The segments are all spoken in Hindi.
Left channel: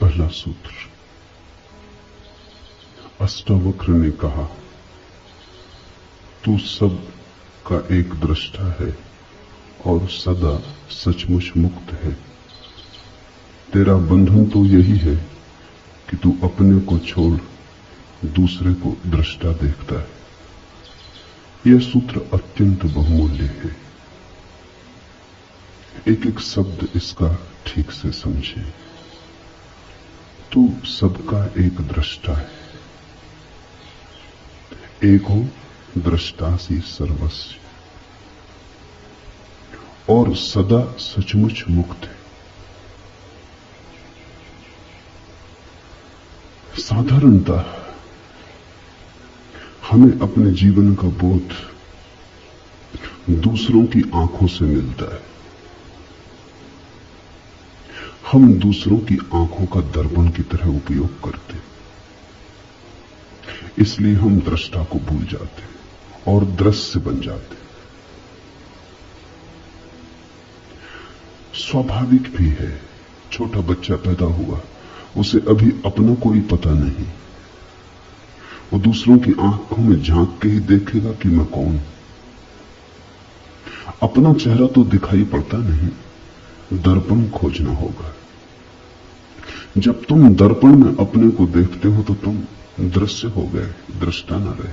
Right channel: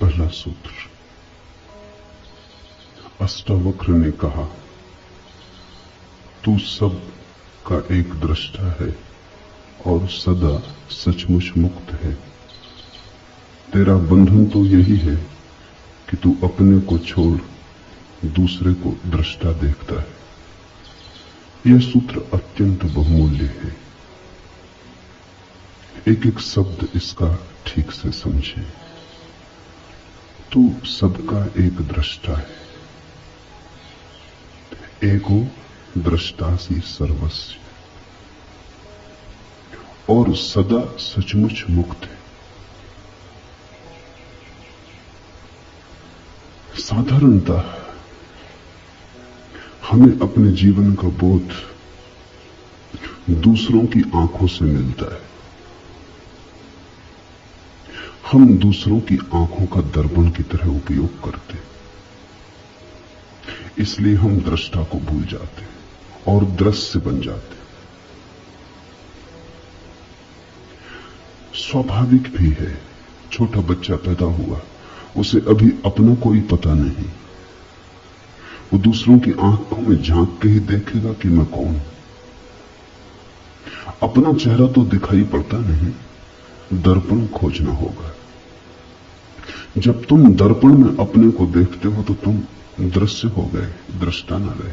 पहला सूत्र। अष्टावक्र ने कहा, तू सब का एक दृष्टा है और सदा सचमुच मुक्त है। तेरा बंधन तो यही है कि तू अपने को छोड़ दूसरे को दृष्टा देखता है। यह सूत्र अत्यंत बहुमूल्य है। एक एक शब्द इसका ठीक से समझे। तू सबका एक दृष्टा है। एको दृष्टासी सर्वस्व, और सदा सचमुच मुक्त है। साधारणतः हमें अपने जीवन का बोध दूसरों की आंखों से मिलता है। हम दूसरों की आंखों का दर्पण की तरह उपयोग करते हैं, इसलिए हम दृष्टा को भूल जाते हैं और दृश्य बन जाते हैं। स्वाभाविक भी है, छोटा बच्चा पैदा हुआ, उसे अभी अपना कोई पता नहीं। वो दूसरों की आंखों में झांक के ही देखेगा कि मैं कौन हूं। अपना चेहरा तो दिखाई पड़ता नहीं, दर्पण खोजना होगा। जब तुम दर्पण में अपने को देखते हो तो तुम दृश्य हो गए, दृष्टा न रहे।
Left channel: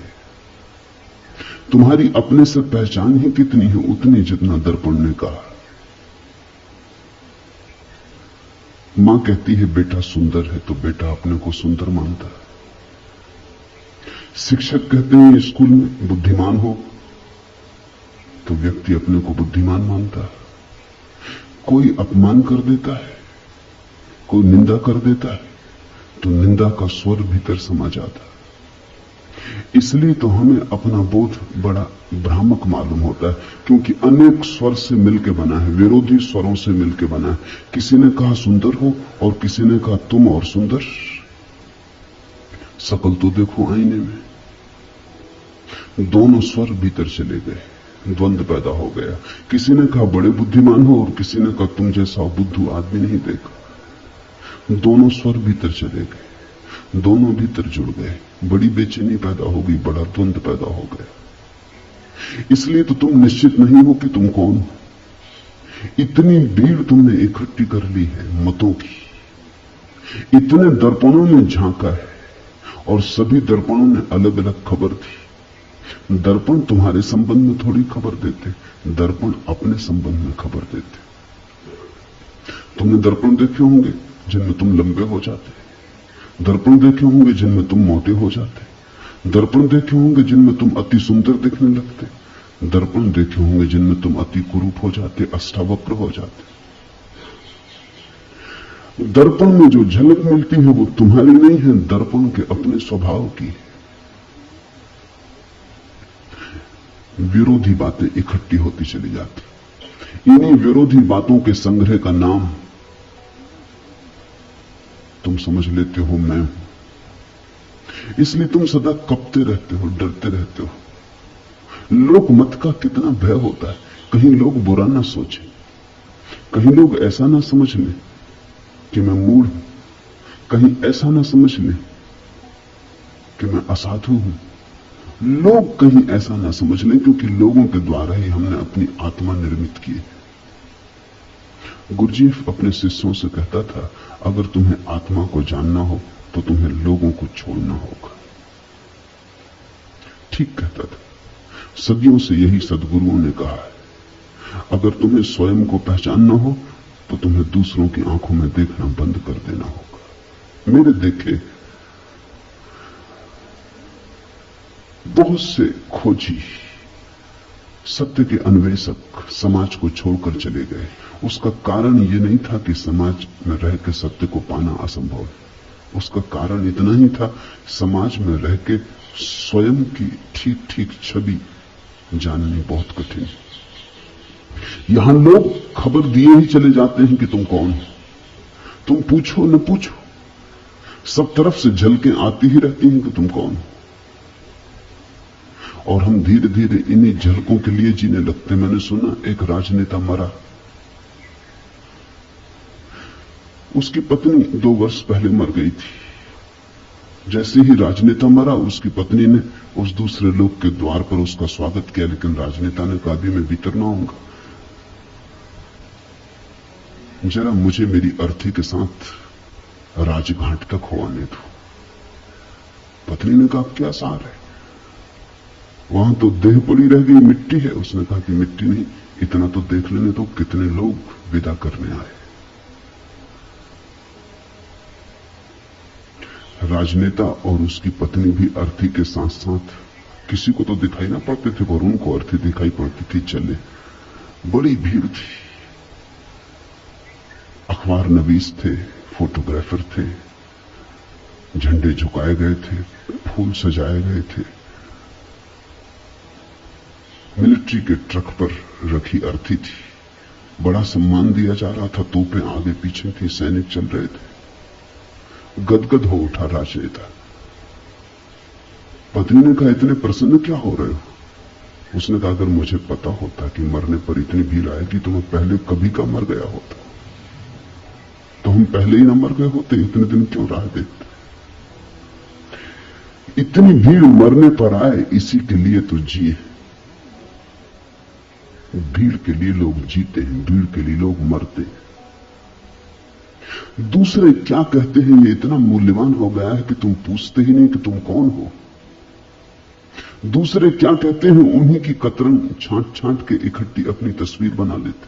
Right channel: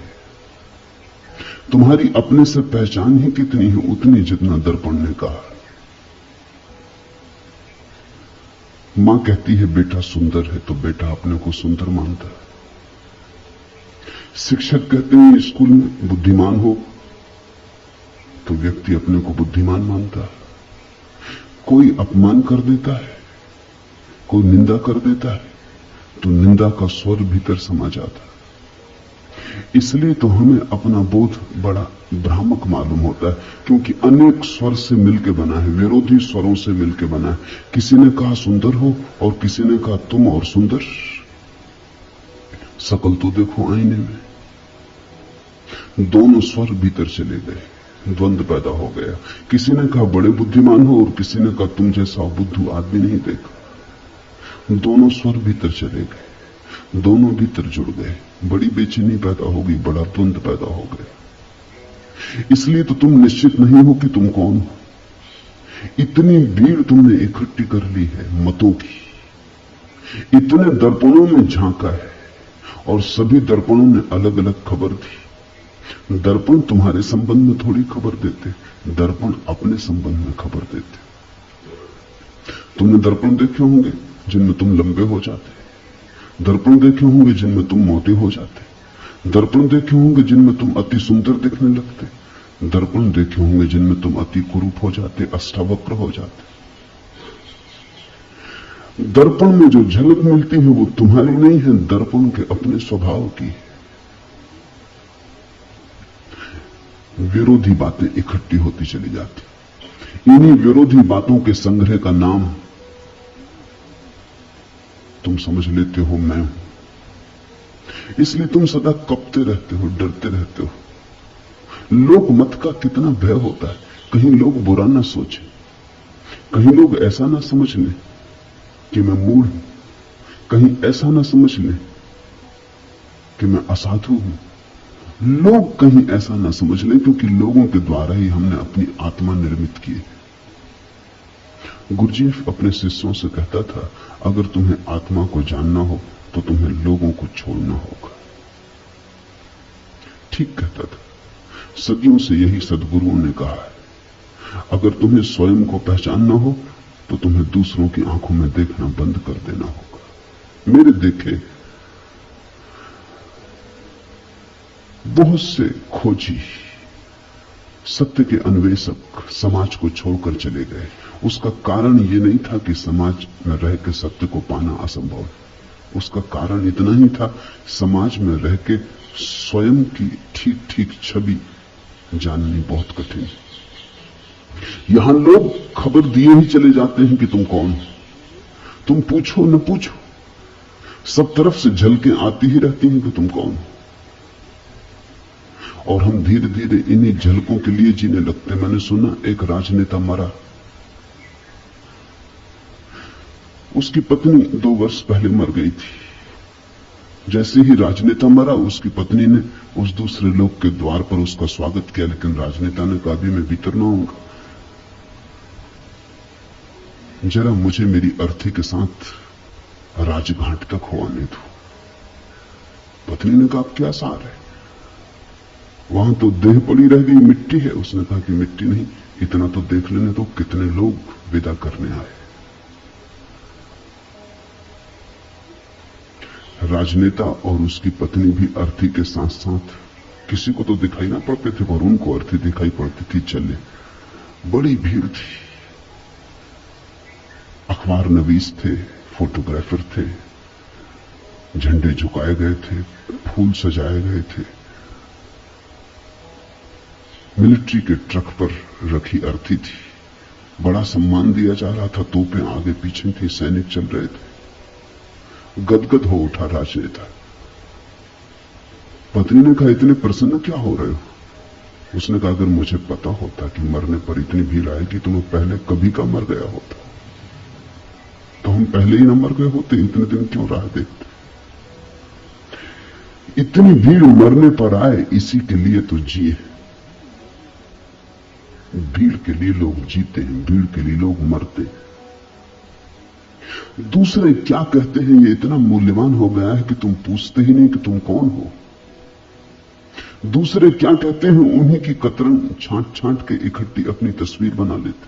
तुम्हारी अपने से पहचान ही कितनी है, उतनी जितना दर्पण ने कहा। मां कहती है बेटा सुंदर है, तो बेटा अपने को सुंदर मानता है। शिक्षक कहते हैं स्कूल में बुद्धिमान हो, तो व्यक्ति अपने को बुद्धिमान मानता है। कोई अपमान कर देता है, कोई निंदा कर देता है, तो निंदा का स्वर भीतर समा जाता है। इसलिए तो हमें अपना बोध बड़ा भ्रामक मालूम होता है, क्योंकि अनेक स्वर से मिलकर बना है, विरोधी स्वरों से मिलकर बना है। किसी ने कहा सुंदर हो और किसी ने कहा तुम और सुंदर। शकल तो देखो आईने में, दोनों स्वर भीतर चले गए, द्वंद्व पैदा हो गया। किसी ने कहा बड़े बुद्धिमान हो और किसी ने कहा तुम जैसा बुद्धू आदमी नहीं देखा। दोनों स्वर भीतर चले गए, दोनों भीतर जुड़ गए, बड़ी बेचैनी पैदा हो गई, बड़ा द्वंद्व पैदा हो गया। इसलिए तो तुम निश्चित नहीं हो कि तुम कौन हो। इतनी भीड़ तुमने इकट्ठी कर ली है मतों की, इतने दर्पणों में झांका है और सभी दर्पणों ने अलग अलग खबर दी। दर्पण तुम्हारे संबंध में थोड़ी खबर देते, दर्पण अपने संबंध में खबर देते। तुमने दर्पण देखे होंगे जिनमें तुम लंबे हो जाते, दर्पण देखे होंगे जिनमें तुम मोटे हो जाते, दर्पण देखे होंगे जिनमें तुम अति सुंदर दिखने लगते, दर्पण देखे होंगे जिनमें तुम अति कुरूप हो जाते, अष्टावक्र हो जाते। दर्पण में जो झलक मिलती है वो तुम्हारी नहीं है, दर्पण के अपने स्वभाव की। विरोधी बातें इकट्ठी होती चली जाती। इन्हीं विरोधी बातों के संग्रह का नाम तुम समझ लेते हो मैं हूं। इसलिए तुम सदा कपते रहते हो, डरते रहते हो। लोक मत का कितना भय होता है, कहीं लोग बुरा ना सोचे, कहीं लोग ऐसा ना समझ लें कि मैं मूढ़ हूं, कहीं ऐसा ना समझ लें कि मैं असाधु हूं। लोग कहीं ऐसा ना समझ लें, क्योंकि लोगों के द्वारा ही हमने अपनी आत्मा निर्मित की है। गुरुजीफ अपने शिष्यों से कहता था, अगर तुम्हें आत्मा को जानना हो तो तुम्हें लोगों को छोड़ना होगा। ठीक कहता था। सदियों से यही सद्गुरुओं ने कहा है, अगर तुम्हें स्वयं को पहचानना हो तो तुम्हें दूसरों की आंखों में देखना बंद कर देना होगा। मेरे देखे बहुत से खोजी, सत्य के अन्वेषक समाज को छोड़कर चले गए। उसका कारण ये नहीं था कि समाज में रह के सत्य को पाना असंभव है, उसका कारण इतना ही था, समाज में रह के स्वयं की ठीक ठीक छवि जाननी बहुत कठिन है। यहां लोग खबर दिए ही चले जाते हैं कि तुम कौन हो। तुम पूछो न पूछो, सब तरफ से झलकें आती ही रहती हैं कि तुम कौन हो। और हम धीरे धीरे इन्हीं झलकों के लिए जीने लगते। मैंने सुना एक राजनेता मरा, उसकी पत्नी 2 वर्ष पहले मर गई थी। जैसे ही राजनेता मरा, उसकी पत्नी ने उस दूसरे लोग के द्वार पर उसका स्वागत किया, लेकिन राजनेता ने कहा, अभी मैं भीतर ना आऊंगा, जरा मुझे मेरी अर्थी के साथ राजघाट तक हो आने दो। पत्नी ने कहा, क्या सार है, वहां तो देह पड़ी रह गई, मिट्टी है। उसने कहा कि मिट्टी नहीं, इतना तो देख लेने तो कितने लोग विदा करने आए। राजनेता और उसकी पत्नी भी अर्थी के साथ साथ, किसी को तो दिखाई ना पड़ते थे और उनको अर्थी दिखाई पड़ती थी, चले। बड़ी भीड़ थी, अखबार नवीस थे, फोटोग्राफर थे, झंडे झुकाए गए थे, फूल सजाए गए थे, मिलिट्री के ट्रक पर रखी अर्थी थी, बड़ा सम्मान दिया जा रहा था, तोपें आगे पीछे थे, सैनिक चल रहे थे। गदगद हो उठा राजनेता। पत्नी ने कहा, इतने प्रसन्न क्या हो रहे हो? उसने कहा, अगर मुझे पता होता कि मरने पर इतनी भीड़ आएगी तो मैं पहले कभी का मर गया होता, तो हम पहले ही न मर गए होते, इतने दिन क्यों राह देखते? इतनी भीड़ मरने पर आए, इसी के लिए तो जिए। भीड़ के लिए लोग जीते हैं, भीड़ के लिए लोग मरते हैं। दूसरे क्या कहते हैं ये इतना मूल्यवान हो गया है कि तुम पूछते ही नहीं कि तुम कौन हो। दूसरे क्या कहते हैं, उन्हीं की कतरन छांट छांट के इकट्ठी अपनी तस्वीर बना लेते।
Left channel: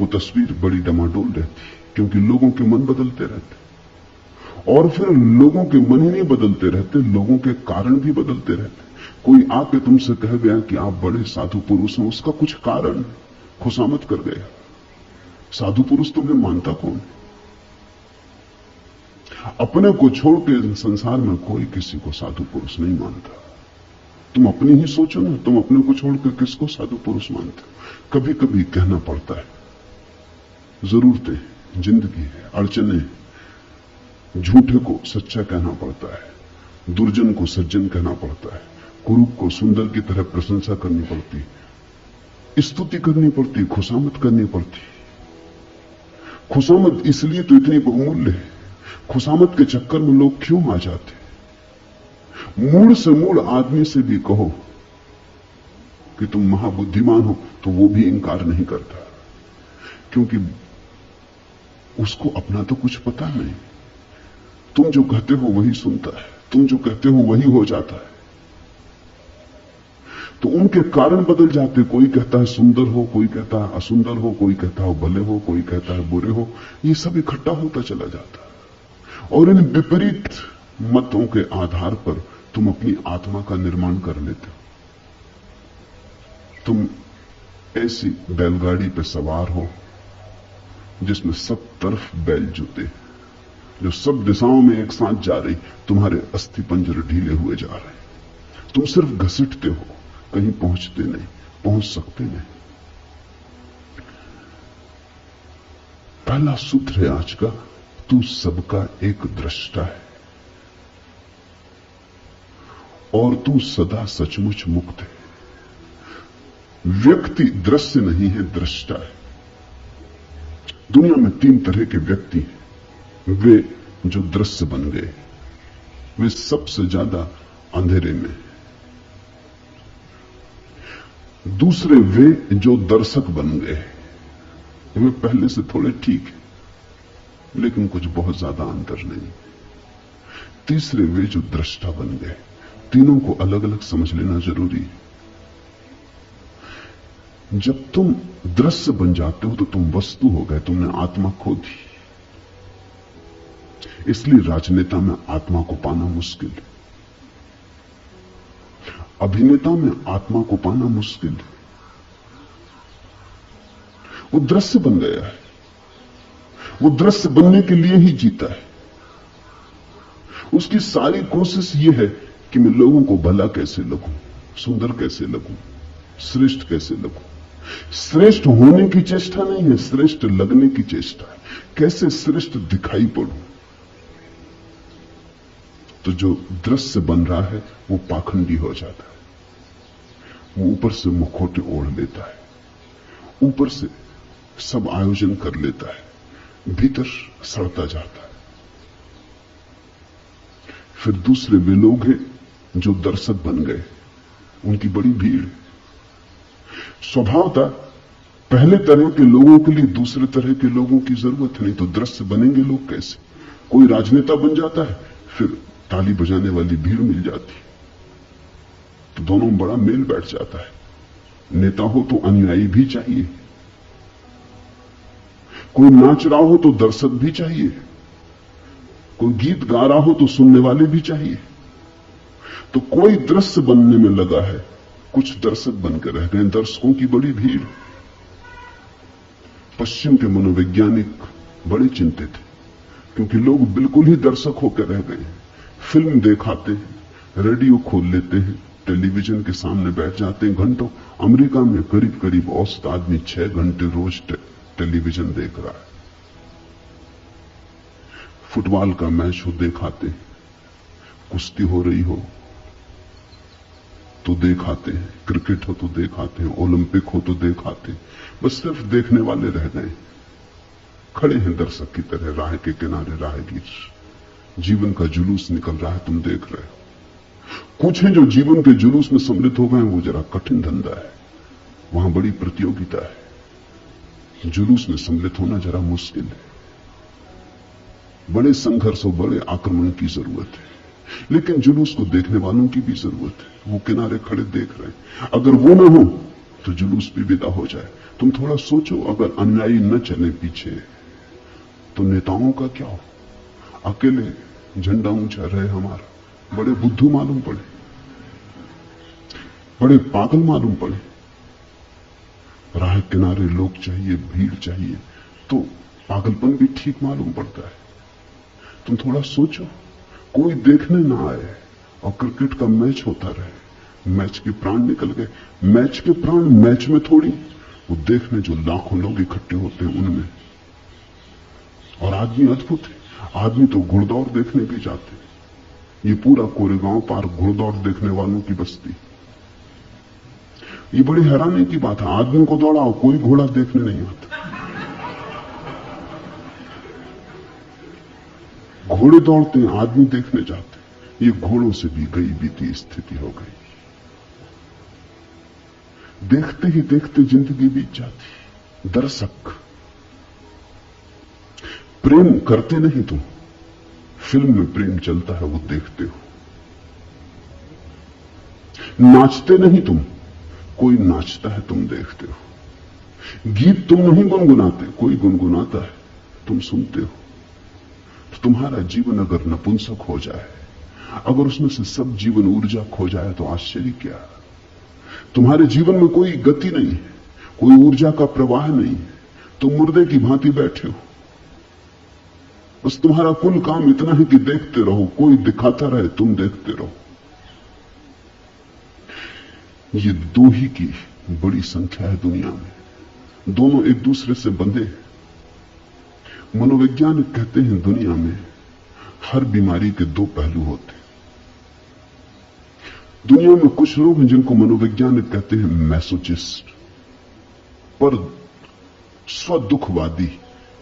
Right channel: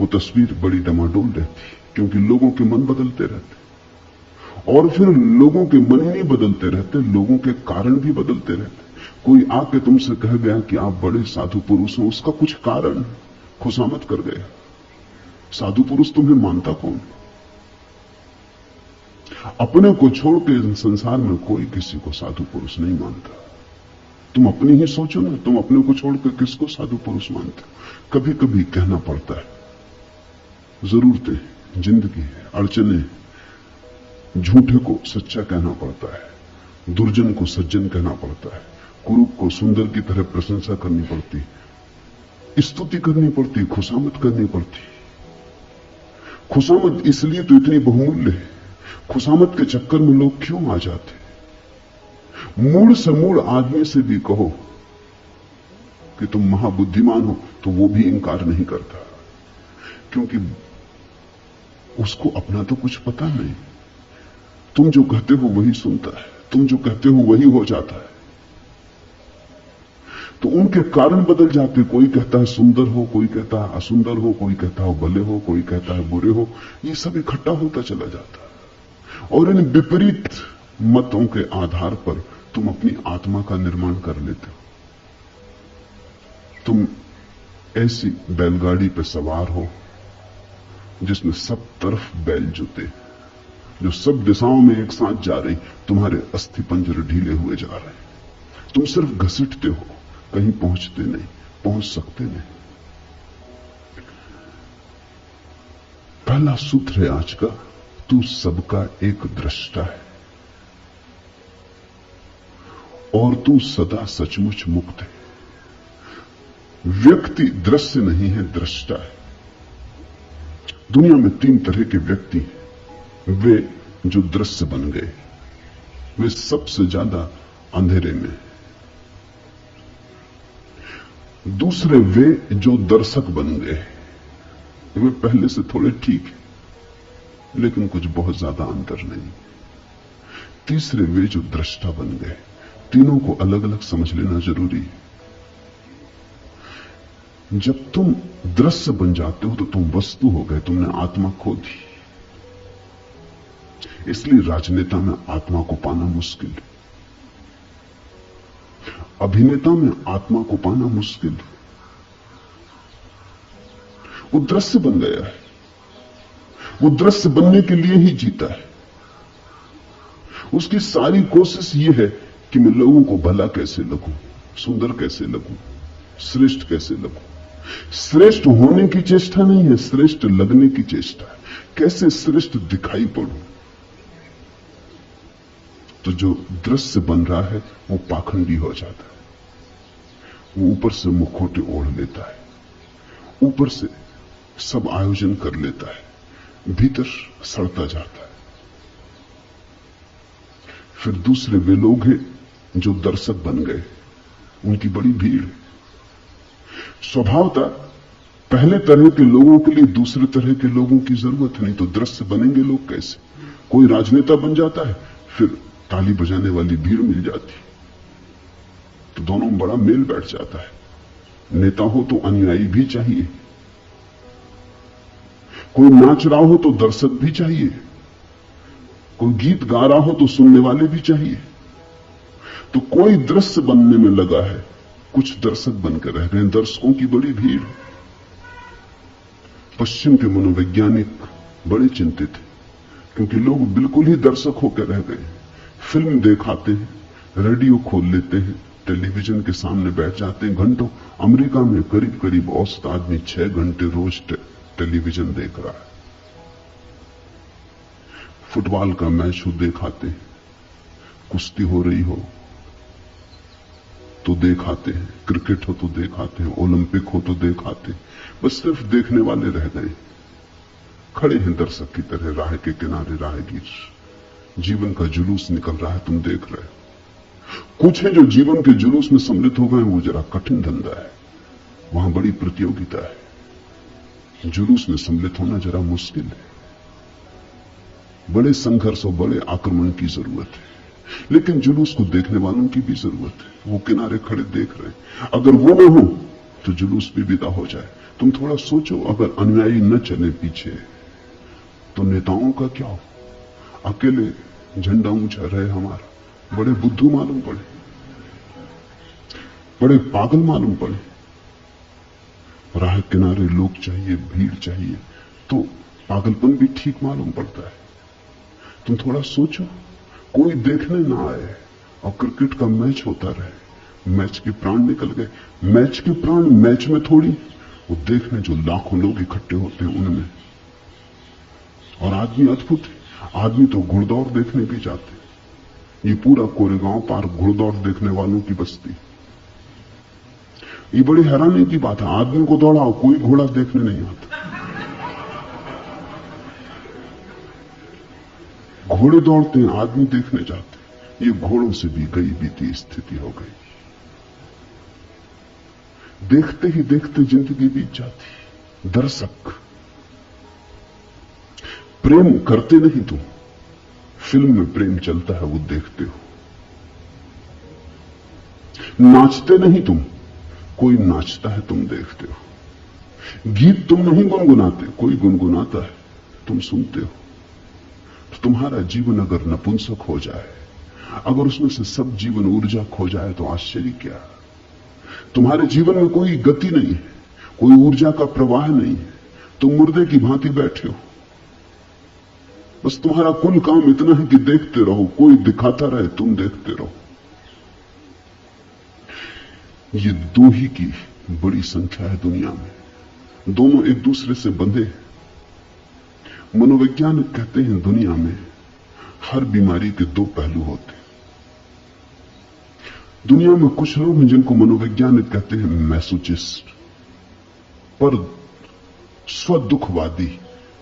वो तस्वीर बड़ी डमाडोल रहती, क्योंकि लोगों के मन बदलते रहते, और फिर लोगों के मन ही नहीं बदलते रहते, लोगों के कारण भी बदलते रहते। कोई आके तुमसे कह गया कि आप बड़े साधु पुरुष हैं, उसका कुछ कारण खुशामद कर गया। साधु पुरुष तुम्हें मानता कौन? अपने को छोड़ के संसार में कोई किसी को साधु पुरुष नहीं मानता। तुम अपनी ही सोचो ना, तुम अपने को छोड़कर किसको साधु पुरुष मानते? कभी कभी कहना पड़ता है, जरूरतें, जिंदगी, अड़चने, झूठे को सच्चा कहना पड़ता है, दुर्जन को सज्जन कहना पड़ता है, कुरूप को सुंदर की तरह प्रशंसा करनी पड़ती, स्तुति करनी पड़ती, खुशामद करनी पड़ती। खुशामद इसलिए तो इतनी बहुमूल्य है। खुशामद के चक्कर में लोग क्यों आ जाते? मूड से मूड आदमी से भी कहो कि तुम महाबुद्धिमान हो, तो वो भी इंकार नहीं करता, क्योंकि उसको अपना तो कुछ पता नहीं। तुम जो कहते हो वही सुनता है, तुम जो कहते हो वही हो जाता है। तो उनके कारण बदल जाते। कोई कहता है सुंदर हो, कोई कहता है असुंदर हो, कोई कहता है भले हो, कोई कहता है बुरे हो। ये सब इकट्ठा होता चला जाता, और इन विपरीत मतों के आधार पर तुम अपनी आत्मा का निर्माण कर लेते हो। तुम ऐसी बैलगाड़ी पर सवार हो जिसमें सब तरफ बैल जुते, जो सब दिशाओं में एक साथ जा रही, तुम्हारे अस्थि पंजर ढीले हुए जा रहे, तुम सिर्फ घसीटते हो, कहीं पहुंचते नहीं, पहुंच सकते नहीं। पहला सूत्र है आज का, तू सबका एक दृष्टा है और तू सदा सचमुच मुक्त है। व्यक्ति दृश्य नहीं है, दृष्टा है। दुनिया में 3 तरह के व्यक्ति हैं। वे जो दृश्य बन गए, वे सबसे ज्यादा अंधेरे में। दूसरे वे जो दर्शक बन गए, वे पहले से थोड़े ठीक है, लेकिन कुछ बहुत ज्यादा अंतर नहीं। तीसरे वे जो दृष्टा बन गए। तीनों को अलग अलग समझ लेना जरूरी है। जब तुम दृश्य बन जाते हो तो तुम वस्तु हो गए, तुमने आत्मा खो दी। इसलिए राजनेता में आत्मा को पाना मुश्किल है, अभिनेता में आत्मा को पाना मुश्किल है। वो दृश्य बन गया है, वो दृश्य बनने के लिए ही जीता है। उसकी सारी कोशिश ये है कि मैं लोगों को भला कैसे लगूं, सुंदर कैसे लगूं, श्रेष्ठ कैसे लगूं। श्रेष्ठ होने की चेष्टा नहीं है, श्रेष्ठ लगने की चेष्टा है। कैसे श्रेष्ठ दिखाई पड़ूं। तो जो दृश्य बन रहा है वो पाखंडी हो जाता है। वो ऊपर से मुखौटे ओढ़ लेता है, ऊपर से सब आयोजन कर लेता है, भीतर सड़ता जाता है। फिर दूसरे वे लोग हैं जो दर्शक बन गए, उनकी बड़ी भीड़। स्वभावतः पहले तरह के लोगों के लिए दूसरे तरह के लोगों की जरूरत नहीं, तो दृश्य बनेंगे लोग कैसे? कोई राजनेता बन जाता है, फिर ताली बजाने वाली भीड़ मिल जाती, तो दोनों में बड़ा मेल बैठ जाता है। नेता हो तो अनुयायी भी चाहिए, कोई नाच रहा हो तो दर्शक भी चाहिए, कोई गीत गा रहा हो तो सुनने वाले भी चाहिए। तो कोई दृश्य बनने में लगा है, कुछ दर्शक बनकर रह गए, दर्शकों की बड़ी भीड़। पश्चिम के मनोवैज्ञानिक बड़े चिंतित हैं, क्योंकि लोग बिल्कुल ही दर्शक होकर रह गए। फिल्म दिखाते हैं, रेडियो खोल लेते हैं, टेलीविजन के सामने बैठ जाते हैं घंटों। अमेरिका में करीब करीब औसत आदमी 6 घंटे रोज टेलीविजन देख रहा है। फुटबॉल का मैच हो दिखाते हैं, कुश्ती हो रही हो तो दिखाते हैं, क्रिकेट हो तो दिखाते हैं, ओलंपिक हो तो दिखाते हैं। बस सिर्फ देखने वाले रह गए, खड़े हैं दर्शक की तरह राह के किनारे, राहगीर। जीवन का जुलूस निकल रहा है, तुम देख रहे हो। कुछ हैं जो जीवन के जुलूस में सम्मिलित हो गए, वो जरा कठिन धंधा है, वहां बड़ी प्रतियोगिता है। जुलूस में सम्मिलित होना जरा मुश्किल है, बड़े संघर्ष और बड़े आक्रमण की जरूरत है। लेकिन जुलूस को देखने वालों की भी जरूरत है, वो किनारे खड़े देख रहे हैं। अगर वो न हो तो जुलूस भी विदा हो जाए। तुम थोड़ा सोचो, अगर अनुयायी न चले पीछे तो नेताओं का क्या हो? अकेले झंडा ऊंचा रहे हमारा, बड़े बुद्धू मालूम पड़े, बड़े पागल मालूम पड़े। राह किनारे लोग चाहिए, भीड़ चाहिए, तो पागलपन भी ठीक मालूम पड़ता है। तुम थोड़ा सोचो, कोई देखने ना आए और क्रिकेट का मैच होता रहे, मैच के प्राण निकल गए। मैच के प्राण मैच में थोड़ी, वो देखने जो लाखों लोग इकट्ठे होते हैं उनमें। और आदमी अद्भुत है, आदमी तो घुड़दौड़ देखने भी जाते। ये पूरा कोरेगांव पार घुड़दौड़ देखने वालों की बस्ती। ये बड़ी हैरानी की बात है, आदमी को दौड़ाओ, कोई घोड़ा देखने नहीं आता। घोड़े दौड़ते हैं, आदमी देखने जाते हैं। ये घोड़ों से भी गई बीती स्थिति हो गई। देखते ही देखते जिंदगी बीत जाती। दर्शक प्रेम करते नहीं तुम, फिल्म में प्रेम चलता है वो देखते हो। नाचते नहीं तुम, कोई नाचता है तुम देखते हो। गीत तुम नहीं गुनगुनाते, कोई गुनगुनाता है तुम सुनते हो। तो तुम्हारा जीवन अगर नपुंसक हो जाए, अगर उसमें से सब जीवन ऊर्जा खो जाए, तो आश्चर्य क्या? तुम्हारे जीवन में कोई गति नहीं, कोई ऊर्जा का प्रवाह नहीं, तुम मुर्दे की भांति बैठे हो। बस तुम्हारा कुल काम इतना है कि देखते रहो, कोई दिखाता रहे, तुम देखते रहो। ये दो ही की बड़ी संख्या है दुनिया में, दोनों एक दूसरे से बंधे हैं। मनोवैज्ञानिक कहते हैं दुनिया में हर बीमारी के दो पहलू होते हैं। दुनिया में कुछ लोग हैं जिनको मनोवैज्ञानिक कहते हैं मैसोचिस्ट, पर स्वदुखवादी,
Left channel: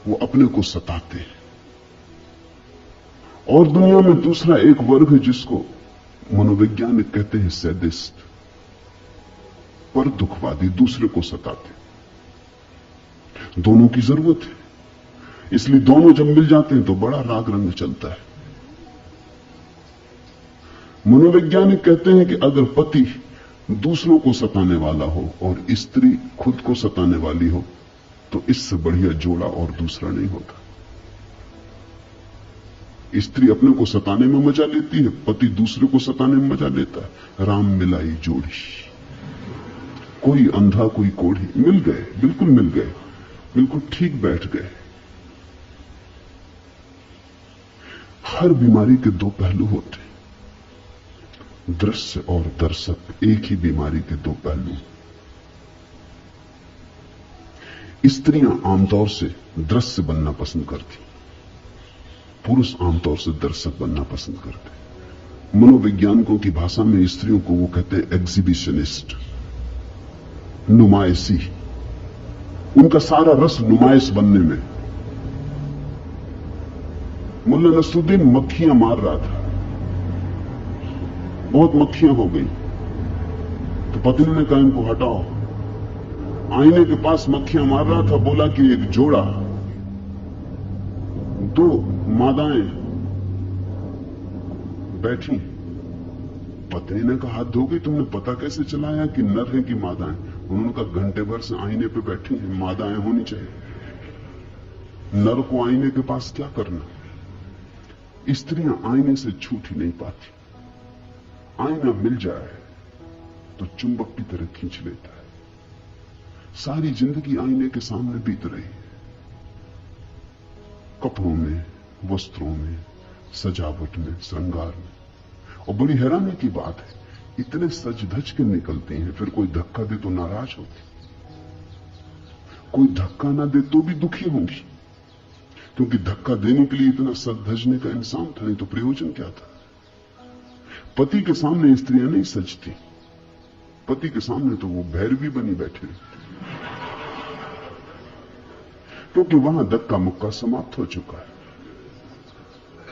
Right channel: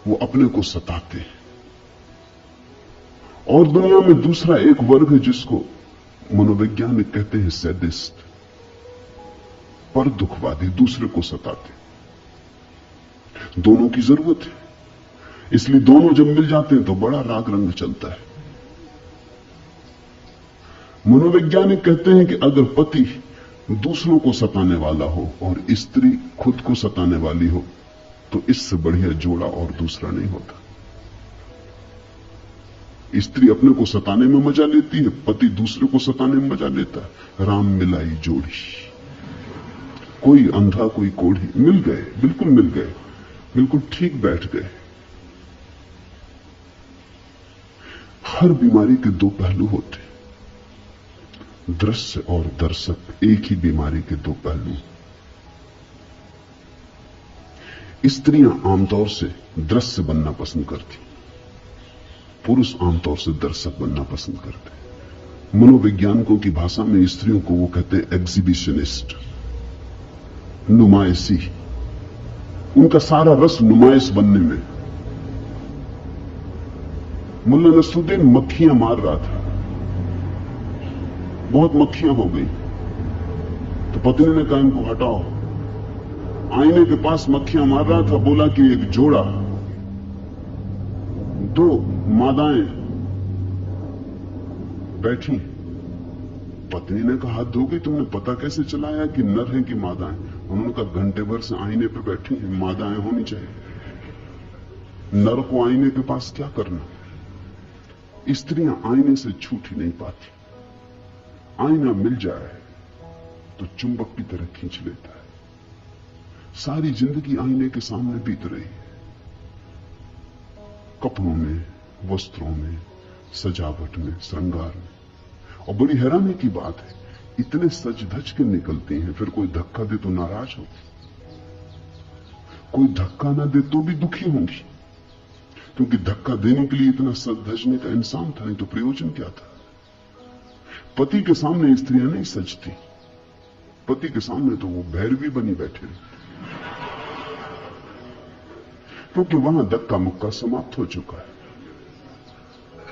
वो अपने को सताते हैं। और दुनिया में दूसरा एक वर्ग है जिसको मनोवैज्ञानिक कहते हैं सैडिस्ट, पर दुखवादी, दूसरे को सताते। दोनों की जरूरत है, इसलिए दोनों जब मिल जाते हैं तो बड़ा राग रंग चलता है। मनोवैज्ञानिक कहते हैं कि अगर पति दूसरों को सताने वाला हो और स्त्री खुद को सताने वाली हो, तो इससे बढ़िया जोड़ा और दूसरा नहीं होता। स्त्री अपने को सताने में मजा लेती है, पति दूसरे को सताने में मजा लेता है। राम मिलाई जोड़ी, कोई अंधा कोई कोढ़ी, मिल गए, बिल्कुल मिल गए, बिल्कुल ठीक बैठ गए। हर बीमारी के दो पहलू होते, दृश्य और दर्शक एक ही बीमारी के दो पहलू। स्त्रियां आमतौर से दृश्य बनना पसंद करती, पुरुष आमतौर से दर्शक बनना पसंद करते। मनोवैज्ञानिकों की भाषा में स्त्रियों को वो कहते हैं एग्जिबिशनिस्ट, नुमाइशी। उनका सारा रस नुमाइश बनने में, मुल्ला नसरुद्दीन मक्खियां मार रहा था, बहुत मक्खियां हो गई, तो पत्नी ने कहा इनको हटाओ। आईने के पास मक्खियां मार रहा था, बोला कि एक जोड़ा, दो मादाएं बैठी। पत्नी ने कहा, हाथ धोगे, तुमने पता कैसे चलाया कि नर है कि मादाएं? उन्होंने कहा, घंटे भर से आईने पे बैठी हैं, मादाएं होनी चाहिए। नर को आईने के पास क्या करना? स्त्रियां आईने से छूट ही नहीं पाती। आईना मिल जाए तो चुंबक की तरह खींच लेता है। सारी जिंदगी आईने के सामने बीत रही, कपड़ों में, वस्त्रों में, सजावट में, श्रृंगार में। और बड़ी हैरानी की बात है, इतने सज धज के निकलते हैं, फिर कोई धक्का दे तो नाराज होती, कोई धक्का ना दे तो भी दुखी होंगी, क्योंकि धक्का देने के लिए इतना सज धजने का इंसान था, नहीं तो प्रयोजन क्या था? पति के सामने स्त्रियां नहीं सजती, पति के सामने तो वो भैरवी बनी बैठे, क्योंकि वहां धक्का मुक्का समाप्त हो चुका है।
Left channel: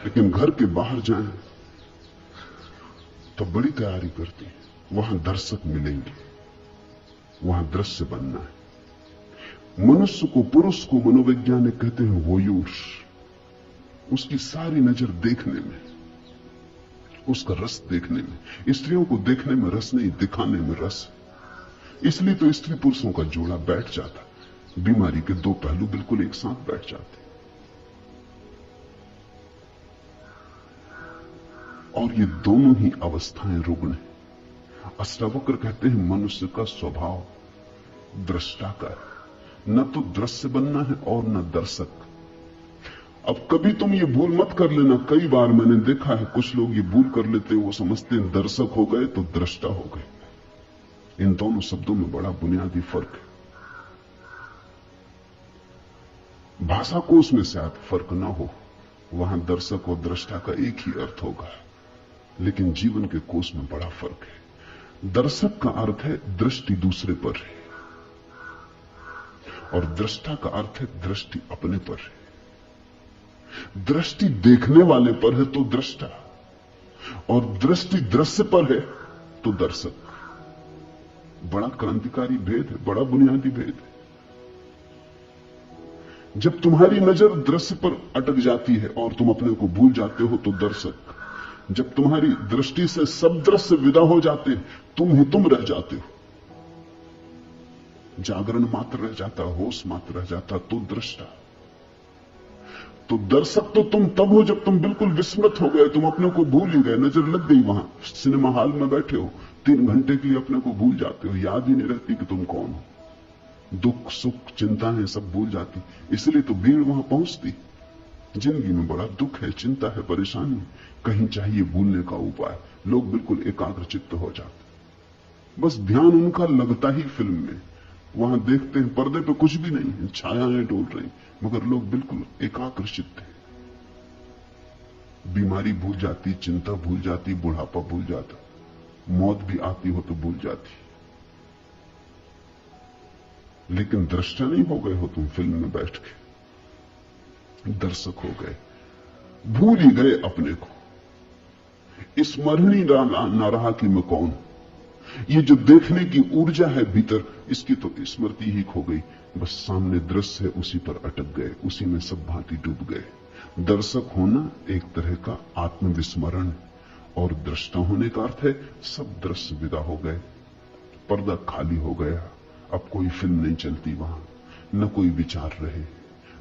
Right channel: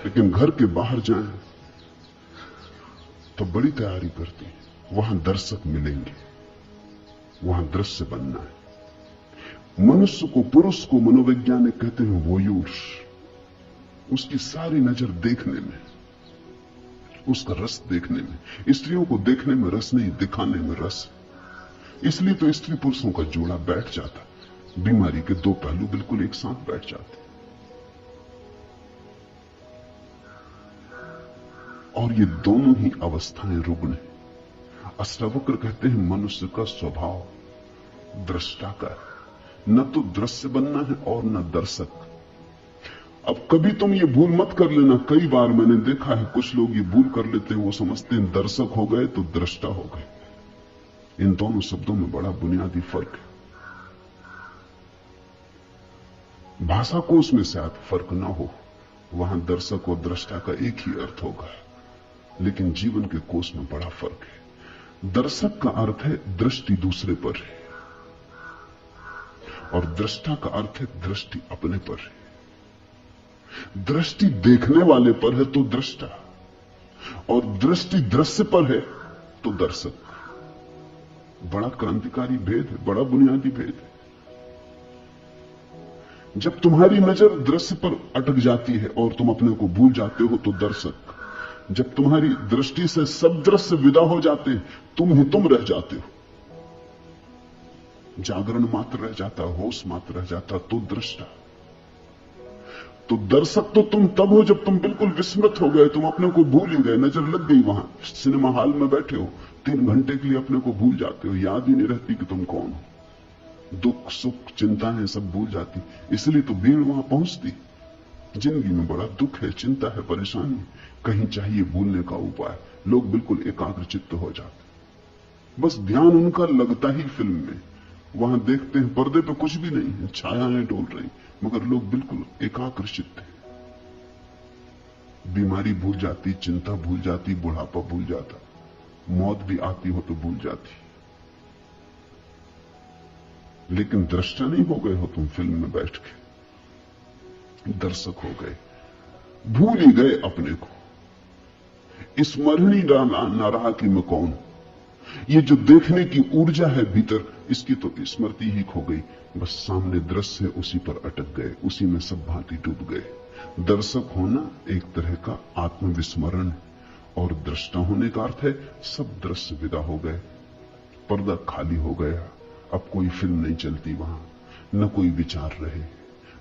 लेकिन घर के बाहर जाएं तो बड़ी तैयारी करते हैं, वहां दर्शक मिलेंगे, वहां दृश्य बनना है। मनुष्य को, पुरुष को मनोवैज्ञानिक कहते हैं वोयूर। उसकी सारी नजर देखने में, उसका रस देखने में। स्त्रियों को देखने में रस नहीं, दिखाने में रस। इसलिए तो स्त्री पुरुषों का जोड़ा बैठ जाता, बीमारी के दो पहलू बिल्कुल एक साथ बैठ जाते। और ये दोनों ही अवस्थाएं रुग्ण हैं। अष्टावक्र कहते हैं मनुष्य का स्वभाव दृष्टा का है, न तो दृश्य बनना है और न दर्शक। अब कभी तुम ये भूल मत कर लेना, कई बार मैंने देखा है कुछ लोग ये भूल कर लेते हैं, वो समझते हैं दर्शक हो गए तो दृष्टा हो गए। इन दोनों शब्दों में बड़ा बुनियादी फर्क है। भाषा कोश में शायद फर्क ना हो, वहां दर्शक और दृष्टा का एक ही अर्थ होगा, लेकिन जीवन के कोश में बड़ा फर्क है। दर्शक का अर्थ है दृष्टि दूसरे पर है, और दृष्टा का अर्थ है दृष्टि अपने पर है। दृष्टि देखने वाले पर है तो दृष्टा, और दृष्टि दृश्य पर है तो दर्शक। बड़ा क्रांतिकारी भेद है, बड़ा बुनियादी भेद है। जब तुम्हारी नजर दृश्य पर अटक जाती है और तुम अपने को भूल जाते हो तो दर्शक। जब तुम्हारी दृष्टि से सब दृश्य विदा हो जाते हैं, तुम ही तुम रह जाते हो, जागरण मात्र रह जाता, होश मात्र रह जाता, तो दृष्टा। तो दर्शक तो तुम तब हो जब तुम बिल्कुल विस्मृत हो गए, तुम अपने को भूल ही गए, नजर लग गई। वहां सिनेमा हॉल में बैठे हो, 3 घंटे के लिए अपने को भूल जाते हो, याद ही नहीं रहती कि तुम कौन हो। दुख सुख चिंताएं सब भूल जाती, इसलिए तो भीड़ वहां पहुंचती। जिंदगी में बड़ा दुख है, चिंता है, परेशानी, कहीं चाहिए भूलने का उपाय। लोग बिल्कुल एकाग्र चित्त हो जाते, बस ध्यान उनका लगता ही फिल्म में। वहां देखते हैं पर्दे पे कुछ भी नहीं है, छायाएं डोल रही, मगर लोग बिल्कुल एकाग्र चित्त है। बीमारी भूल जाती, चिंता भूल जाती, बुढ़ापा भूल जाता, मौत भी आती हो तो भूल जाती। लेकिन दृष्टा नहीं हो गए हो तुम फिल्म में बैठ के, दर्शक हो गए, भूल ही गए अपने को। स्मरण ही न रहा कि मैं कौन हूं। ये जो देखने की ऊर्जा है भीतर, इसकी तो स्मृति ही खो गई। बस सामने दृश्य है, उसी पर अटक गए, उसी में सब भांति डूब गए। दर्शक होना एक तरह का आत्मविस्मरण, और दृष्टा होने का अर्थ है सब दृश्य विदा हो गए, पर्दा खाली हो गया, अब कोई फिल्म नहीं चलती वहां, न कोई विचार रहे,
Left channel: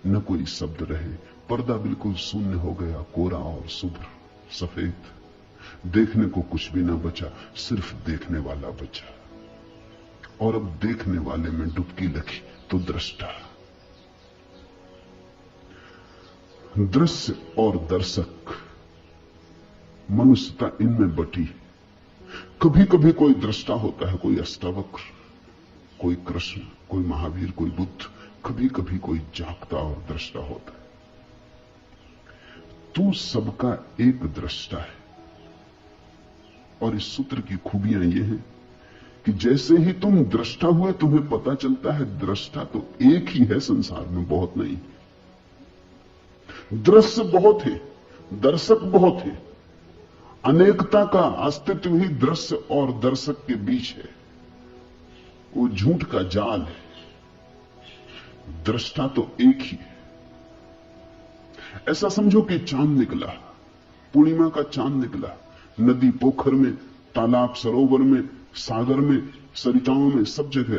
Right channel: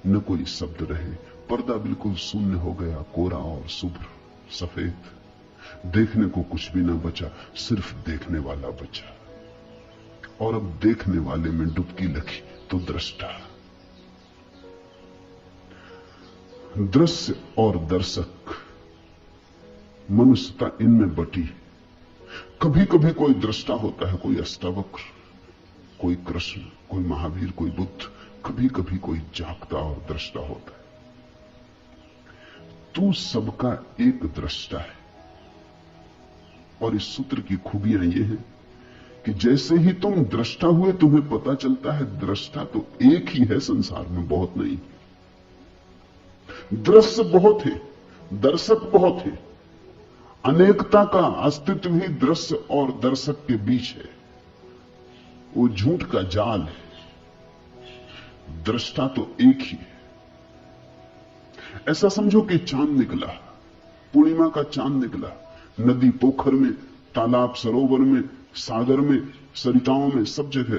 न कोई शब्द रहे, पर्दा बिल्कुल शून्य हो गया, कोरा और शुभ्र सफेद। देखने को कुछ भी ना बचा, सिर्फ देखने वाला बचा। और अब देखने वाले में डुबकी लगी तो दृष्टा। दृश्य और दर्शक, मनुष्यता इनमें बटी। कभी कभी कोई दृष्टा होता है, कोई अष्टावक्र, कोई कृष्ण, कोई महावीर, कोई बुद्ध। कभी कभी कोई जागता और दृष्टा होता है। तू सबका एक दृष्टा है। और इस सूत्र की खूबियां ये हैं कि जैसे ही तुम दृष्टा हुए, तुम्हें पता चलता है दृष्टा तो एक ही है संसार में, बहुत नहीं। दृश्य बहुत है, दर्शक बहुत है। अनेकता का अस्तित्व ही दृश्य और दर्शक के बीच है। वो झूठ का जाल है। दृष्टा तो एक ही है। ऐसा समझो कि चांद निकला, पूर्णिमा का चांद निकला, नदी पोखर में, तालाब सरोवर में, सागर में, सरिताओं में, सब जगह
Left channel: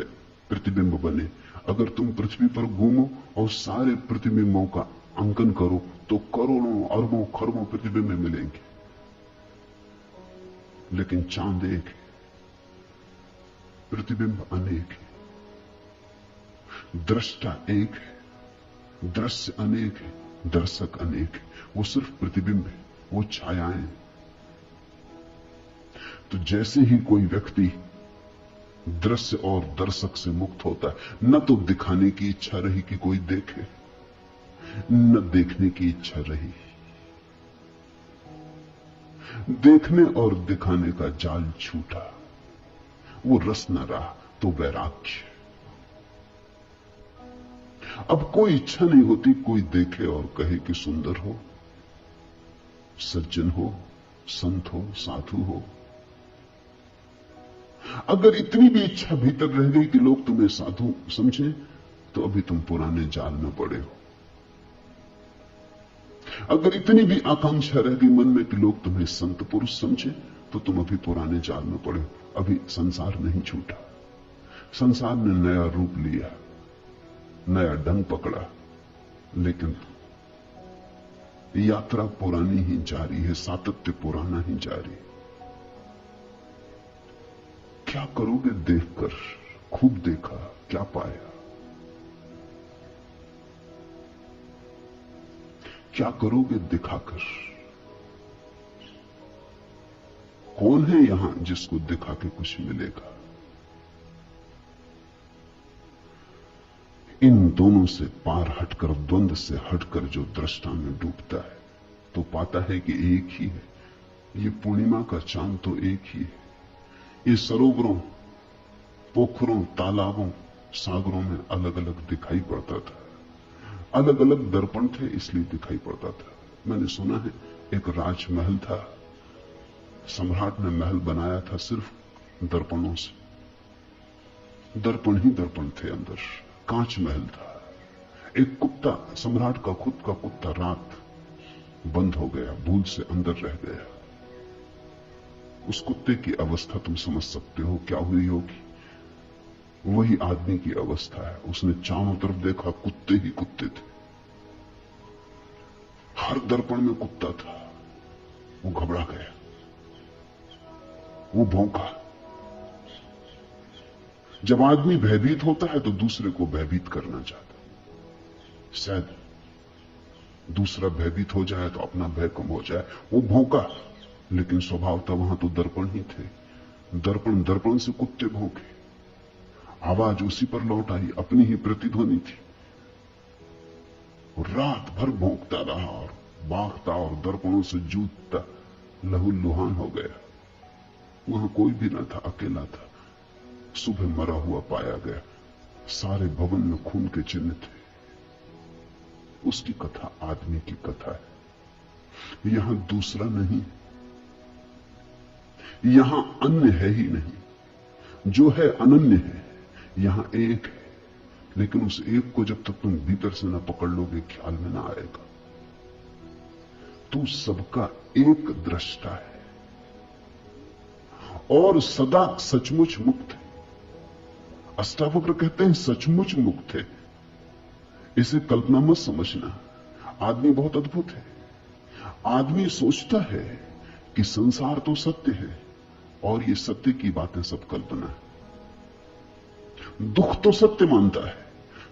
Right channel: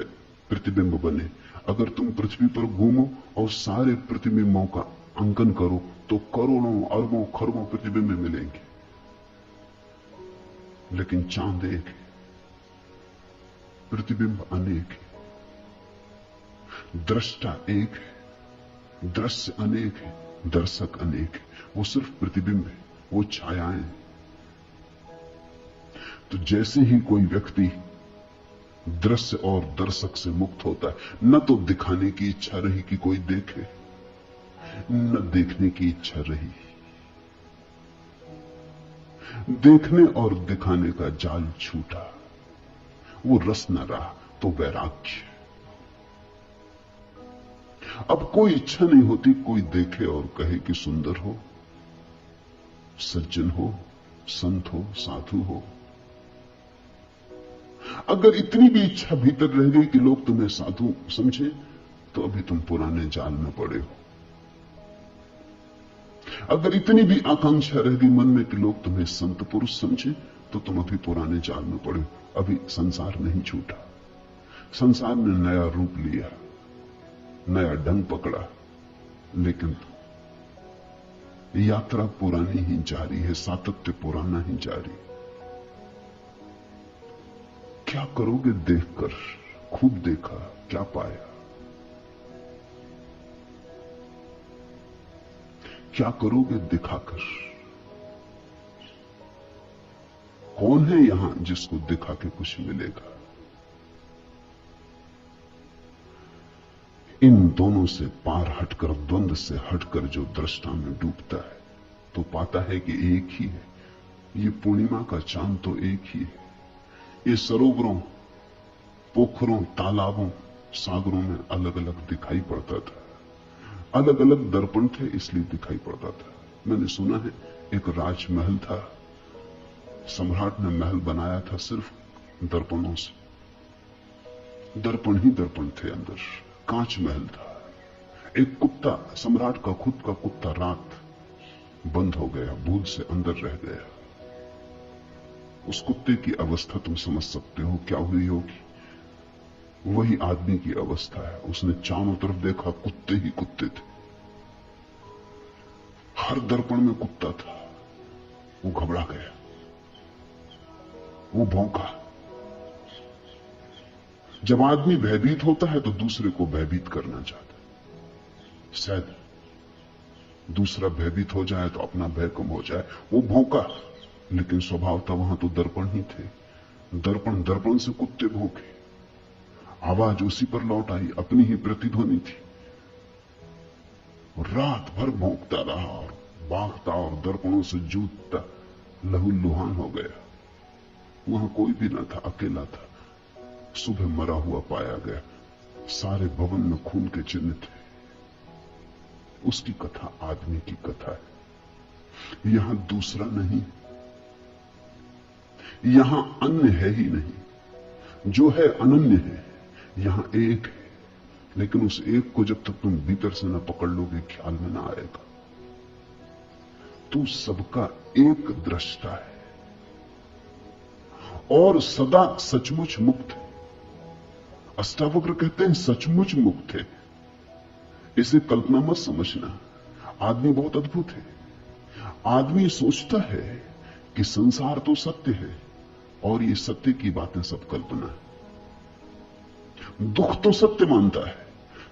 प्रतिबिंब बने। अगर तुम पृथ्वी पर घूमो और सारे प्रतिबिंबों का अंकन करो तो करोड़ों अरबों खरबों प्रतिबिंब मिलेंगे, लेकिन चांद एक है, प्रतिबिंब अनेक है। दृष्टा एक है, दृश्य अनेक है, दर्शक अनेक है। वो सिर्फ प्रतिबिंब है, वो छायाएं। तो जैसे ही कोई व्यक्ति दृश्य और दर्शक से मुक्त होता है, न तो दिखाने की इच्छा रही कि कोई देखे, न देखने की इच्छा रही। देखने और दिखाने का जाल छूटा, वो रस न रहा, तो वैराग्य। अब कोई इच्छा नहीं होती कोई देखे और कहे कि सुंदर हो, सज्जन हो, संत हो, साधु हो। अगर इतनी भी इच्छा भीतर रह गई कि लोग तुम्हें साधु समझें, तो अभी तुम पुराने जाल में पड़े हो। अगर इतनी भी आकांक्षा रह गई मन में कि लोग तुम्हें संत पुरुष समझे, तो तुम अभी पुराने जाल में पड़े हो। अभी संसार नहीं छूटा। संसार ने नया रूप लिया, नया ढंग पकड़ा, लेकिन यात्रा पुरानी ही जारी है, सातत्य पुराना ही जारी। क्या करोगे देखकर? खूब देखा, क्या पाया? क्या करोगे दिखाकर? कौन है यहां जिसको दिखा के कुछ मिलेगा? इन दोनों से पार हटकर, द्वंद्व से हटकर जो दृष्टा में डूबता है, तो पाता है कि एक ही है। ये पूर्णिमा का चांद तो एक ही है। ये सरोवरों, पोखरों, तालाबों, सागरों में अलग अलग दिखाई पड़ता था। अलग अलग दर्पण थे, इसलिए दिखाई पड़ता था। मैंने सुना है एक राजमहल था, सम्राट ने महल बनाया था सिर्फ दर्पणों से। दर्पण ही दर्पण थे अंदर, कांच महल था। एक कुत्ता, सम्राट का खुद का कुत्ता, रात बंद हो गया, भूल से अंदर रह गया। उस कुत्ते की अवस्था तुम समझ सकते हो क्या हुई होगी। वही आदमी की अवस्था है। उसने चारों तरफ देखा, कुत्ते ही कुत्ते थे। हर दर्पण में कुत्ता था। वो घबरा गया, वो भौंका। जब आदमी भयभीत होता है तो दूसरे को भयभीत करना चाहता है। शायद दूसरा भयभीत हो जाए तो अपना भय कम हो जाए। वो भौंका, लेकिन स्वभाव तो वहां तो दर्पण ही थे। दर्पण दर्पण से कुत्ते भौंके, आवाज उसी पर लौट आई, अपनी ही प्रतिध्वनि थी। और रात भर भौंकता रहा और बांकता और दर्पणों से जूझता लहूलुहान हो गया। वहां कोई भी न था, अकेला था। सुबह मरा हुआ पाया गया। सारे भवन में खून के चिन्ह थे। उसकी कथा आदमी की कथा है। यहां दूसरा नहीं, यहां अन्य है ही नहीं। जो है अनन्य है। यहां एक है, लेकिन उस एक को जब तक तुम भीतर से न पकड़ लोगे ख्याल में ना आएगा। तू सबका एक दृष्टा है और सदा सचमुच मुक्त है। अष्टावक्र कहते हैं सचमुच मुक्त है। इसे कल्पना मत समझना। आदमी बहुत अद्भुत है। आदमी सोचता है कि संसार तो सत्य है और ये सत्य की बातें सब कल्पना है। दुख तो सत्य मानता है,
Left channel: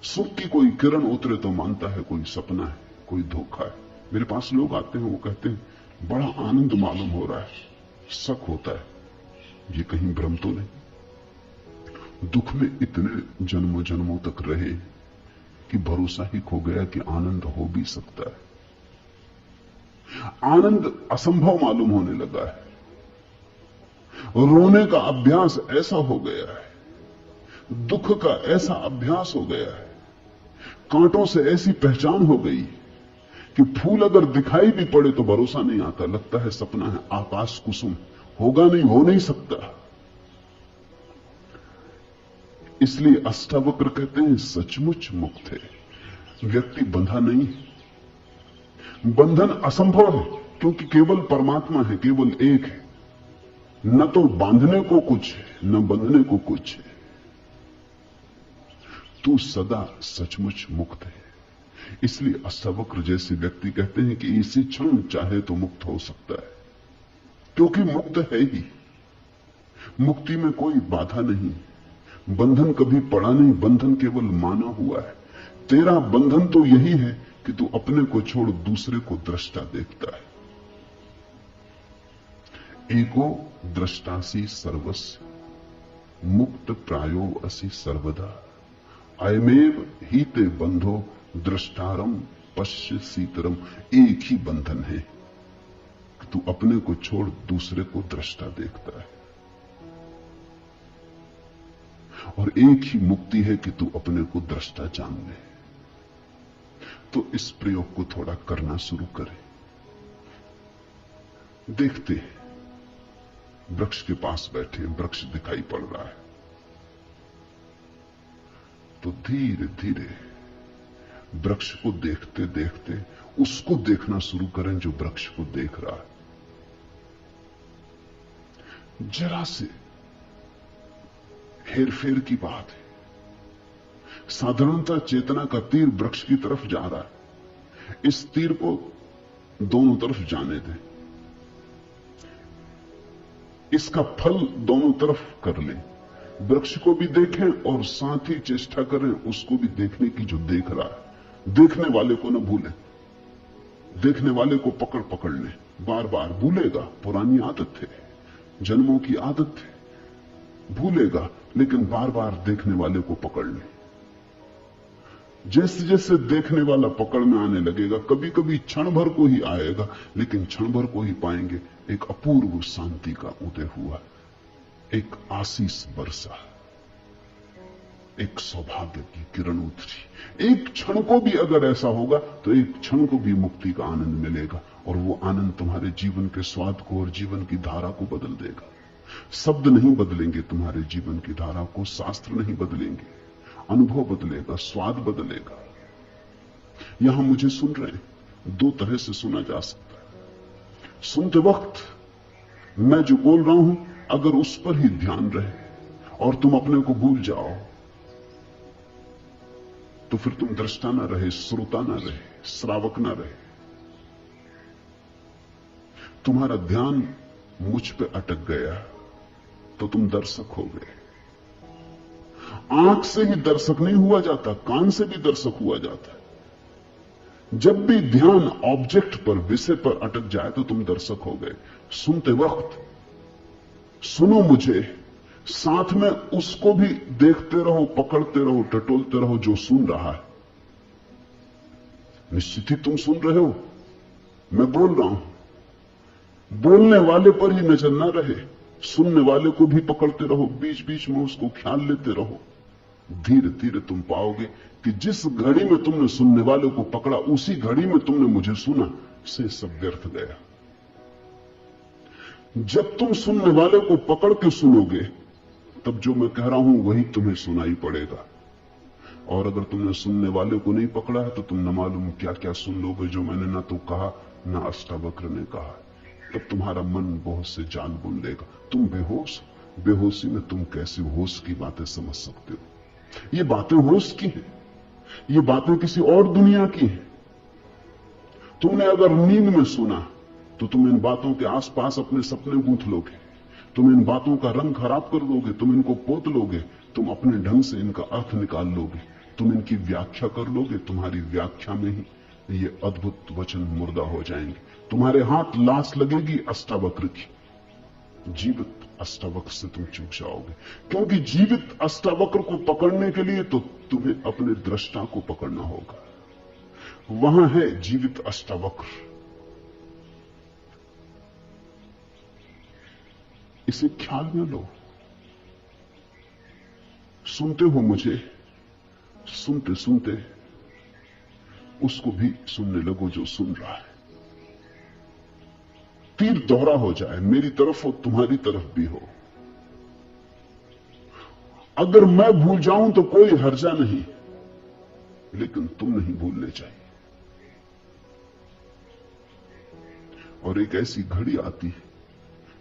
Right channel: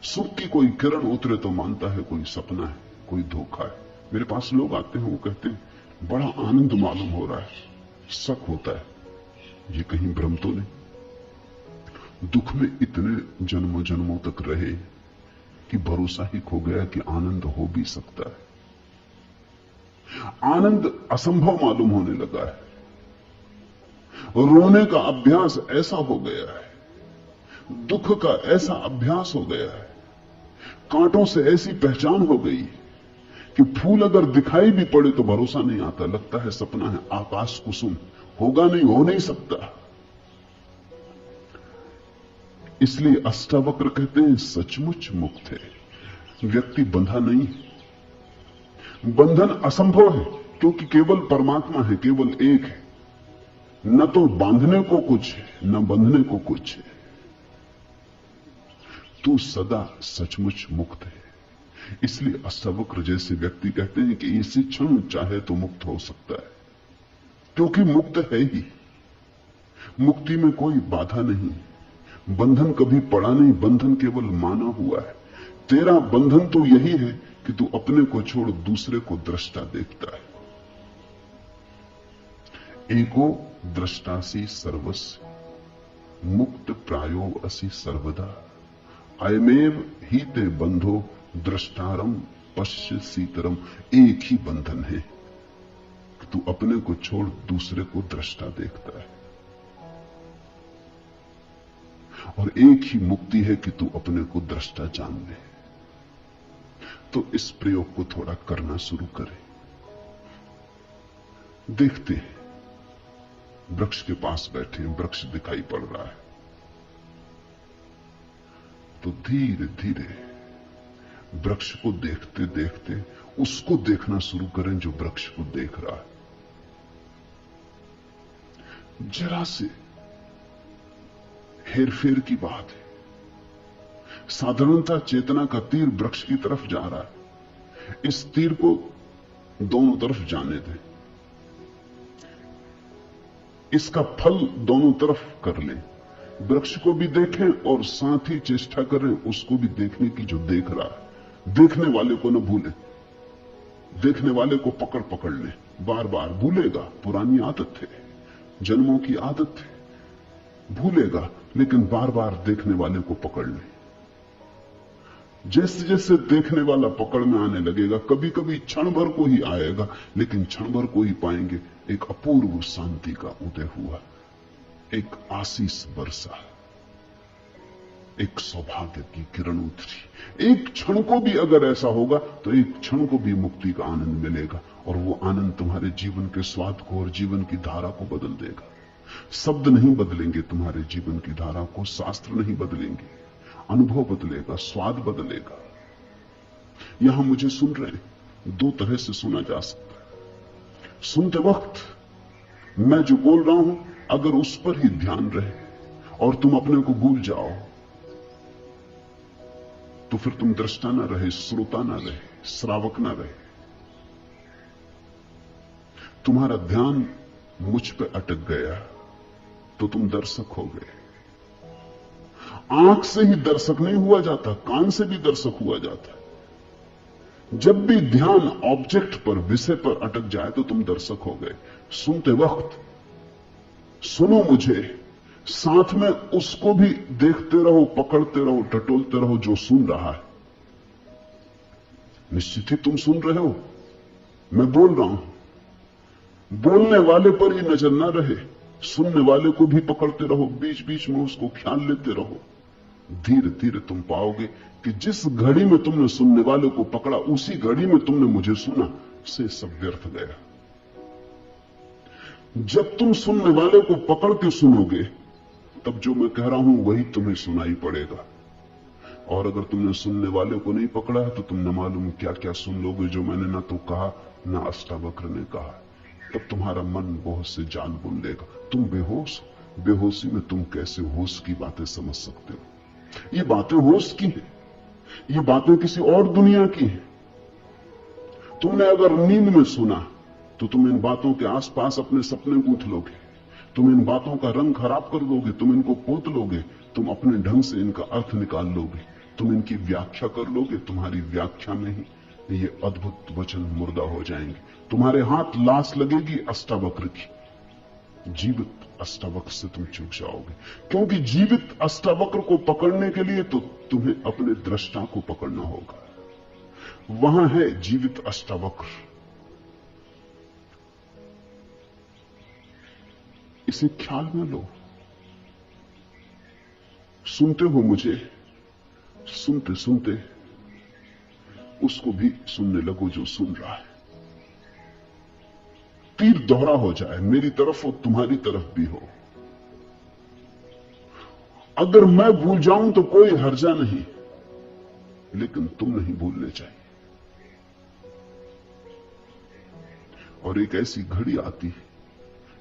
सुख की कोई किरण उतरे तो मानता है कोई सपना है, कोई धोखा है। मेरे पास लोग आते हैं, वो कहते हैं बड़ा आनंद मालूम हो रहा है। शक होता है ये कहीं भ्रम तो नहीं। दुख में इतने जन्मों जन्मों तक रहे कि भरोसा ही खो गया कि आनंद हो भी सकता है। आनंद असंभव मालूम होने लगा है। रोने का अभ्यास ऐसा हो गया है, दुख का ऐसा अभ्यास हो गया है, कांटों से ऐसी पहचान हो गई कि फूल अगर दिखाई भी पड़े तो भरोसा नहीं आता, लगता है सपना है, आकाश कुसुम, होगा नहीं, हो नहीं सकता। इसलिए अष्टावक्र कहते हैं सचमुच मुक्त है, व्यक्ति बंधा नहीं। बंधन असंभव है, क्योंकि केवल परमात्मा है, केवल एक है। न तो बांधने को कुछ है, न बंधने को कुछ है। तू सदा सचमुच मुक्त है। इसलिए अष्टावक्र जैसे व्यक्ति कहते हैं कि इसी क्षण चाहे तो मुक्त हो सकता है, क्योंकि मुक्त है ही। मुक्ति में कोई बाधा नहीं, बंधन कभी पड़ा नहीं, बंधन केवल माना हुआ है। तेरा बंधन तो यही है कि तू अपने को छोड़ दूसरे को दृष्टा देखता है। एको दृष्टासी सर्वस्य, मुक्त प्रायो असि सर्वदा, अयमेव ही ते बंधो दृष्टारम पश्य सीतरम। एक ही बंधन है कि तू अपने को छोड़ दूसरे को दृष्टा देखता है, और एक ही मुक्ति है कि तू अपने को दृष्टा जान ले। तो इस प्रयोग को थोड़ा करना शुरू करें। देखते हैं, वृक्ष के पास बैठे, वृक्ष दिखाई पड़ रहा है, तो धीरे धीरे वृक्ष को देखते देखते उसको देखना शुरू करें जो वृक्ष को देख रहा है। जरा से हेरफेर की बात है। साधारणतः चेतना का तीर वृक्ष की तरफ जा रहा है, इस तीर को दोनों तरफ जाने दें, इसका फल दोनों तरफ कर लें। वृक्ष को भी देखें और साथ ही चेष्टा करें उसको भी देखने की जो देख रहा है। देखने वाले को न भूलें, देखने वाले को पकड़ पकड़ लें। बार बार भूलेगा, पुरानी आदत है, जन्मों की आदत है, भूलेगा, लेकिन बार बार देखने वाले को पकड़ लें। जैसे जैसे देखने वाला पकड़ में आने लगेगा, कभी कभी क्षण भर को ही आएगा, लेकिन क्षण भर को ही पाएंगे एक अपूर्व शांति का उदय हुआ, एक आशीष बरसा, एक सौभाग्य की किरण उतरी। एक क्षण को भी अगर ऐसा होगा तो एक क्षण को भी मुक्ति का आनंद मिलेगा, और वो आनंद तुम्हारे जीवन के स्वाद को और जीवन की धारा को बदल देगा। शब्द नहीं बदलेंगे तुम्हारे जीवन की धारा को, शास्त्र नहीं बदलेंगे, अनुभव बदलेगा, स्वाद बदलेगा। यहां मुझे सुन रहे हैं, दो तरह से सुना जा सकता है। सुनते वक्त मैं जो बोल रहा हूं, अगर उस पर ही ध्यान रहे और तुम अपने को भूल जाओ, तो फिर तुम दृष्टा न रहे, श्रोता न रहे, श्रावक न रहे। तुम्हारा ध्यान मुझ पे अटक गया तो तुम दर्शक हो गए। आंख से ही दर्शक नहीं हुआ जाता, कान से भी दर्शक हुआ जाता है। जब भी ध्यान ऑब्जेक्ट पर, विषय पर अटक जाए तो तुम दर्शक हो गए। सुनते वक्त सुनो मुझे, साथ में उसको भी देखते रहो, पकड़ते रहो, टटोलते रहो जो सुन रहा है। निश्चित ही तुम सुन रहे हो, मैं बोल रहा हूं। बोलने वाले पर ही नजर न रहे, सुनने वाले को भी पकड़ते रहो, बीच बीच में उसको ख्याल लेते रहो। धीरे धीरे तुम पाओगे कि जिस घड़ी में तुमने सुनने वाले को पकड़ा, उसी घड़ी में तुमने मुझे सुना, से सब व्यर्थ गया। जब तुम सुनने वाले को पकड़ के सुनोगे, तब जो मैं कह रहा हूं वही तुम्हें सुनाई पड़ेगा। और अगर तुमने सुनने वाले को नहीं पकड़ा है तो तुम न मालूम क्या क्या सुन लोगे जो मैंने ना तो कहा ना अष्टावक्र ने कहा। तब तुम्हारा मन बहुत से जान बुन लेगा। तुम बेहोश, बेहोशी में तुम कैसे होश की बातें समझ सकते हो? ये बातें होश की हैं, ये बातें किसी और दुनिया की हैं। तुमने अगर नींद में सुना तो तुम इन बातों के आसपास अपने सपने गूंथ लोगे, तुम इन बातों का रंग खराब कर लोगे, तुम इनको पोत लोगे, तुम अपने ढंग से इनका अर्थ निकाल लोगे, तुम इनकी व्याख्या कर लोगे। तुम्हारी व्याख्या में ही ये अद्भुत वचन मुर्दा हो जाएंगे। तुम्हारे हाथ लाश लगेगी अष्टावक्र की, जीवित अष्टावक्र से तुम चूक जाओगे। क्योंकि जीवित अष्टावक्र को पकड़ने के लिए तो तुम्हें अपने दृष्टा को पकड़ना होगा। वहां है जीवित अष्टावक्र। इसे ख्याल में लो। सुनते हो मुझे, सुनते सुनते उसको भी सुनने लगो जो सुन रहा है। तीर दोहरा हो जाए, मेरी तरफ हो तुम्हारी तरफ भी हो। अगर मैं भूल जाऊं तो कोई हर्जा नहीं, लेकिन तुम नहीं भूलने चाहिए। और एक ऐसी घड़ी आती है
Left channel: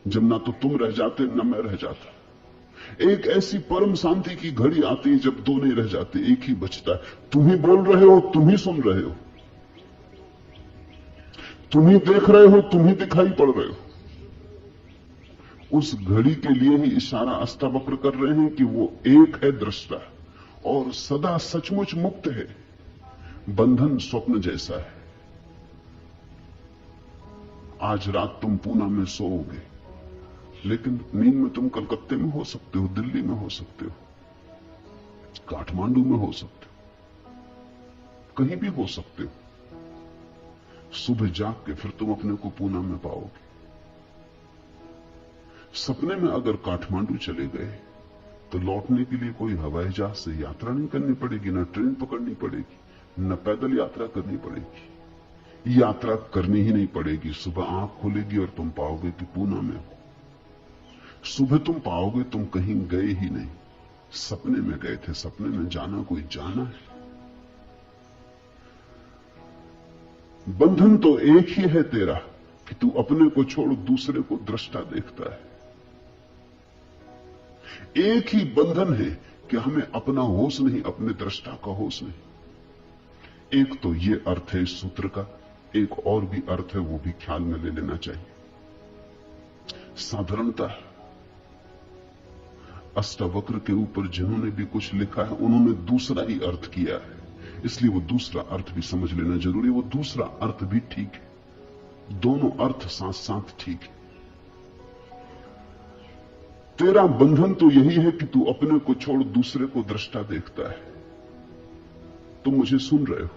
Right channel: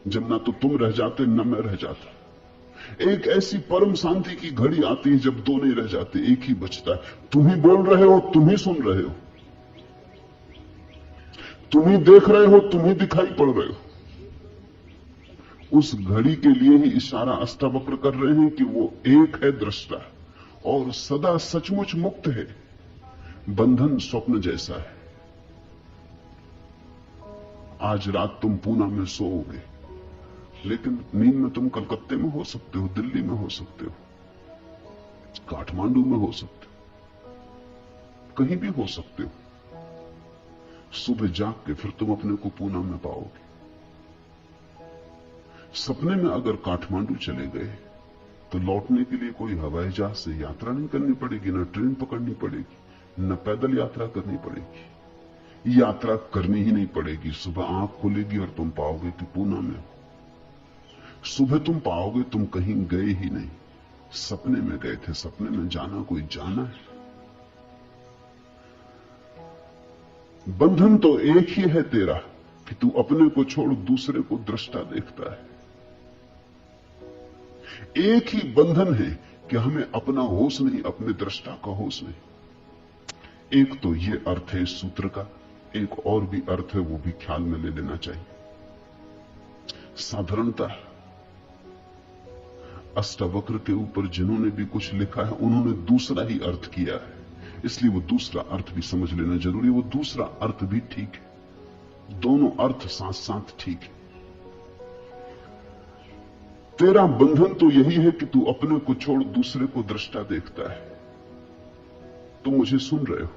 जब ना तो तुम रह जाते न मैं रह जाता। एक ऐसी परम शांति की घड़ी आती है जब दो नहीं रह जाते, एक ही बचता है। तुम ही बोल रहे हो, तुम ही सुन रहे हो, तुम ही देख रहे हो, तुम ही दिखाई पड़ रहे हो। उस घड़ी के लिए ही इशारा अष्टावक्र कर रहे हैं कि वो एक है दृष्टा और सदा सचमुच मुक्त है। बंधन स्वप्न जैसा है। आज रात तुम पूना में सोओगे, लेकिन नींद में तुम कलकत्ते में हो सकते हो, दिल्ली में हो सकते हो, काठमांडू में हो सकते हो, कहीं भी हो सकते हो। सुबह जाग के फिर तुम अपने को पूना में पाओगे। सपने में अगर काठमांडू चले गए तो लौटने के लिए कोई हवाई जहाज से यात्रा नहीं करनी पड़ेगी, ना ट्रेन पकड़नी पड़ेगी, न पैदल यात्रा करनी पड़ेगी। यात्रा करनी ही नहीं पड़ेगी। सुबह आंख खुलेगी और तुम पाओगे कि पूना में हो। सुबह तुम पाओगे तुम कहीं गए ही नहीं, सपने में गए थे। सपने में जाना कोई जाना है। बंधन तो एक ही है तेरा कि तू अपने को छोड़ दूसरे को दृष्टा देखता है। एक ही बंधन है कि हमें अपना होश नहीं, अपने दृष्टा का होश नहीं। एक तो ये अर्थ है इस सूत्र का, एक और भी अर्थ है, वो भी ख्याल में ले लेना चाहिए। साधारणतः अष्टावक्र के ऊपर जिन्होंने भी कुछ लिखा है उन्होंने दूसरा ही अर्थ किया है, इसलिए वो दूसरा अर्थ भी समझ लेना जरूरी है। वो दूसरा अर्थ भी ठीक है, दोनों अर्थ साथ साथ ठीक है। तेरा बंधन तो यही है कि तू अपने को छोड़ दूसरे को दृष्टा देखता है। तुम मुझे सुन रहे हो,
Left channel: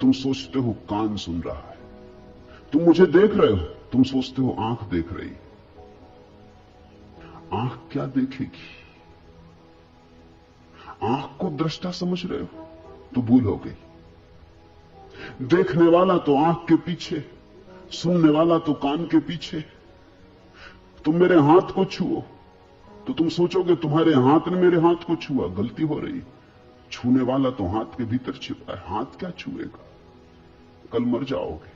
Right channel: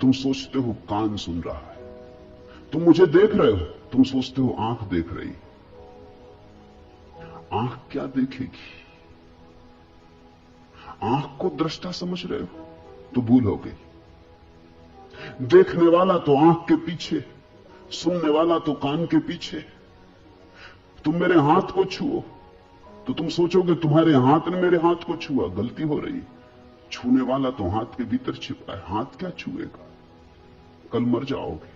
तुम सोचते हो कान सुन रहा है, तुम मुझे देख रहे हो, तुम सोचते हो आंख देख रही। आंख क्या देखेगी? आंख को दृष्टा समझ रहे हो तो भूल हो गई। देखने वाला तो आंख के पीछे, सुनने वाला तो कान के पीछे। तुम मेरे हाथ को छुओ तो तुम सोचोगे तुम्हारे हाथ ने मेरे हाथ को छुआ, गलती हो रही। छूने वाला तो हाथ के भीतर छिपा है, हाथ क्या छुएगा? कल मर जाओगे,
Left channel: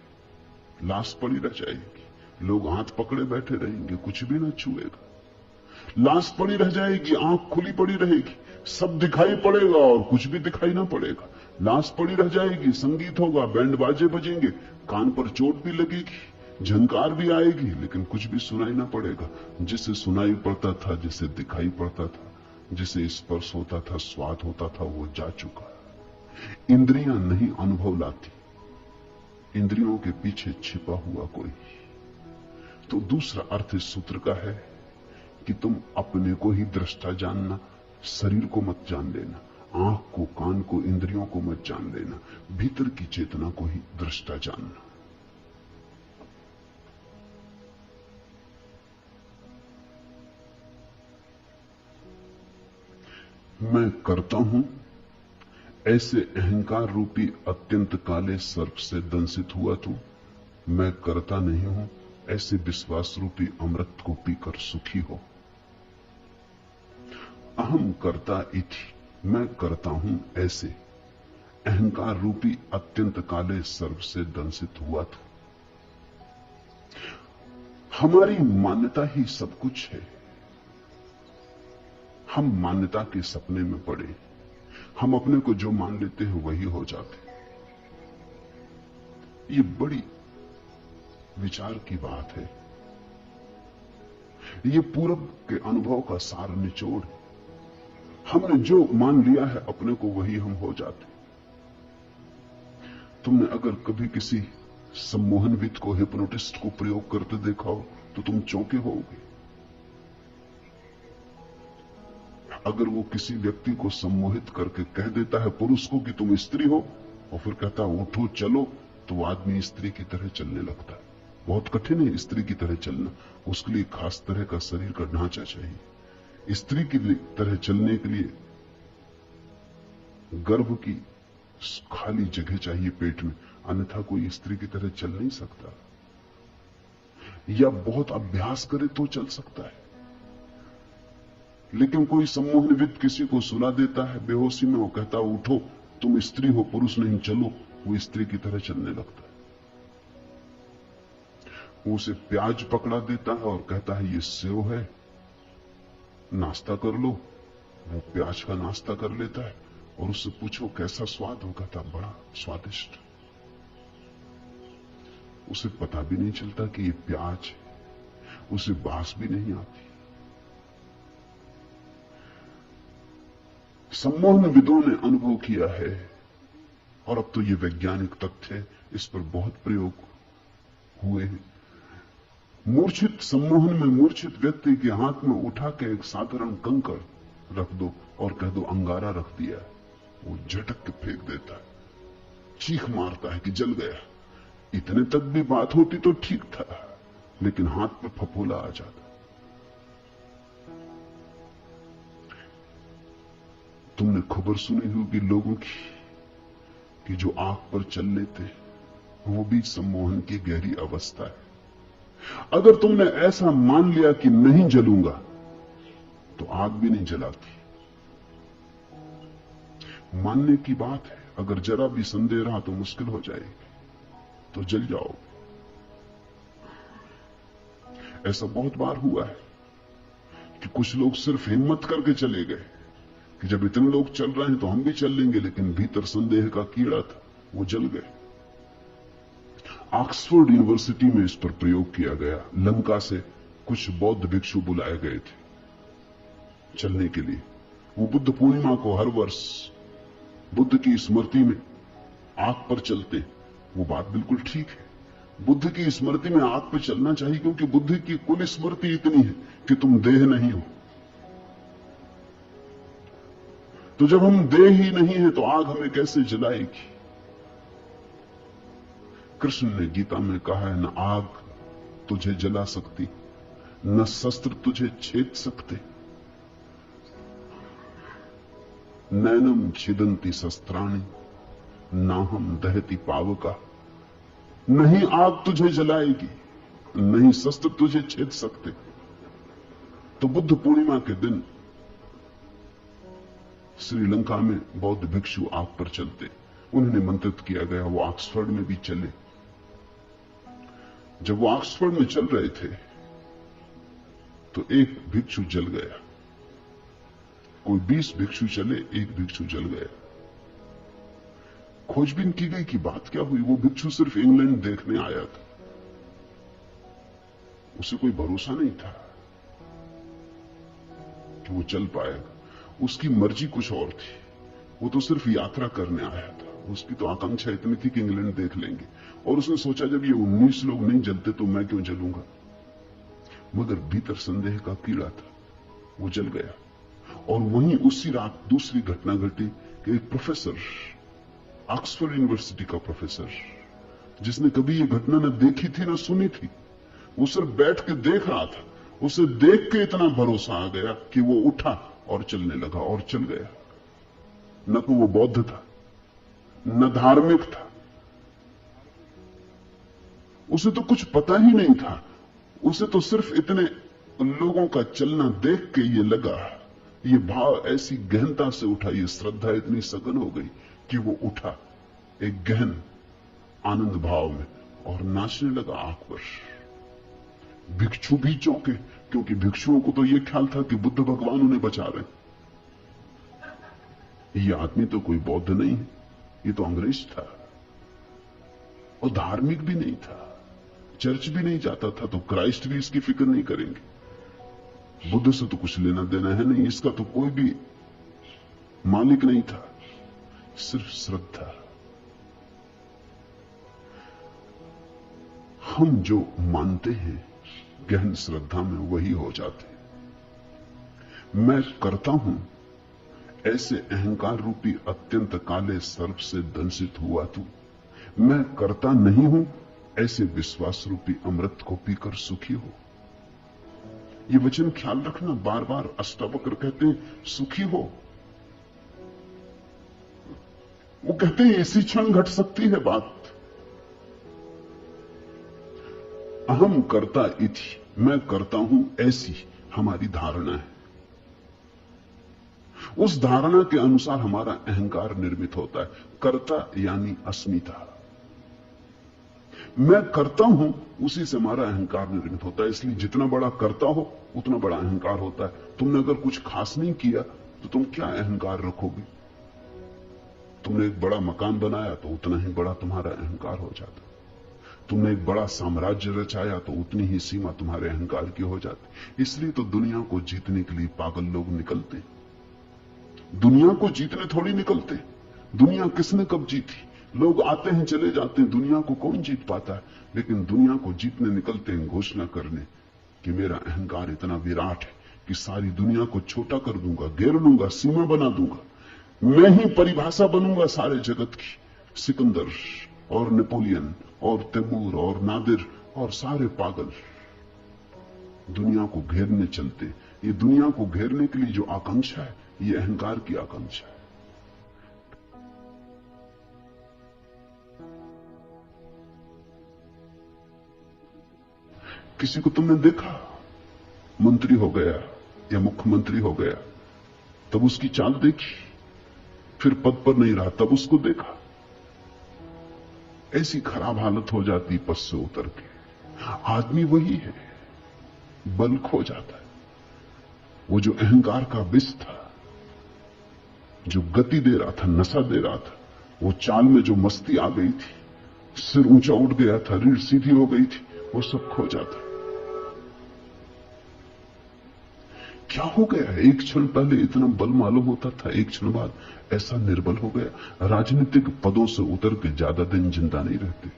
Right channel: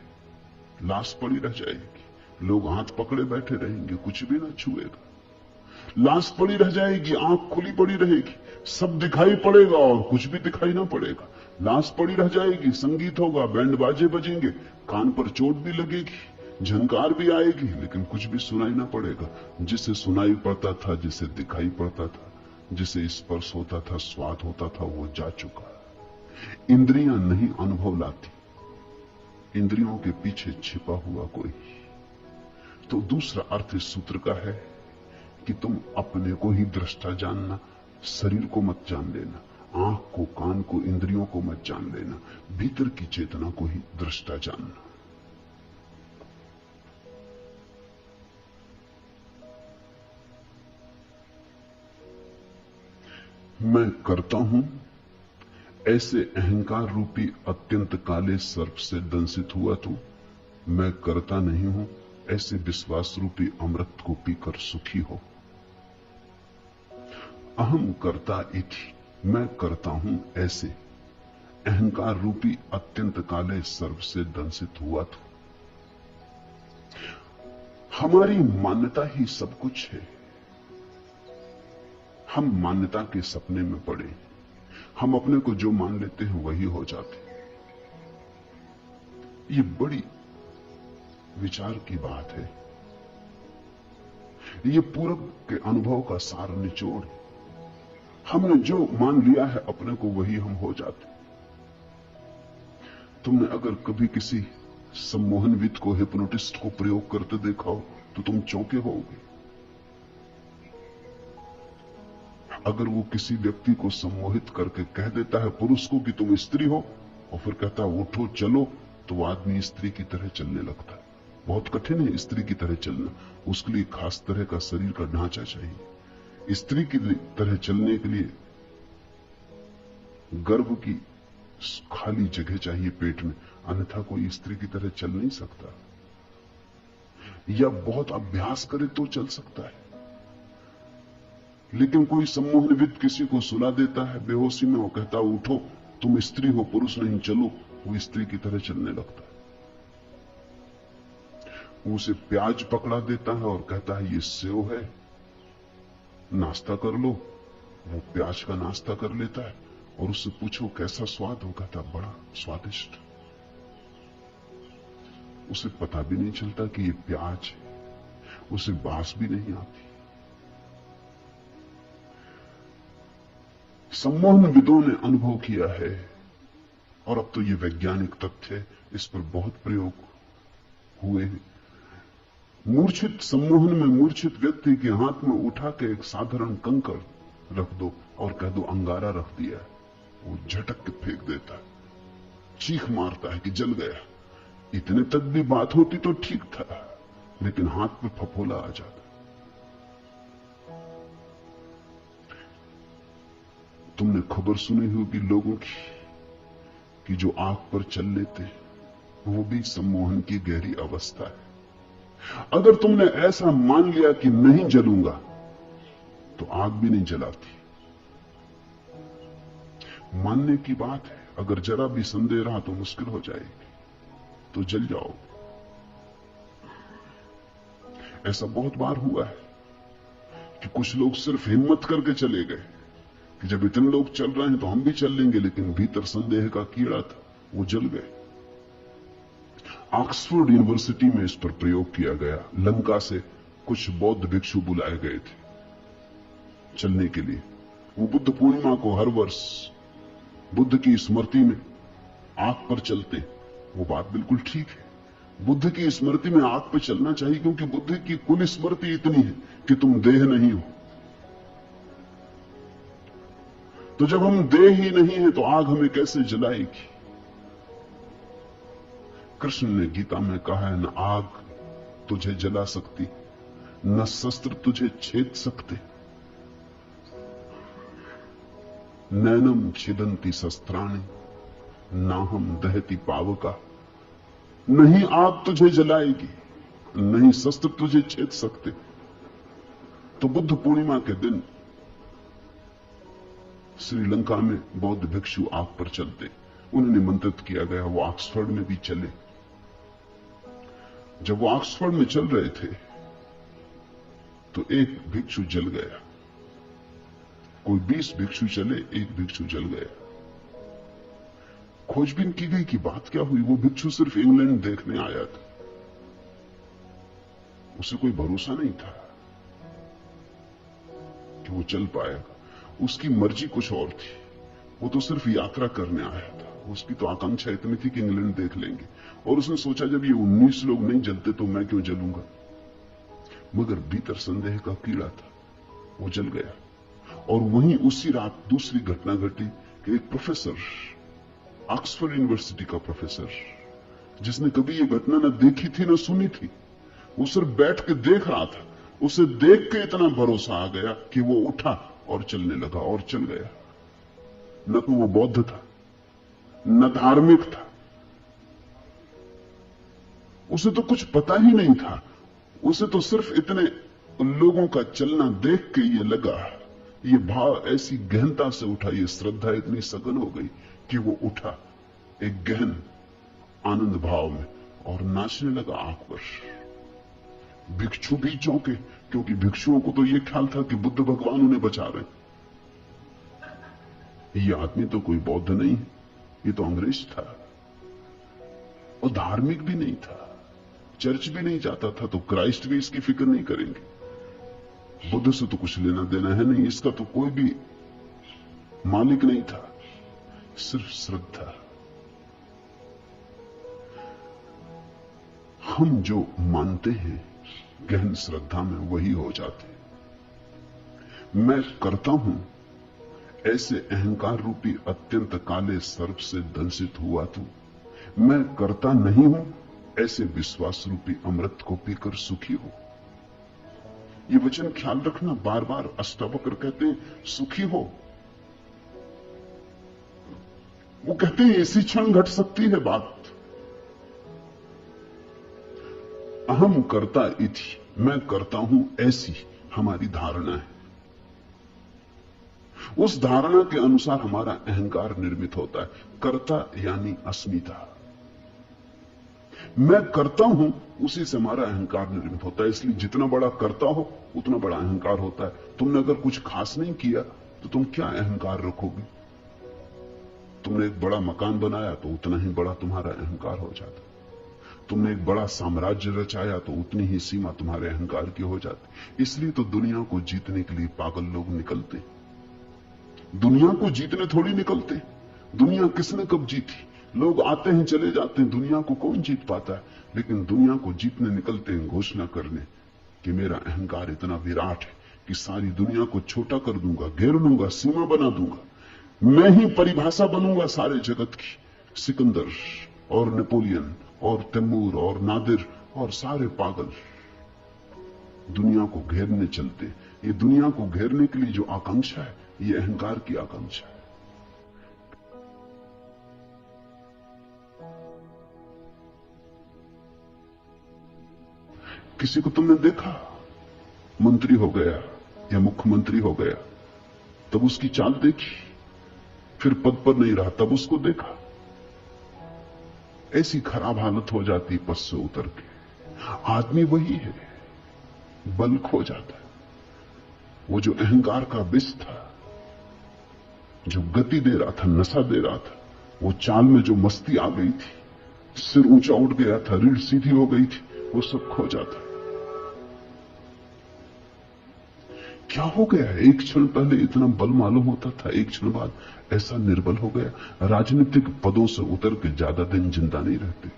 लाश पड़ी रह जाएगी, लोग हाथ पकड़े बैठे रहेंगे, कुछ भी ना छुएगा। लाश पड़ी रह जाएगी, आंख खुली पड़ी रहेगी, सब दिखाई पड़ेगा और कुछ भी दिखाई ना पड़ेगा। लाश पड़ी रह जाएगी, संगीत होगा, बैंड बाजे बजेंगे, कान पर चोट भी लगेगी, झंकार भी आएगी, लेकिन कुछ भी सुनाई ना पड़ेगा। जिसे सुनाई पड़ता था, जिसे दिखाई पड़ता था, जिसे स्पर्श होता था, स्वाद होता था, वो जा चुका। इंद्रियां नहीं अनुभव लाती, इंद्रियों के पीछे छिपा हुआ कोई। तो दूसरा अर्थ इस सूत्र का है कि तुम अपने को ही दृष्टा जानना, शरीर को मत जान लेना, आंख को, कान को, इंद्रियों को मत जान लेना, भीतर की चेतना को ही दृष्टा जानना। मैं करता हूं ऐसे अहंकार रूपी अत्यंत काले सर्प से दंशित हुआ तू। मैं करता नहीं हूं ऐसे विश्वास रूपी अमृत को पीकर सुखी हो। अहम करता इति, मैं करता हूं ऐसे अहंकार रूपी अत्यंत काले सर्प से दंशित हुआ तू। हमारी मान्यता ही सब कुछ है। हम मान्यता के सपने में पड़े, हम अपने को जो मान लेते हैं वही हो जाते। ये बड़ी विचार की बात है। ये पूरब के अनुभव का सार निचोड़। हमने जो मान लिया है अपने को वही हम हो जाते। तुमने अगर कभी किसी सम्मोहनविद को, हिप्नोटिस्ट को प्रयोग करते देखा हो तो तुम चौंके होगे। अगर वो किसी व्यक्ति को सम्मोहित करके कह देता है पुरुष को कि तुम स्त्री हो, और फिर कहता है उठो चलो, तो वो आदमी स्त्री की तरह चलने लगता है। बहुत कठिन है स्त्री की तरह चलना, उसके लिए खास तरह का शरीर का ढांचा चाहिए। स्त्री की तरह चलने के लिए गर्भ की खाली जगह चाहिए पेट में, अन्यथा कोई स्त्री की तरह चल नहीं सकता, या बहुत अभ्यास करे तो चल सकता है। लेकिन कोई सम्मोहनविद किसी को सुला देता है बेहोशी में, वो कहता उठो, तुम स्त्री हो, पुरुष नहीं, चलो, वो स्त्री की तरह चलने लगता है। वो उसे प्याज पकड़ा देता है और कहता है ये सेव है, नाश्ता कर लो। वो प्याज का नाश्ता कर लेता है और उससे पूछो कैसा स्वाद, वो कहता बड़ा स्वादिष्ट। उसे पता भी नहीं चलता कि ये प्याज है, उसे बास भी नहीं आती। सम्मोहनविदों ने अनुभव किया है, और अब तो ये वैज्ञानिक तथ्य है, इस पर बहुत प्रयोग हुए हैं। मूर्छित सम्मोहन में मूर्छित व्यक्ति के हाथ में उठा के एक साधारण कंकड़ रख दो और कह दो अंगारा रख दिया है, वो झटक के फेंक देता है, चीख मारता है कि जल गया। इतने तक भी बात होती तो ठीक था, लेकिन हाथ में फफोला आ जाता। तुमने खबर सुनी होगी लोगों की कि जो आग पर चल लेते वो भी सम्मोहन की गहरी अवस्था है। अगर तुमने ऐसा मान लिया कि नहीं जलूंगा, तो आग भी नहीं जलाती। मानने की बात है, अगर जरा भी संदेह रहा तो मुश्किल हो जाएगी, तो जल जाओ। ऐसा बहुत बार हुआ है कि कुछ लोग सिर्फ हिम्मत करके चले गए कि जब इतने लोग चल रहे हैं तो हम भी चल लेंगे, लेकिन भीतर संदेह का कीड़ा था, वो जल गए। ऑक्सफोर्ड यूनिवर्सिटी में इस पर प्रयोग किया गया। लंका से कुछ बौद्ध भिक्षु बुलाए गए थे चलने के लिए। वो बुद्ध पूर्णिमा को हर वर्ष बुद्ध की स्मृति में आग पर चलते। वो बात बिल्कुल ठीक है, बुद्ध की स्मृति में आग पर चलना चाहिए, क्योंकि बुद्ध की कुल स्मृति इतनी है कि तुम देह नहीं हो। तो जब हम देह ही नहीं है तो आग हमें कैसे जलाएगी? कृष्ण ने गीता में कहा है, न आग तुझे जला सकती, न शस्त्र तुझे छेद सकते। नैनम छिदंती शस्त्राणि नाहम दहती पावका। नहीं आग तुझे जलाएगी, नहीं शस्त्र तुझे छेद सकते। तो बुद्ध पूर्णिमा के दिन श्रीलंका में बौद्ध भिक्षु आग पर चलते, उन्हें निमंत्रित किया गया, वो ऑक्सफोर्ड में भी चले। जब वो ऑक्सफोर्ड में चल रहे थे तो एक भिक्षु जल गया। कोई 20 भिक्षु चले, एक भिक्षु जल गया। खोजबीन की गई कि बात क्या हुई। वो भिक्षु सिर्फ इंग्लैंड देखने आया था, उसे कोई भरोसा नहीं था कि वो चल पाएगा। उसकी मर्जी कुछ और थी, वो तो सिर्फ यात्रा करने आया था। उसकी तो आकांक्षा इतनी थी कि इंग्लैंड देख लेंगे, और उसने सोचा जब ये 19 लोग नहीं जलते तो मैं क्यों जलूंगा। मगर भीतर संदेह का कीड़ा था, वो जल गया। और वहीं उसी रात दूसरी घटना घटी कि एक प्रोफेसर, ऑक्सफोर्ड यूनिवर्सिटी का प्रोफेसर, जिसने कभी ये घटना न देखी थी न सुनी थी, वो सिर्फ बैठ के देख रहा था, उसे देख के इतना भरोसा आ गया कि वो उठा और चलने लगा और चल गया। न तो वो बौद्ध था, न धार्मिक था, उसे तो कुछ पता ही नहीं था। उसे तो सिर्फ इतने लोगों का चलना देख के ये लगा, ये भाव ऐसी गहनता से उठा, ये श्रद्धा इतनी सघन हो गई कि वो उठा एक गहन आनंद भाव में और नाचने लगा आग पर। भिक्षु भी चौंके, क्योंकि भिक्षुओं को तो ये ख्याल था कि बुद्ध भगवान उन्हें बचा रहे। ये आदमी तो कोई बौद्ध नहीं है, ये तो अंग्रेज था, और धार्मिक भी नहीं था, चर्च भी नहीं जाता था, तो क्राइस्ट भी इसकी फिक्र नहीं करेंगे। बुद्ध से तो कुछ लेना देना है नहीं, इसका तो कोई भी मालिक नहीं था, सिर्फ श्रद्धा। हम जो मानते हैं गहन श्रद्धा में वही हो जाते। मैं करता हूं ऐसे अहंकार रूपी अत्यंत काले सर्प से दंशित हुआ तू। मैं करता नहीं हूं ऐसे विश्वास रूपी अमृत को पीकर सुखी हो। ये वचन ख्याल रखना, बार बार अष्टावक्र कहते हैं सुखी हो। वो कहते हैं इसी क्षण घट सकती है बात। अहम करता इति, मैं करता हूं ऐसी हमारी धारणा है। उस धारणा के अनुसार हमारा अहंकार निर्मित होता है। कर्ता यानी अस्मिता, मैं करता हूं, उसी से हमारा अहंकार निर्मित होता है। इसलिए जितना बड़ा करता हो उतना बड़ा अहंकार होता है। तुमने अगर कुछ खास नहीं किया तो तुम क्या अहंकार रखोगे? तुमने एक बड़ा मकान बनाया तो उतना ही बड़ा तुम्हारा अहंकार हो जाता है। तुमने एक बड़ा साम्राज्य रचाया तो उतनी ही सीमा तुम्हारे अहंकार की हो जाती। इसलिए तो दुनिया को जीतने के लिए पागल लोग निकलते। दुनिया को जीतने थोड़ी निकलते। दुनिया किसने कब जीती? लोग आते हैं चले जाते हैं, दुनिया को कौन जीत पाता है? लेकिन दुनिया को जीतने निकलते हैं घोषणा करने कि मेरा अहंकार इतना विराट है कि सारी दुनिया को छोटा कर दूंगा, घेर लूंगा, सीमा बना दूंगा। मैं ही परिभाषा बनूंगा सारे जगत की। सिकंदर और नेपोलियन और तैमूर और नादिर और सारे पागल दुनिया को घेरने चलते। ये दुनिया को घेरने के लिए जो आकांक्षा है, ये अहंकार की आकांक्षा है। किसी को तुमने देखा मंत्री हो गया या मुख्यमंत्री हो गया, तब उसकी चाल देखी, फिर पद पर नहीं रहा तब उसको देखा, ऐसी खराब हालत हो जाती पद से उतर के। आदमी वही है, बल खो जाता है। वो जो अहंकार का विष था, जो गति दे रहा था, नशा दे रहा था, वो चाल में जो मस्ती आ गई थी, सिर ऊंचा उठ गया था, रीढ़ सीधी हो गई थी, वो सब खो जाता। क्या हो गया? एक क्षण पहले इतना बल मालूम होता था, एक क्षण बाद ऐसा निर्बल हो गया। राजनीतिक पदों से उतर के ज्यादा दिन जिंदा नहीं रहते।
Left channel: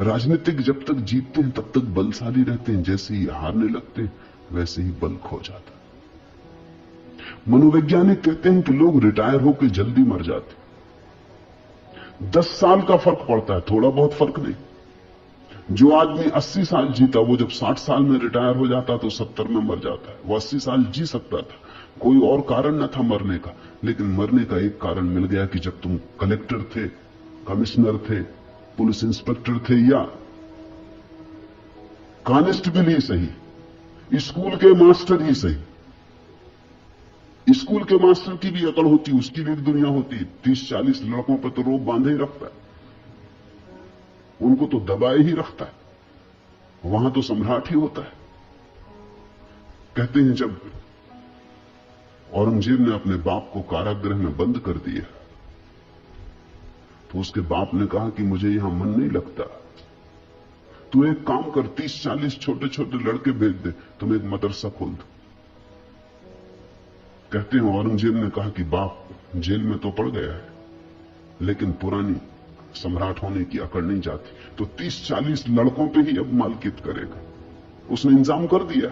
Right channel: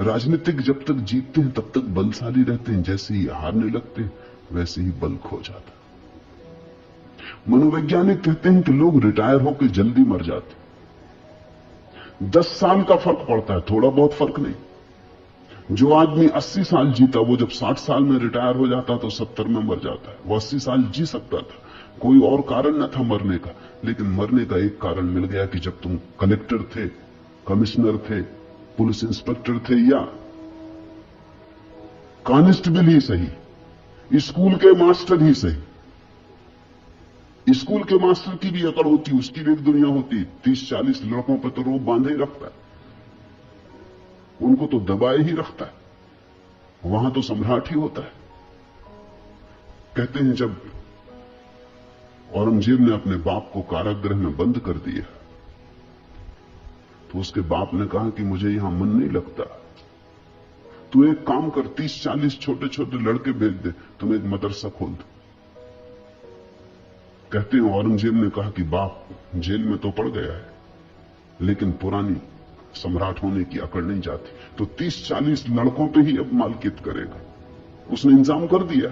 राजनीतिक जब तक जीतते हैं तब तक बलशाली रहते हैं, जैसे ही हारने लगते हैं वैसे ही बल खो जाता। मनोवैज्ञानिक कहते हैं कि लोग रिटायर होकर जल्दी मर जाते। 10 साल का फर्क पड़ता है, थोड़ा बहुत फर्क नहीं। जो आदमी 80 साल जीता, वो जब 60 साल में रिटायर हो जाता तो 70 में मर जाता है। वो 80 साल जी सकता था, कोई और कारण न था मरने का, लेकिन मरने का एक कारण मिल गया कि जब तुम कलेक्टर थे, कमिश्नर थे, पुलिस इंस्पेक्टर थे या कांस्टेबल ही सही, स्कूल के मास्टर ही सही। स्कूल के मास्टर की भी अकड़ होती, उसकी भी एक दुनिया होती। 30-40 लड़कों पर तो रोब बांधे ही रखता है, उनको तो दबाए ही रखता है, वहां तो सम्राट ही होता है। कहते हैं जब औरंगजेब ने अपने बाप को कारागृह में बंद कर दिया तो उसके बाप ने कहा कि मुझे यहां मन नहीं लगता, तू एक काम कर, 30-40 छोटे छोटे लड़के भेज दे, तुम एक मदरसा खोल दो। कहते हैं औरंगजेब ने कहा कि बाप जेल में तो पड़ गया है, लेकिन पुरानी सम्राट होने की अकड़ नहीं जाती, तो 30-40 लड़कों पे ही अब मालकियत करेगा। उसने इंतजाम कर दिया।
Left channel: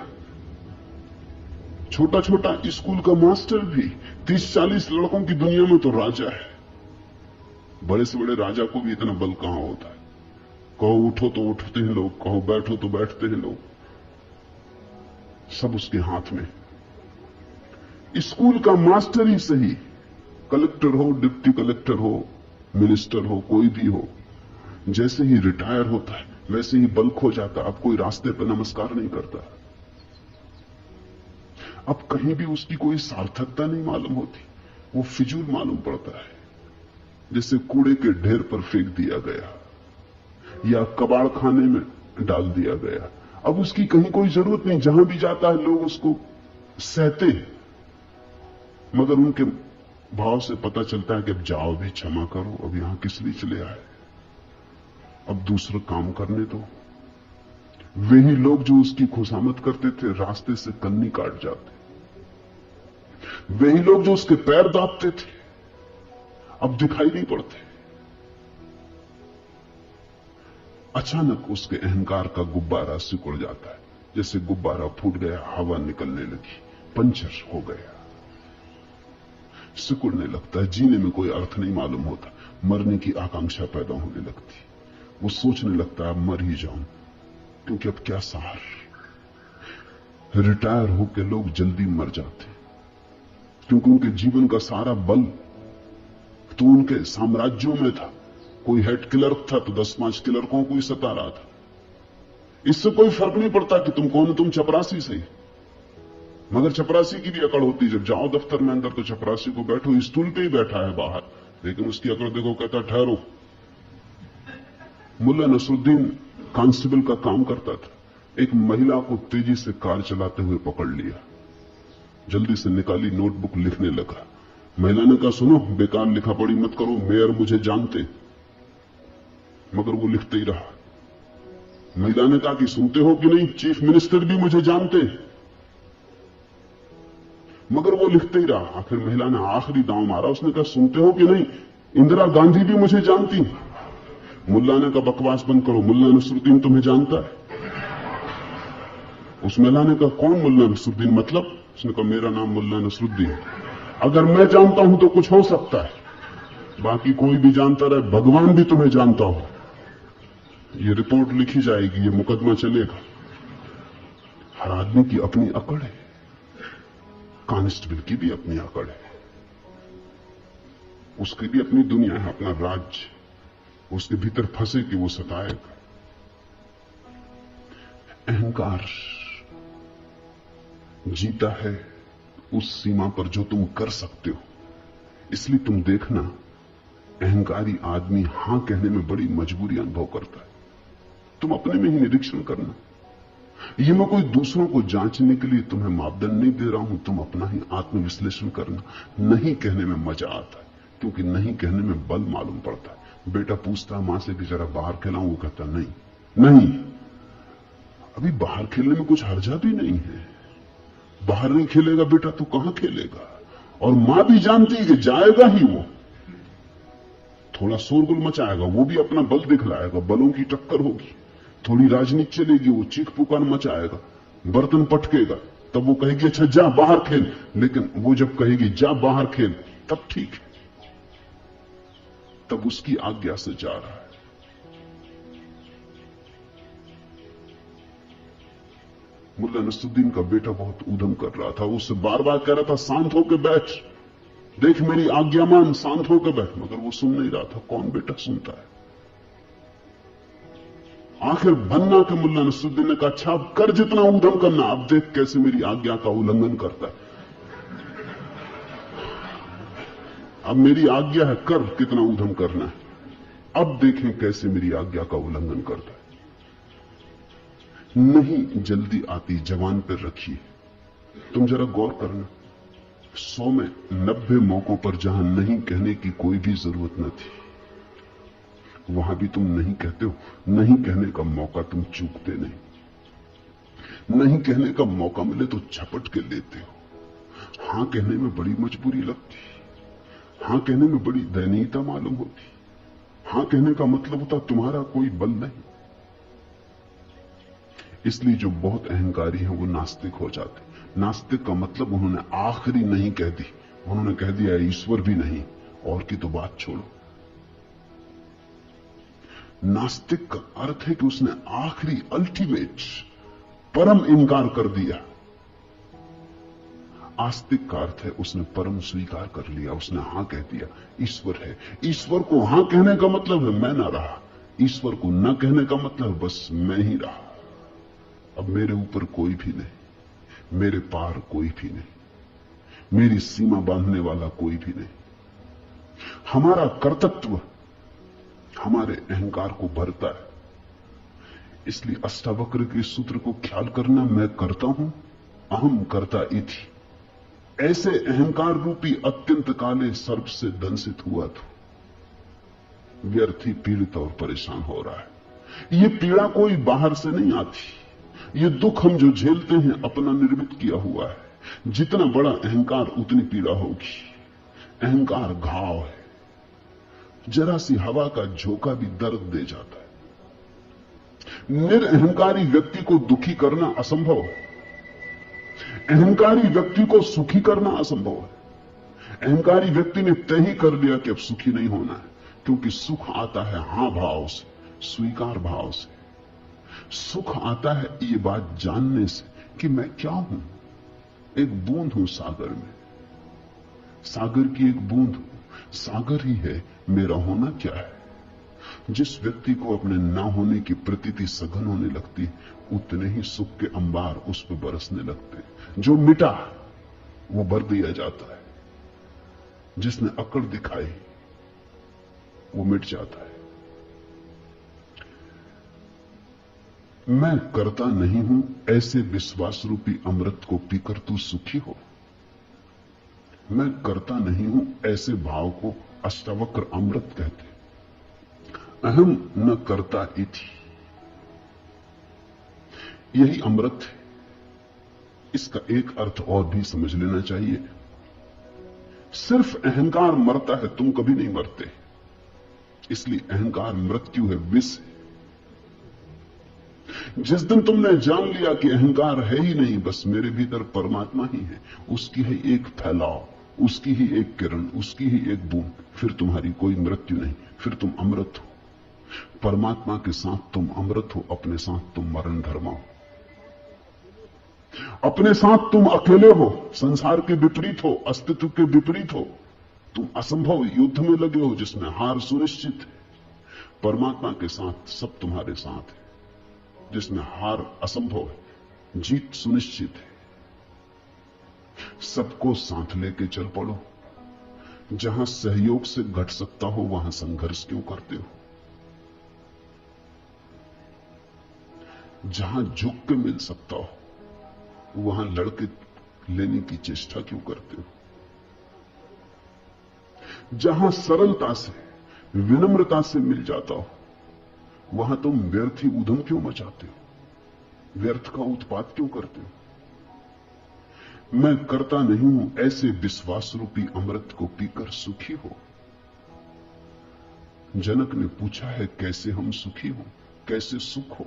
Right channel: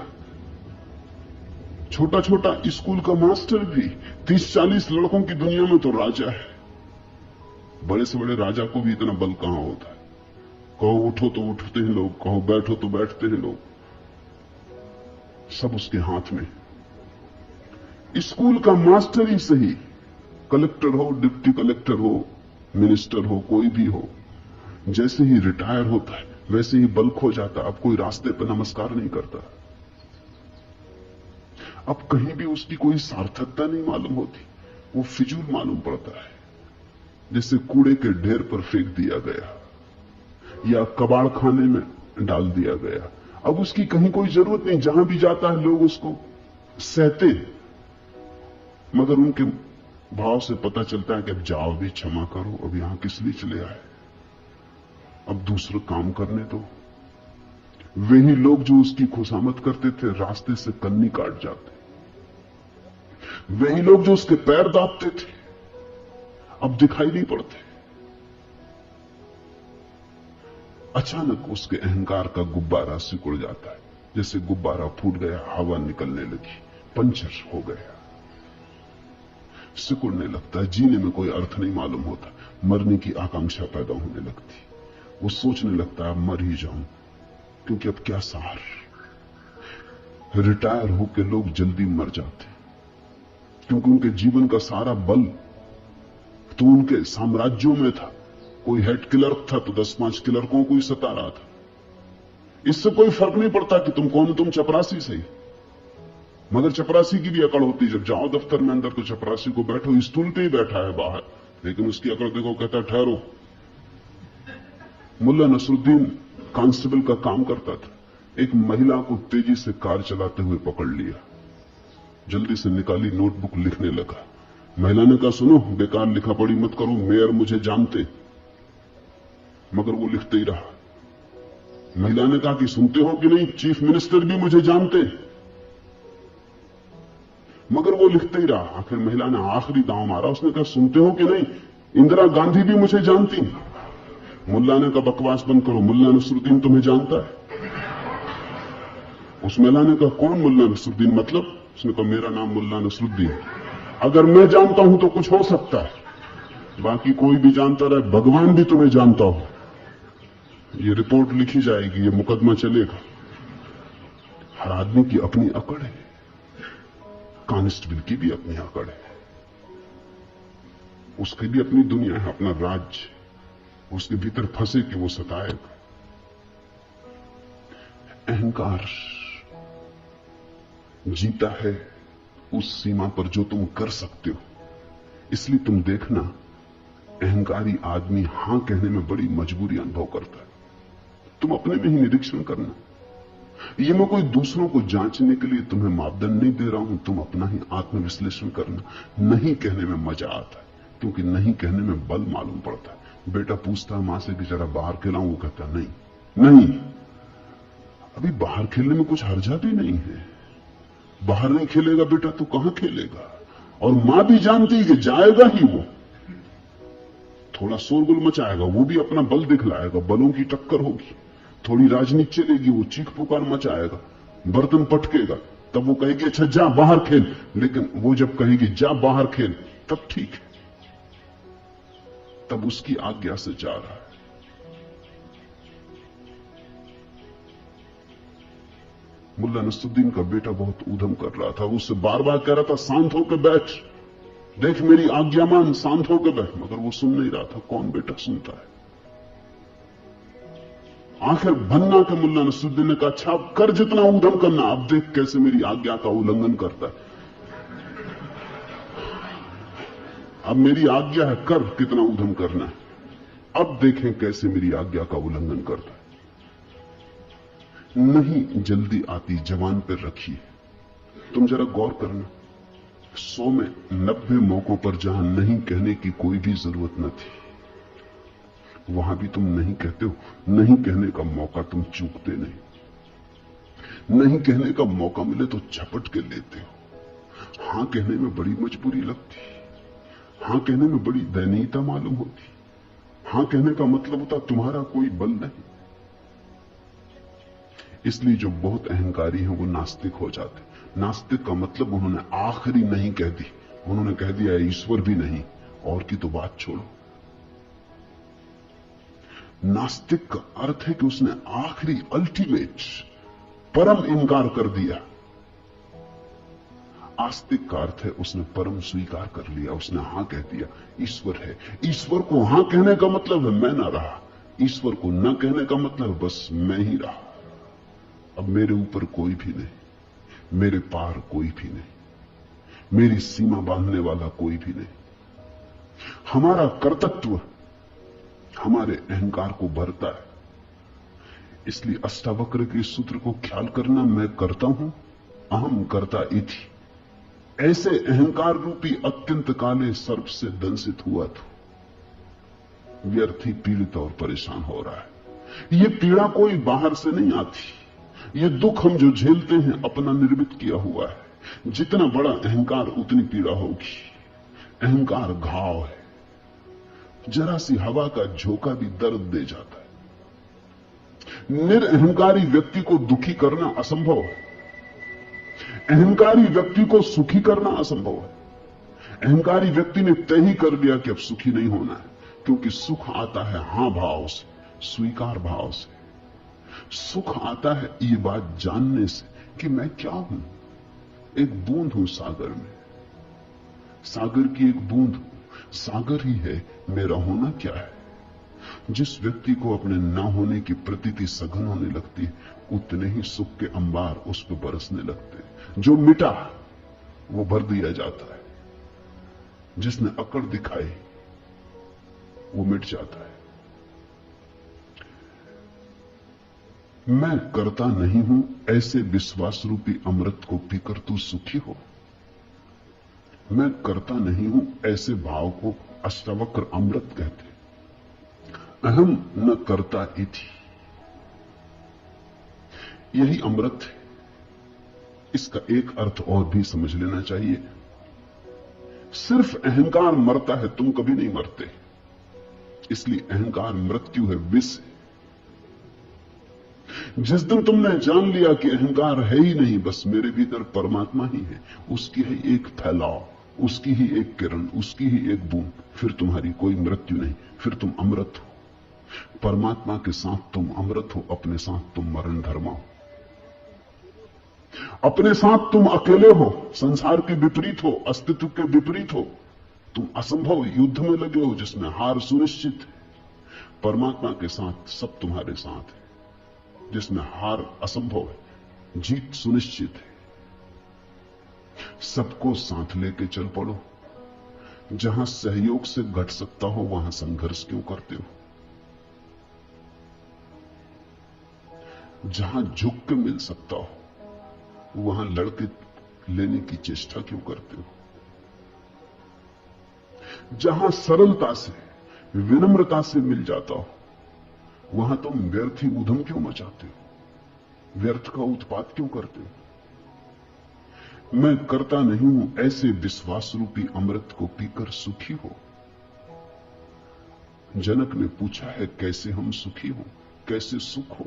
छोटा छोटा स्कूल का मास्टर भी 30-40 लड़कों की दुनिया में तो राजा है। बड़े से बड़े राजा को भी इतना बल कहां होता है। कहो उठो तो उठते हैं लोग, कहो बैठो तो बैठते हैं लोग, सब उसके हाथ में। स्कूल का मास्टर ही सही, कलेक्टर हो, डिप्टी कलेक्टर हो, मिनिस्टर हो, कोई भी हो, जैसे ही रिटायर होता है वैसे ही बल खो जाता। अब कोई रास्ते पर नमस्कार नहीं करता, अब कहीं भी उसकी कोई सार्थकता नहीं मालूम होती, वो फिजूल मालूम पड़ता है, जैसे कूड़े के ढेर पर फेंक दिया गया या कबाड़ खाने में डाल दिया गया। अब उसकी कहीं कोई जरूरत नहीं, जहां भी जाता है लोग उसको सहते हैं, मगर उनके भाव से पता चलता है कि अब जाओ भी, क्षमा करो, अब यहां किस लिए चले आए, अब दूसरा काम करने दो। वही लोग जो उसकी खुशामद करते थे रास्ते से कन्नी काट जाते, वही लोग जो उसके पैर दाबते थे अब दिखाई नहीं पड़ते। अचानक उसके अहंकार का गुब्बारा सिकुड़ जाता है, जैसे गुब्बारा फूट गया, हवा निकलने लगी, पंचर हो गया, सिकुड़ने लगता है। जीने में कोई अर्थ नहीं मालूम होता, मरने की आकांक्षा पैदा होने लगती, वो सोचने लगता है मर ही जाऊं, क्योंकि अब क्या सहार। रिटायर होकर लोग जल्दी मर जाते क्योंकि उनके जीवन का सारा बल तो उनके साम्राज्यों में था। कोई हेड क्लर्क था तो 10-5 क्लर्कों को ही सता रहा था। इससे कोई फर्क नहीं पड़ता कि तुम कौन, तुम चपरासी से ही। मगर चपरासी की भी अकड़ होती है, जब जाओ दफ्तर में अंदर तो चपरासी को बैठो, स्टूल पे ही बैठा है बाहर, लेकिन उसकी अकड़ देखो, कहता ठहरो। मुल्ला नसरुद्दीन कांस्टेबल का काम करता था, एक महिला को तेजी से कार चलाते हुए पकड़ लिया, जल्दी से निकाली नोटबुक, लिखने लगा। महिला ने कहा, सुनो, बेकार लिखा पढ़ी मत करो, मेयर मुझे जानते। मगर वो लिखते ही रहा। महिला ने कहा कि सुनते हो कि नहीं, चीफ मिनिस्टर भी मुझे जानते। मगर वो लिखते ही रहा। आखिर महिला ने आखिरी दांव मारा, उसने कहा, सुनते हो कि नहीं, इंदिरा गांधी भी मुझे जानती। मुल्ला ने कहा, बकवास बंद करो, मुल्ला नसरुद्दीन तुम्हें जानता है। उस महिला ने कहा, कौन मुल्ला नसरुद्दीन, मतलब? उसने कहा, मेरा नाम मुल्ला नसरुद्दीन। अगर मैं जानता हूं तो कुछ हो सकता है, बाकी कोई भी जानता रहे, भगवान भी तुम्हें जानता हो। ये रिपोर्ट लिखी जाएगी, ये मुकदमा चलेगा। हर आदमी की अपनी अकड़ है, कांस्टेबल की भी अपनी अकड़ है, उसकी भी अपनी दुनिया है, अपना राज्य, उसके भीतर फंसे कि वो सताएगा। अहंकार जीता है उस सीमा पर जो तुम कर सकते हो। इसलिए तुम देखना, अहंकारी आदमी हां कहने में बड़ी मजबूरी अनुभव करता है। तुम अपने में ही निरीक्षण करना। ये मैं कोई दूसरों को जांचने के लिए तुम्हें मापदंड नहीं दे रहा हूं, तुम अपना ही आत्मविश्लेषण करना। नहीं कहने में मजा आता है, क्योंकि नहीं कहने में बल मालूम पड़ता है। बेटा पूछता है मां से कि जरा बाहर खिलाऊं, वो कहता नहीं, अभी बाहर खेलने में कुछ हर्जा भी नहीं है। बाहर नहीं खेलेगा बेटा तो कहां खेलेगा? और मां भी जानती है कि जाएगा ही वो, थोड़ा शोरगुल मचाएगा, वो भी अपना बल दिखलाएगा, बलों की टक्कर होगी, थोड़ी राजनीति चलेगी, वो चीख पुकार मचाएगा, बर्तन पटकेगा, तब वो कहेगी अच्छा जा बाहर खेल। लेकिन वो जब कहेगी जा बाहर खेल, तब ठीक है, तब उसकी आज्ञा से जा रहा है। मुल्ला नसरुद्दीन का बेटा बहुत ऊधम कर रहा था, उससे बार बार कह रहा था शांत होकर बैठ, देख मेरी आज्ञा मान, शांत होकर बैठ, मगर वो सुन नहीं रहा था। कौन बेटा सुनता है? आखिर बन्ना के मुल्ला नसरुद्दीन ने कहा, अच्छा अब कर जितना ऊधम करना, अब देख कैसे मेरी आज्ञा का उल्लंघन करता है। अब मेरी आज्ञा है, कर कितना ऊधम करना है, अब देखें कैसे मेरी आज्ञा का उल्लंघन करता है। नहीं जल्दी आती जवान पर रखिए। तुम जरा गौर करना, 100 में 90 मौकों पर जहां नहीं कहने की कोई भी जरूरत न थी, वहां भी तुम नहीं कहते हो। नहीं कहने का मौका तुम चूकते नहीं। नहीं कहने का मौका मिले तो झपट के लेते हो। हां कहने में बड़ी मजबूरी लगती, हां कहने में बड़ी दयनीयता मालूम होती। हां कहने का मतलब होता तुम्हारा कोई बल नहीं। इसलिए जो बहुत अहंकारी है वो नास्तिक हो जाते। नास्तिक का मतलब उन्होंने आखिरी नहीं कह दी, उन्होंने कह दिया ईश्वर भी नहीं, और की तो बात छोड़ो। नास्तिक का अर्थ है कि उसने आखिरी अल्टीमेट परम इंकार कर दिया। आस्तिक का अर्थ है उसने परम स्वीकार कर लिया, उसने हां कह दिया ईश्वर है। ईश्वर को हां कहने का मतलब है मैं ना रहा, ईश्वर को ना कहने का मतलब बस मैं ही रहा। अब मेरे ऊपर कोई भी नहीं, मेरे पार कोई भी नहीं, मेरी सीमा बांधने वाला कोई भी नहीं। हमारा कर्तृत्व हमारे अहंकार को भरता है। इसलिए अष्टावक्र के सूत्र को ख्याल करना, मैं करता हूं, अहम कर्ता इति। ऐसे अहंकार रूपी अत्यंत काले सर्प से दंसित हुआ तो व्यर्थ ही पीड़ित और परेशान हो रहा है। ये पीड़ा कोई बाहर से नहीं आती, ये दुख हम जो झेलते हैं अपना निर्मित किया हुआ है। जितना बड़ा अहंकार उतनी पीड़ा होगी। अहंकार घाव है, जरा सी हवा का झोंका भी दर्द दे जाता है। निरअहंकारी व्यक्ति को दुखी करना असंभव है, अहंकारी व्यक्ति को सुखी करना असंभव है। अहंकारी व्यक्ति ने तय ही कर लिया कि अब सुखी नहीं होना है, क्योंकि सुख आता है हां भाव से, स्वीकार भाव से। सुख आता है ये बात जानने से कि मैं क्या हूं, एक बूंद हूं सागर में, सागर की एक बूंद हूं। सागर ही है, मेरा होना क्या है। जिस व्यक्ति को अपने ना होने की प्रतीति सघन होने लगती, उतने ही सुख के अंबार उस पर बरसने लगते। जो मिटा वो भर दिया जाता है, जिसने अकड़ दिखाई वो मिट जाता है। मैं करता नहीं हूं ऐसे विश्वास रूपी अमृत को पीकर तू सुखी हो। मैं करता नहीं हूं ऐसे भाव को अष्टावक्र अमृत कहते। अहम न करता इति, यही अमृत है। इसका एक अर्थ और भी समझ लेना चाहिए। सिर्फ अहंकार मरता है, तुम कभी नहीं मरते, इसलिए अहंकार मृत्यु है, विष है। जिस दिन तुमने जान लिया कि अहंकार है ही नहीं, बस मेरे भीतर परमात्मा ही है, उसकी ही एक फैलाव, उसकी ही एक किरण, उसकी ही एक बूंद, फिर तुम्हारी कोई मृत्यु नहीं, फिर तुम अमृत हो। परमात्मा के साथ तुम अमृत हो, अपने साथ तुम मरण धर्मा हो। अपने साथ तुम अकेले हो, संसार के विपरीत हो, अस्तित्व के विपरीत हो, तुम असंभव युद्ध में लगे हो जिसमें हार सुनिश्चित है। परमात्मा के साथ सब तुम्हारे साथ है, जिसमें हार असंभव है, जीत सुनिश्चित है। सबको साथ लेके चल पड़ो। जहां सहयोग से घट सकता हो वहां संघर्ष क्यों करते हो? जहां झुक के मिल सकता हो वहां लड़के लेने की चेष्टा क्यों करते हो? जहां सरलता से, विनम्रता से मिल जाता हो वहां तुम व्यर्थ ही उधम क्यों मचाते हो? व्यर्थ का उत्पात क्यों करते हो? मैं करता नहीं हूं ऐसे विश्वास रूपी अमृत को पीकर सुखी हो। जनक ने पूछा है कैसे हम सुखी हो, कैसे सुख हो,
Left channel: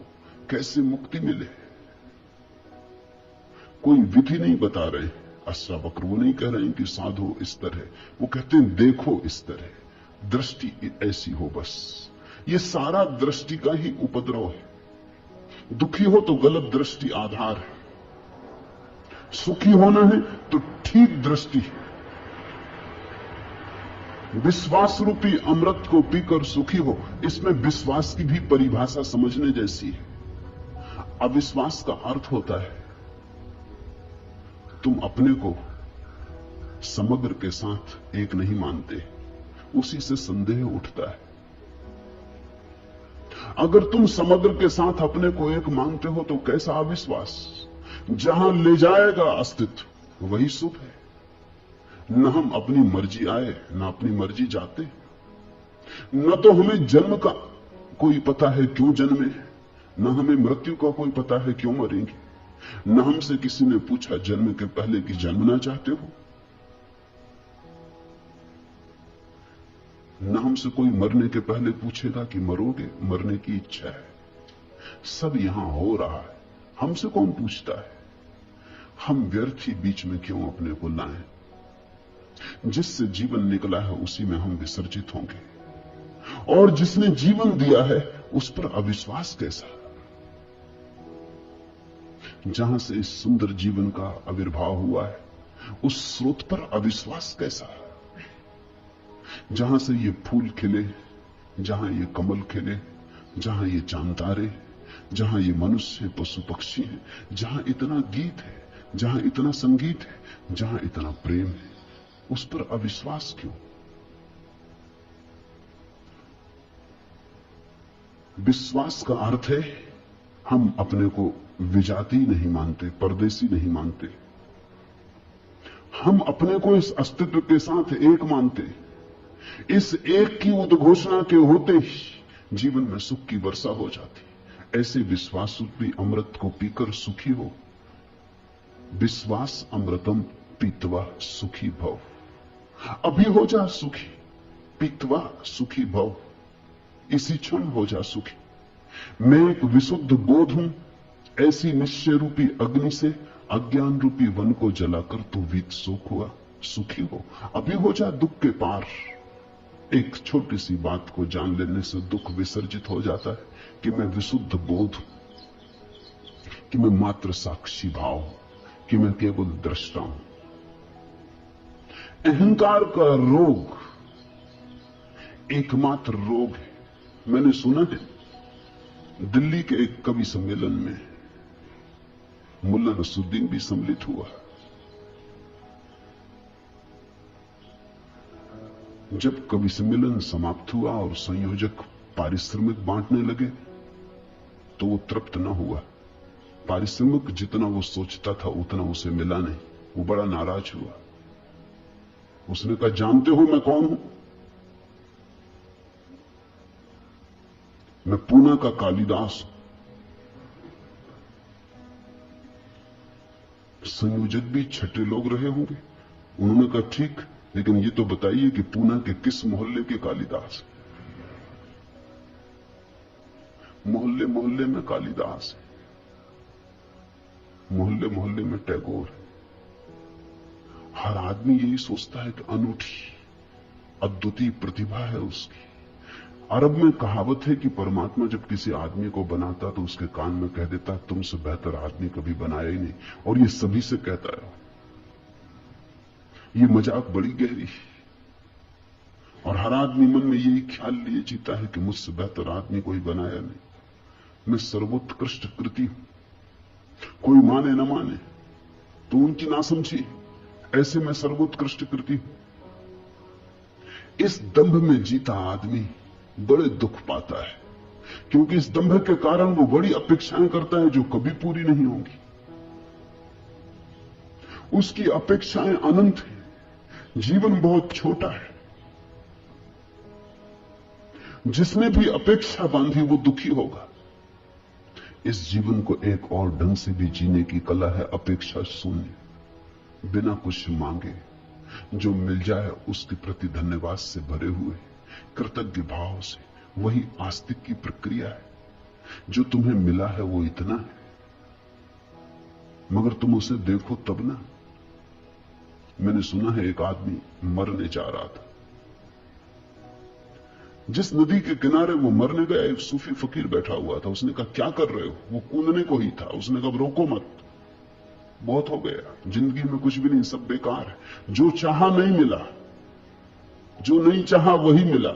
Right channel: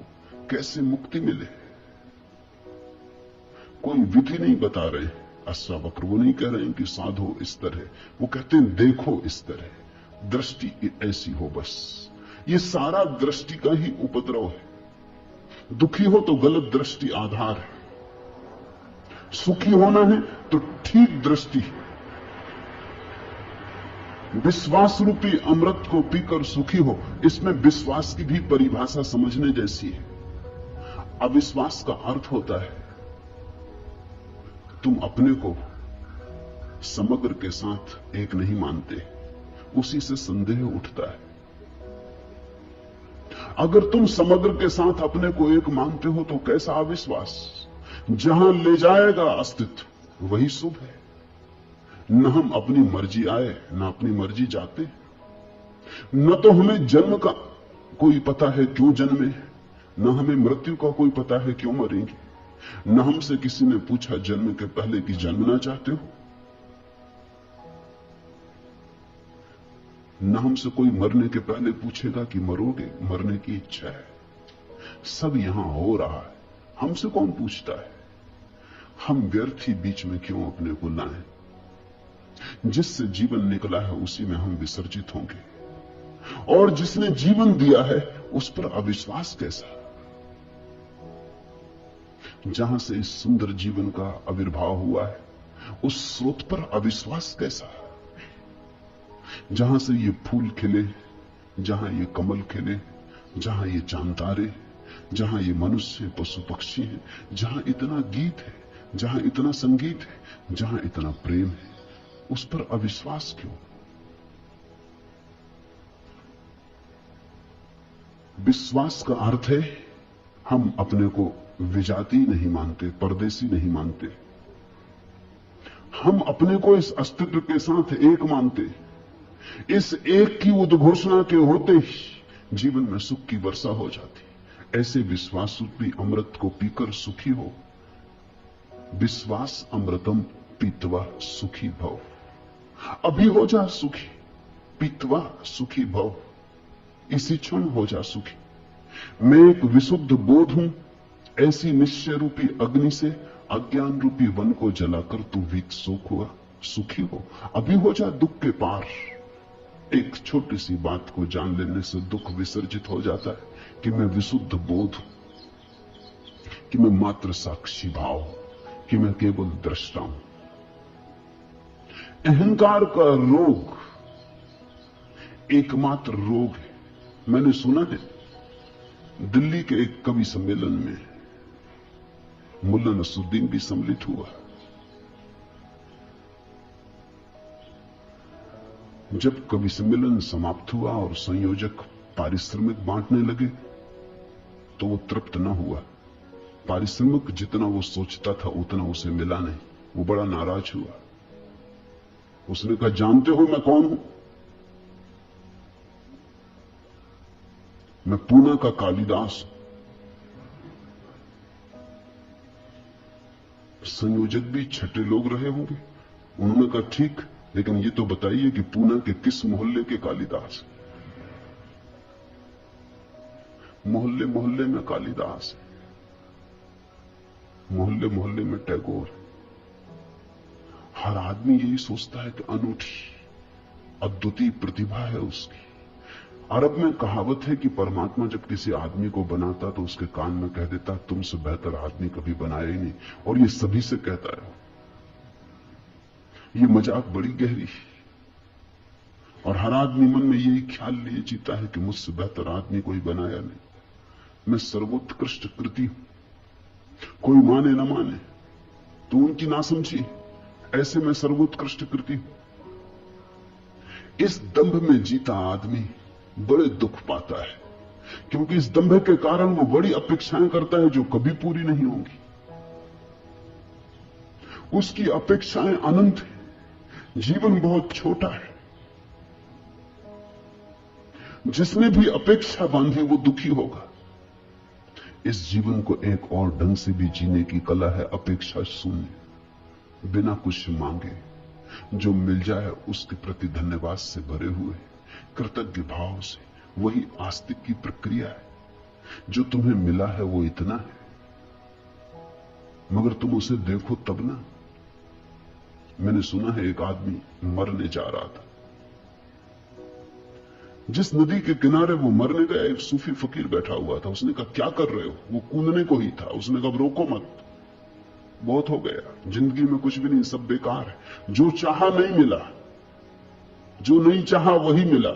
कैसे मुक्ति मिले। कोई विधि नहीं बता रहे। अष्टावक्र वो नहीं कह रहे हैं कि साधो इस तरह, वो कहते हैं देखो इस तरह, दृष्टि ऐसी हो। बस ये सारा दृष्टि का ही उपद्रव है। दुखी हो तो गलत दृष्टि आधार है, सुखी होना है तो ठीक दृष्टि। विश्वास रूपी अमृत को पीकर सुखी हो, इसमें विश्वास की भी परिभाषा समझने जैसी है। अविश्वास का अर्थ होता है तुम अपने को समग्र के साथ एक नहीं मानते, उसी से संदेह उठता है। अगर तुम समग्र के साथ अपने को एक मानते हो तो कैसा अविश्वास? जहां ले जाएगा अस्तित्व वही शुभ है। न हम अपनी मर्जी आए न अपनी मर्जी जाते, न तो हमें जन्म का कोई पता है क्यों जन्मे, न हमें मृत्यु का कोई पता है क्यों मरेंगे। न हमसे किसी ने पूछा जन्म के पहले कि जन्मना चाहते हो, न हमसे कोई मरने के पहले पूछेगा कि मरोगे, मरने की इच्छा है। सब यहां हो रहा है, हमसे कौन पूछता है? हम व्यर्थ ही बीच में क्यों अपने को लाएं? जिससे जीवन निकला है उसी में हम विसर्जित होंगे, और जिसने जीवन दिया है उस पर अविश्वास कैसा? जहां से इस सुंदर जीवन का आविर्भाव हुआ है उस स्रोत पर अविश्वास कैसा है? जहां से ये फूल खिले, जहां ये कमल खिले, जहां ये चांद तारे, जहां ये मनुष्य पशु पक्षी है, जहां इतना गीत है, जहां इतना संगीत है, जहां इतना प्रेम है, उस पर अविश्वास क्यों? विश्वास का अर्थ है हम अपने को विजाती नहीं मानते, परदेसी नहीं मानते। हम अपने को इस अस्तित्व के साथ एक मानते। इस एक की उद्घोषणा के होते ही जीवन में सुख की वर्षा हो जाती। ऐसे विश्वास रूपी अमृत को पीकर सुखी हो। विश्वास अमृतम पीत्वा सुखी भव। अभी हो जा सुखी, पीत्वा सुखी भव, इसी क्षण हो जा सुखी। मैं एक विशुद्ध बोध हूं, ऐसी निश्चय रूपी अग्नि से अज्ञान रूपी वन को जलाकर तू विकसुख हुआ, सुखी हो। अभी हो जा दुख के पार। एक छोटी सी बात को जान लेने से दुख विसर्जित हो जाता है कि मैं विशुद्ध बोध हूं, कि मैं मात्र साक्षी भाव हूं, कि मैं केवल दृष्टा हूं। अहंकार का रोग एकमात्र रोग है। मैंने सुना है दिल्ली के एक कवि सम्मेलन में मुल्ला नसरुद्दीन भी सम्मिलित हुआ। जब कवि सम्मेलन समाप्त हुआ और संयोजक पारिश्रमिक बांटने लगे तो वो तृप्त न हुआ। पारिश्रमिक जितना वो सोचता था उतना उसे मिला नहीं। वो बड़ा नाराज हुआ। उसने कहा, जानते हो मैं कौन हूं? मैं पूना का कालिदास हूं। संयोजक भी छठे लोग रहे होंगे। उन्होंने कहा, ठीक, लेकिन ये तो बताइए कि पूना के किस मोहल्ले के कालिदास? मोहल्ले मोहल्ले में कालिदास है, मोहल्ले मोहल्ले में टैगोर है। हर आदमी यही सोचता है कि अनूठी अद्वितीय प्रतिभा है उसकी। अरब में कहावत है कि परमात्मा जब किसी आदमी को बनाता तो उसके कान में कह देता, तुमसे बेहतर आदमी कभी बनाया ही नहीं, और ये सभी से कहता है। ये मजाक बड़ी गहरी है, और हर आदमी मन में यही ख्याल लिए जीता है कि मुझसे बेहतर आदमी कोई बनाया नहीं, मैं सर्वोत्कृष्ट कृति हूं। कोई माने न माने तो उनकी नासमझी, ऐसे मैं सर्वोत्कृष्ट कृति हूं। इस दंभ में जीता आदमी बड़े दुख पाता है, क्योंकि इस दंभ के कारण वो बड़ी अपेक्षाएं करता है जो कभी पूरी नहीं होंगी। उसकी अपेक्षाएं अनंत है, जीवन बहुत छोटा है। जिसने भी अपेक्षा बांधी वो दुखी होगा। इस जीवन को एक और ढंग से भी जीने की कला है अपेक्षा शून्य, बिना कुछ मांगे जो मिल जाए उसके प्रति धन्यवाद से भरे हुए कृतज्ञ भाव से। वही आस्तिक की प्रक्रिया है। जो तुम्हें मिला है वो इतना है, मगर तुम उसे देखो तब ना। मैंने सुना है एक आदमी मरने जा रहा था। जिस नदी के किनारे वो मरने गया, एक सूफी फकीर बैठा हुआ था। उसने कहा, क्या कर रहे हो? वो कूदने को ही था। उसने कहा, रोको मत, बहुत हो गया, जिंदगी में कुछ भी नहीं, सब बेकार है। जो चाहा नहीं मिला, जो नहीं चाहा वही मिला।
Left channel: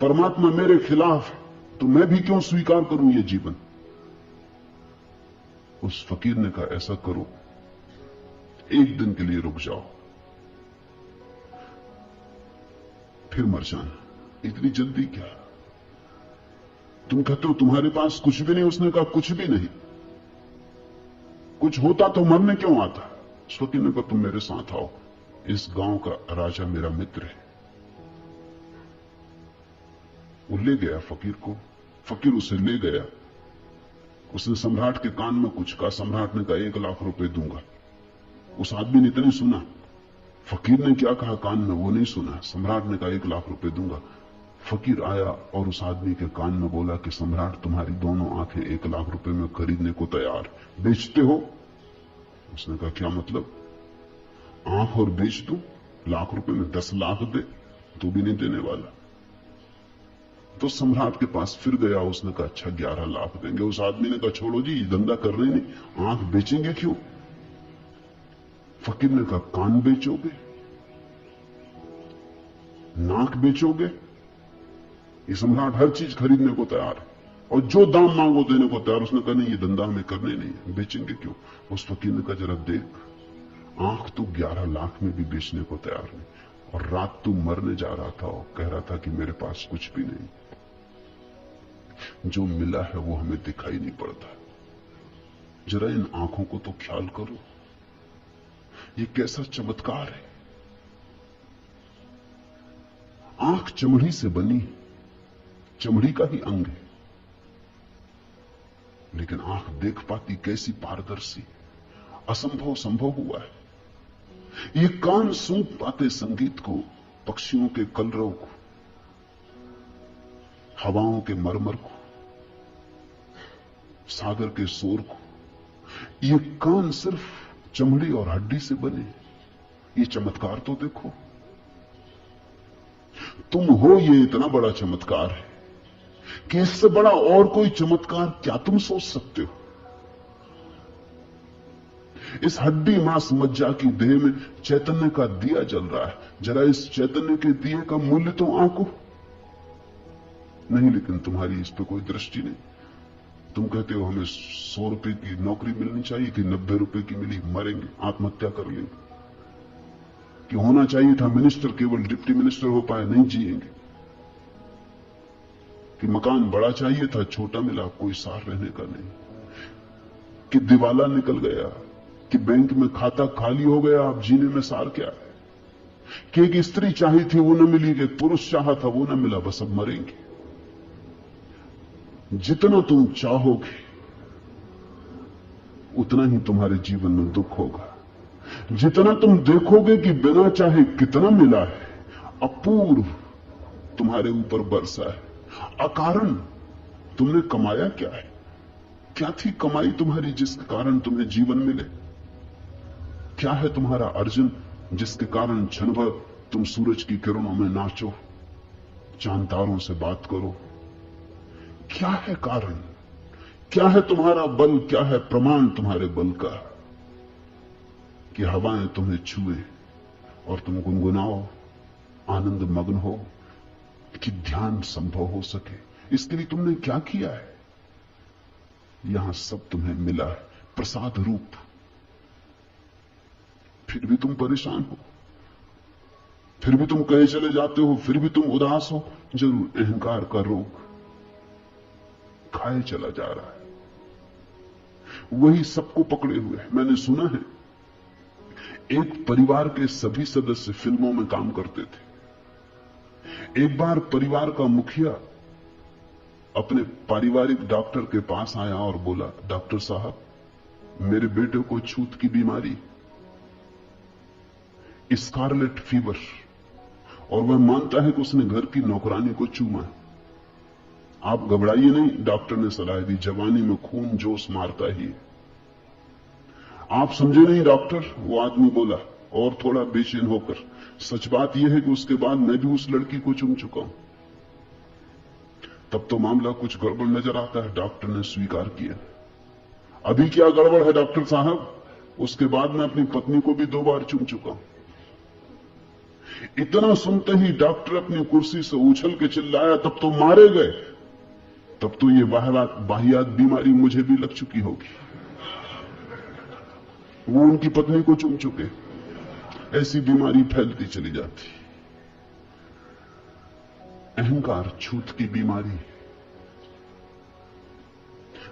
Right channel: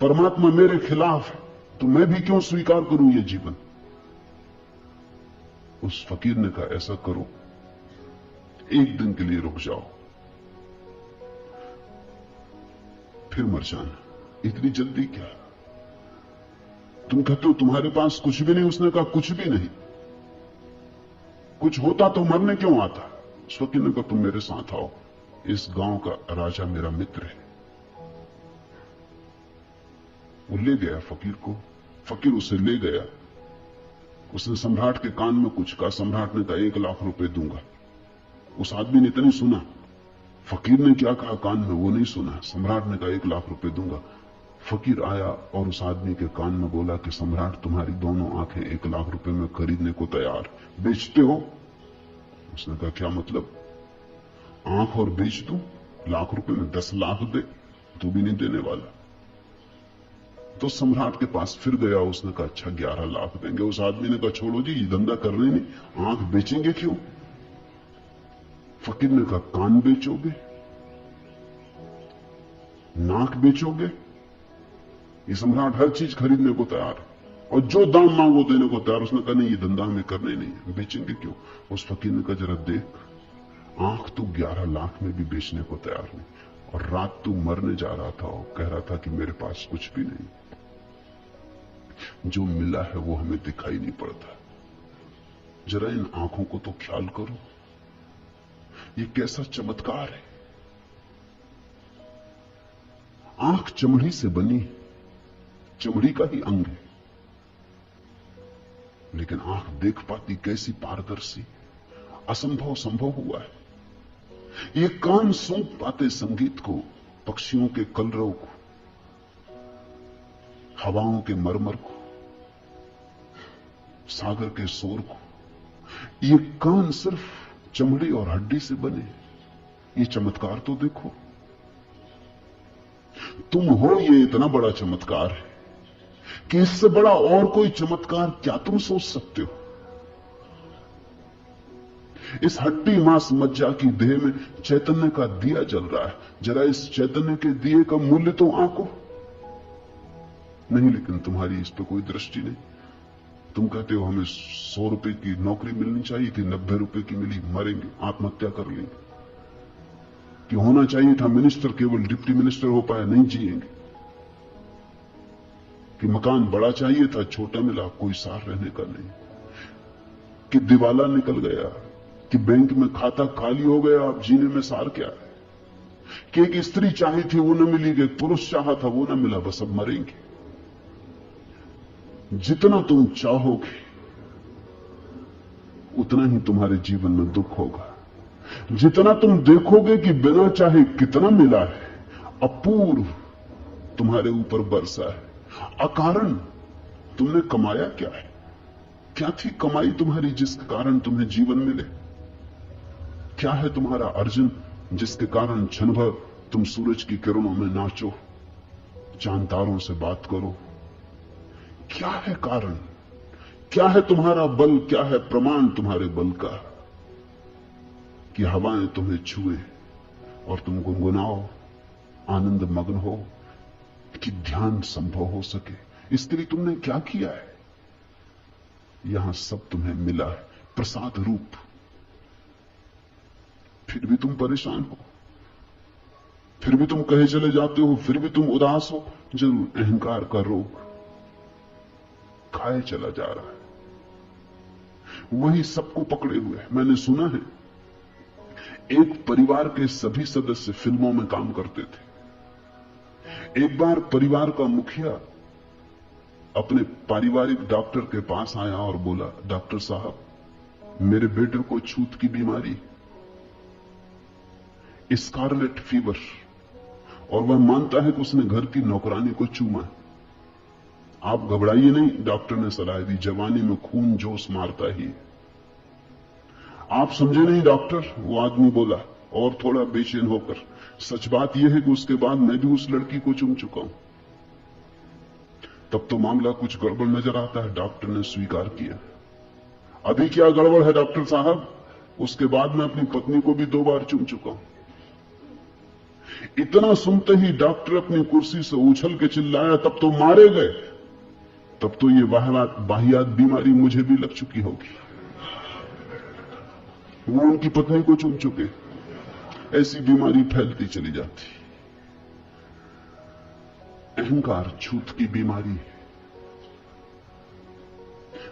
परमात्मा मेरे खिलाफ है तो मैं भी क्यों स्वीकार करूं ये जीवन? उस फकीर ने कहा, ऐसा करो, एक दिन के लिए रुक जाओ, फिर मर जाना। इतनी जल्दी क्या? तुम कहते हो तुम्हारे पास कुछ भी नहीं। उसने कहा, कुछ भी नहीं। कुछ होता तो मरने क्यों आता? उस फकीर ने कहा, तुम मेरे साथ आओ, इस गांव का राजा मेरा मित्र है। वो ले गया फकीर को। फकीर उसे ले गया। उसने सम्राट के कान में कुछ कहा। सम्राट ने कहा, 1 लाख रुपए दूंगा। उस आदमी ने इतनी सुना, फकीर ने क्या कहा कान में वो नहीं सुना। सम्राट ने कहा, 1 लाख रुपए दूंगा। फकीर आया और उस आदमी के कान में बोला कि सम्राट तुम्हारी दोनों आंखें 1 लाख रुपए में खरीदने को तैयार, बेचते हो? उसने कहा, क्या मतलब? आंख और बेच दूं? लाख रुपए में 10 लाख दे, तू भी नहीं देने वाला। तो सम्राट के पास फिर गया। उसने कहा, अच्छा 11 लाख देंगे। उस आदमी ने कहा, छोड़ो जी, ये धंधा कर रहे नहीं, आंख बेचेंगे क्यों? फकीर ने कहा, कान बेचोगे, नाक बेचोगे? ये सम्राट हर चीज खरीदने को तैयार है और जो दाम मांगो देने को तैयार। उसने कहा, नहीं, ये धंधा हमें करने नहीं है, बेचेंगे क्यों? उस फकीर ने कहा, जरा देख, आंख तो 11 लाख में भी बेचने को तैयार नहीं, और रात तू मरने जा रहा था और कह रहा था कि मेरे पास कुछ भी नहीं। जो मिला है वो हमें दिखाई नहीं पड़ता। जरा इन आंखों को तो ख्याल करो, ये कैसा चमत्कार है। आंख चमड़ी से बनी, चमड़ी का ही अंग है, लेकिन आंख देख पाती कैसी पारदर्शी। असंभव संभव हुआ है। ये कान सूंघ पाते संगीत को, पक्षियों के कलरव को, हवाओं के मरमर को, सागर के शोर को। ये कान सिर्फ चमड़ी और हड्डी से बने। ये चमत्कार तो देखो। तुम हो, ये इतना बड़ा चमत्कार है कि इससे बड़ा और कोई चमत्कार क्या तुम सोच सकते हो? इस हड्डी मांस मज्जा की देह में चैतन्य का दिया जल रहा है। जरा इस चैतन्य के दिए का मूल्य तो आंको नहीं, लेकिन तुम्हारी इस पर कोई दृष्टि नहीं। तुम कहते हो हमें 100 रुपए की नौकरी मिलनी चाहिए कि 90 रुपए की मिली, मरेंगे, आत्महत्या कर लेंगे। कि होना चाहिए था मिनिस्टर, केवल डिप्टी मिनिस्टर हो पाया, नहीं जिएंगे। कि मकान बड़ा चाहिए था, छोटा मिला, कोई सार रहने का नहीं। कि दिवाला निकल गया, कि बैंक में खाता खाली हो गया, अब जीने में सार क्या है। कि एक स्त्री चाही थी वो न मिली, एक पुरुष चाहा था वो न मिला, बस अब मरेंगे। जितना तुम चाहोगे उतना ही तुम्हारे जीवन में दुख होगा। जितना तुम देखोगे कि बिना चाहे कितना मिला है, अपूर्व तुम्हारे ऊपर बरसा है, अकारण तुमने कमाया क्या है? क्या थी कमाई तुम्हारी जिसके कारण तुम्हें जीवन मिले? क्या है तुम्हारा अर्जन जिसके कारण क्षण भर तुम सूरज की किरणों में नाचो, चांद तारों से बात करो? क्या है कारण? क्या है तुम्हारा बल? क्या है प्रमाण तुम्हारे बल का कि हवाएं तुम्हें छुए और तुम गुनगुनाओ, आनंद मग्न हो, कि ध्यान संभव हो सके? इसके लिए तुमने क्या किया है? यहां सब तुम्हें मिला है प्रसाद रूप, फिर भी तुम परेशान हो, फिर भी तुम कहे चले जाते हो, फिर भी तुम उदास हो। जरूर अहंकार का रोग खाए चला जा रहा है, वही सबको पकड़े हुए है। मैंने सुना है एक परिवार के सभी सदस्य फिल्मों में काम करते थे। एक बार परिवार का मुखिया अपने पारिवारिक डॉक्टर के पास आया और बोला, डॉक्टर साहब, मेरे बेटे को छूत की बीमारी, स्कारलेट फीवर, और वह मानता है कि उसने घर की नौकरानी को चूमा है। आप घबराइए नहीं, डॉक्टर ने सलाह दी, जवानी में खून जोश मारता ही। आप समझे नहीं डॉक्टर, वो आदमी बोला और थोड़ा बेचैन होकर, सच बात यह है कि उसके बाद मैं भी उस लड़की को चूम चुका हूं। तब तो मामला कुछ गड़बड़ नजर आता है। डॉक्टर ने स्वीकार किया। अभी क्या गड़बड़ है डॉक्टर साहब? उसके बाद मैं अपनी पत्नी को भी 2 बार चूम चुका हूं। इतना सुनते ही डॉक्टर अपनी कुर्सी से उछल के चिल्लाया, तब तो मारे गए, तब तो ये वाहियात बीमारी मुझे भी लग चुकी होगी। वो उनकी पत्नी को चूम चुके। ऐसी बीमारी फैलती चली जाती। अहंकार छूत की बीमारी है।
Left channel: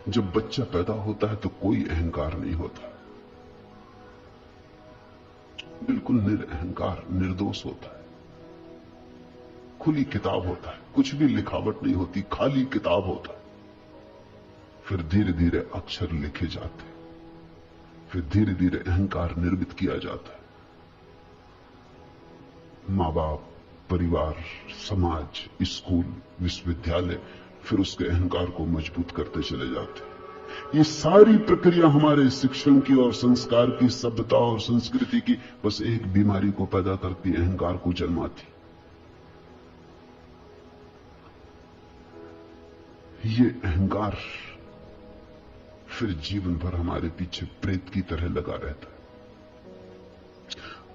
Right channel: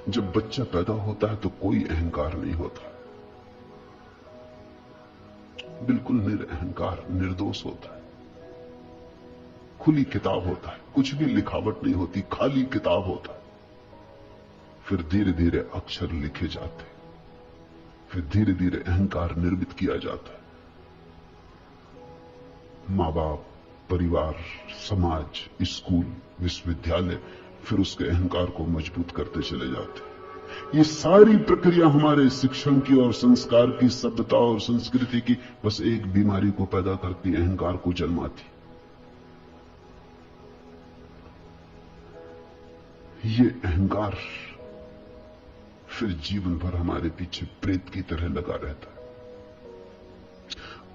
जब बच्चा पैदा होता है तो कोई अहंकार नहीं होता, बिल्कुल निरअहकार, निर्दोष होता है, खुली किताब होता है, कुछ भी लिखावट नहीं होती, खाली किताब होता है। फिर धीरे धीरे अक्षर लिखे जाते, फिर धीरे धीरे अहंकार निर्मित किया जाता है। मां बाप, परिवार, समाज, स्कूल, विश्वविद्यालय फिर उसके अहंकार को मजबूत करते चले जाते हैं। ये सारी प्रक्रिया हमारे शिक्षण की और संस्कार की, सभ्यता और संस्कृति की बस एक बीमारी को पैदा करती, अहंकार को जन्माती। ये अहंकार फिर जीवन भर हमारे पीछे प्रेत की तरह लगा रहता है।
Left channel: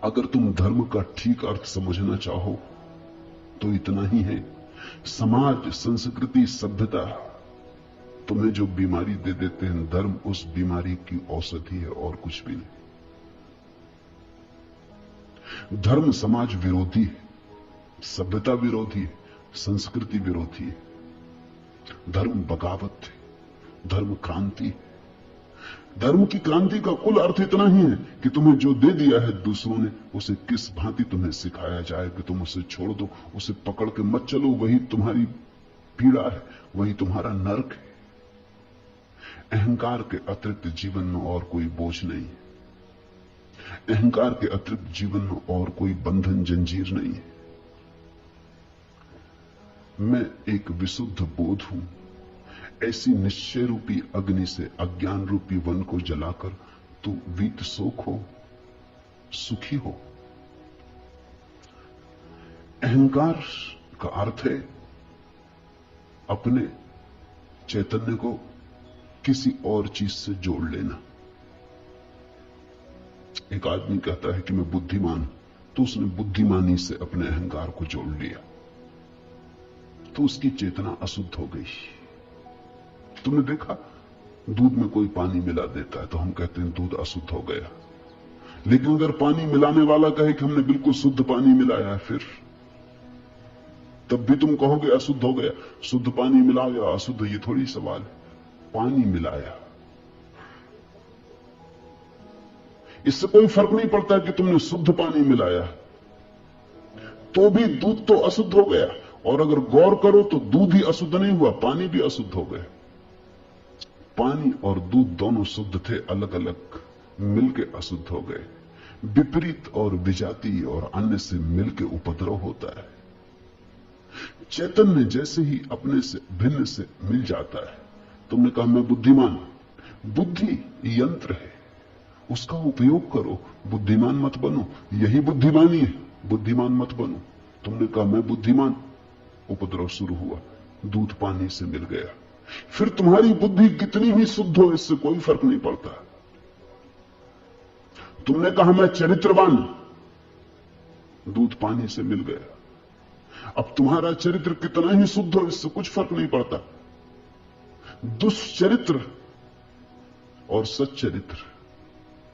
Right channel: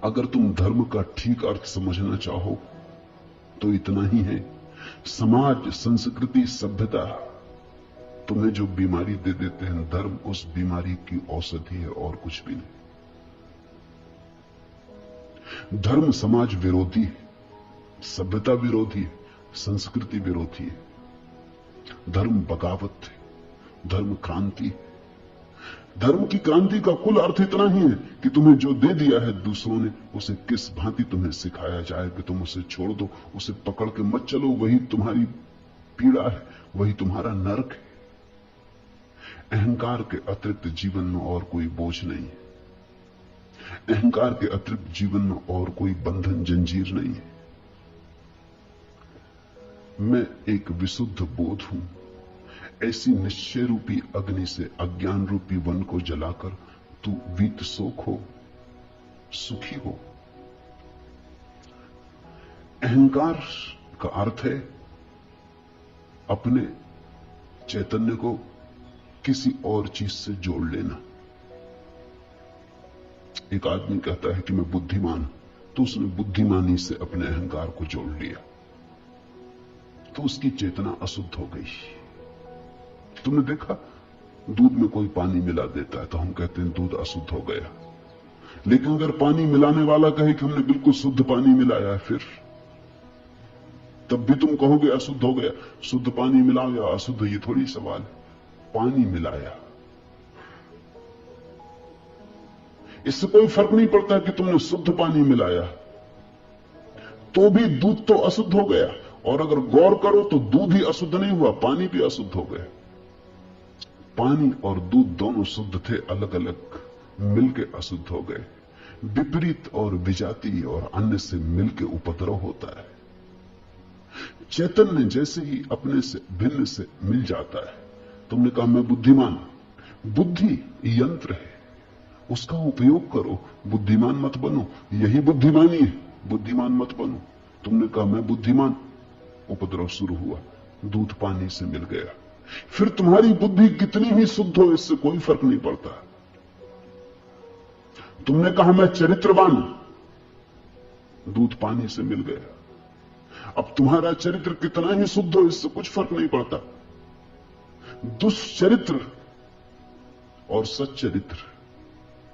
अगर तुम धर्म का ठीक अर्थ समझना चाहो तो इतना ही है, समाज, संस्कृति, सभ्यता तुम्हें जो बीमारी दे देते हैं, धर्म उस बीमारी की औषधि है और कुछ भी नहीं। धर्म समाज विरोधी है, सभ्यता विरोधी है, संस्कृति विरोधी है। धर्म बगावत है, धर्म क्रांति है। धर्म की क्रांति का कुल अर्थ इतना ही है कि तुम्हें जो दे दिया है दूसरों ने, उसे किस भांति तुम्हें सिखाया जाए कि तुम उसे छोड़ दो, उसे पकड़ के मत चलो। वही तुम्हारी पीड़ा है, वही तुम्हारा नरक है। अहंकार के अतिरिक्त जीवन में और कोई बोझ नहीं, अहंकार के अतिरिक्त जीवन में और कोई बंधन, जंजीर नहीं है। मैं एक विशुद्ध बोध हूं। ऐसी निश्चय रूपी अग्नि से अज्ञान रूपी वन को जलाकर तू वीत सुख हो, सुखी हो। अहंकार का अर्थ है अपने चैतन्य को किसी और चीज से जोड़ लेना। एक आदमी कहता है कि मैं बुद्धिमान हूं, तो उसने बुद्धिमानी से अपने अहंकार को जोड़ लिया, तो उसकी चेतना अशुद्ध हो गई। तुमने देखा, दूध में कोई पानी मिला देता है तो हम कहते हैं दूध अशुद्ध हो गया, लेकिन अगर पानी मिलाने वाला कहे कि हमने बिल्कुल शुद्ध पानी मिलाया, फिर तब भी तुम कहोगे अशुद्ध हो गया। शुद्ध पानी मिला या अशुद्ध, ये थोड़ी सवाल है, पानी मिलाया, इससे कोई फर्क नहीं पड़ता कि तुमने शुद्ध पानी मिलाया, तो भी दूध तो अशुद्ध हो गया। और अगर गौर करो तो दूध ही अशुद्ध नहीं हुआ, पानी भी अशुद्ध हो गया। पानी और दूध दोनों शुद्ध थे, अलग अलग मिलकर अशुद्ध हो गए। विपरीत और विजाती और अन्य से मिलकर उपद्रव होता है। चैतन्य जैसे ही अपने से भिन्न से मिल जाता है, तुमने कहा मैं बुद्धिमान, बुद्धि यंत्र है, उसका उपयोग करो, बुद्धिमान मत बनो। यही बुद्धिमानी है, बुद्धिमान मत बनो। तुमने कहा मैं बुद्धिमान, उपद्रव शुरू हुआ, दूध पानी से मिल गया। फिर तुम्हारी बुद्धि कितनी ही शुद्ध हो, इससे कोई फर्क नहीं पड़ता। तुमने कहा मैं चरित्रवान, दूध पानी से मिल गया। अब तुम्हारा चरित्र कितना ही शुद्ध हो, इससे कुछ फर्क नहीं पड़ता। दुष्चरित्र और सच्चरित्र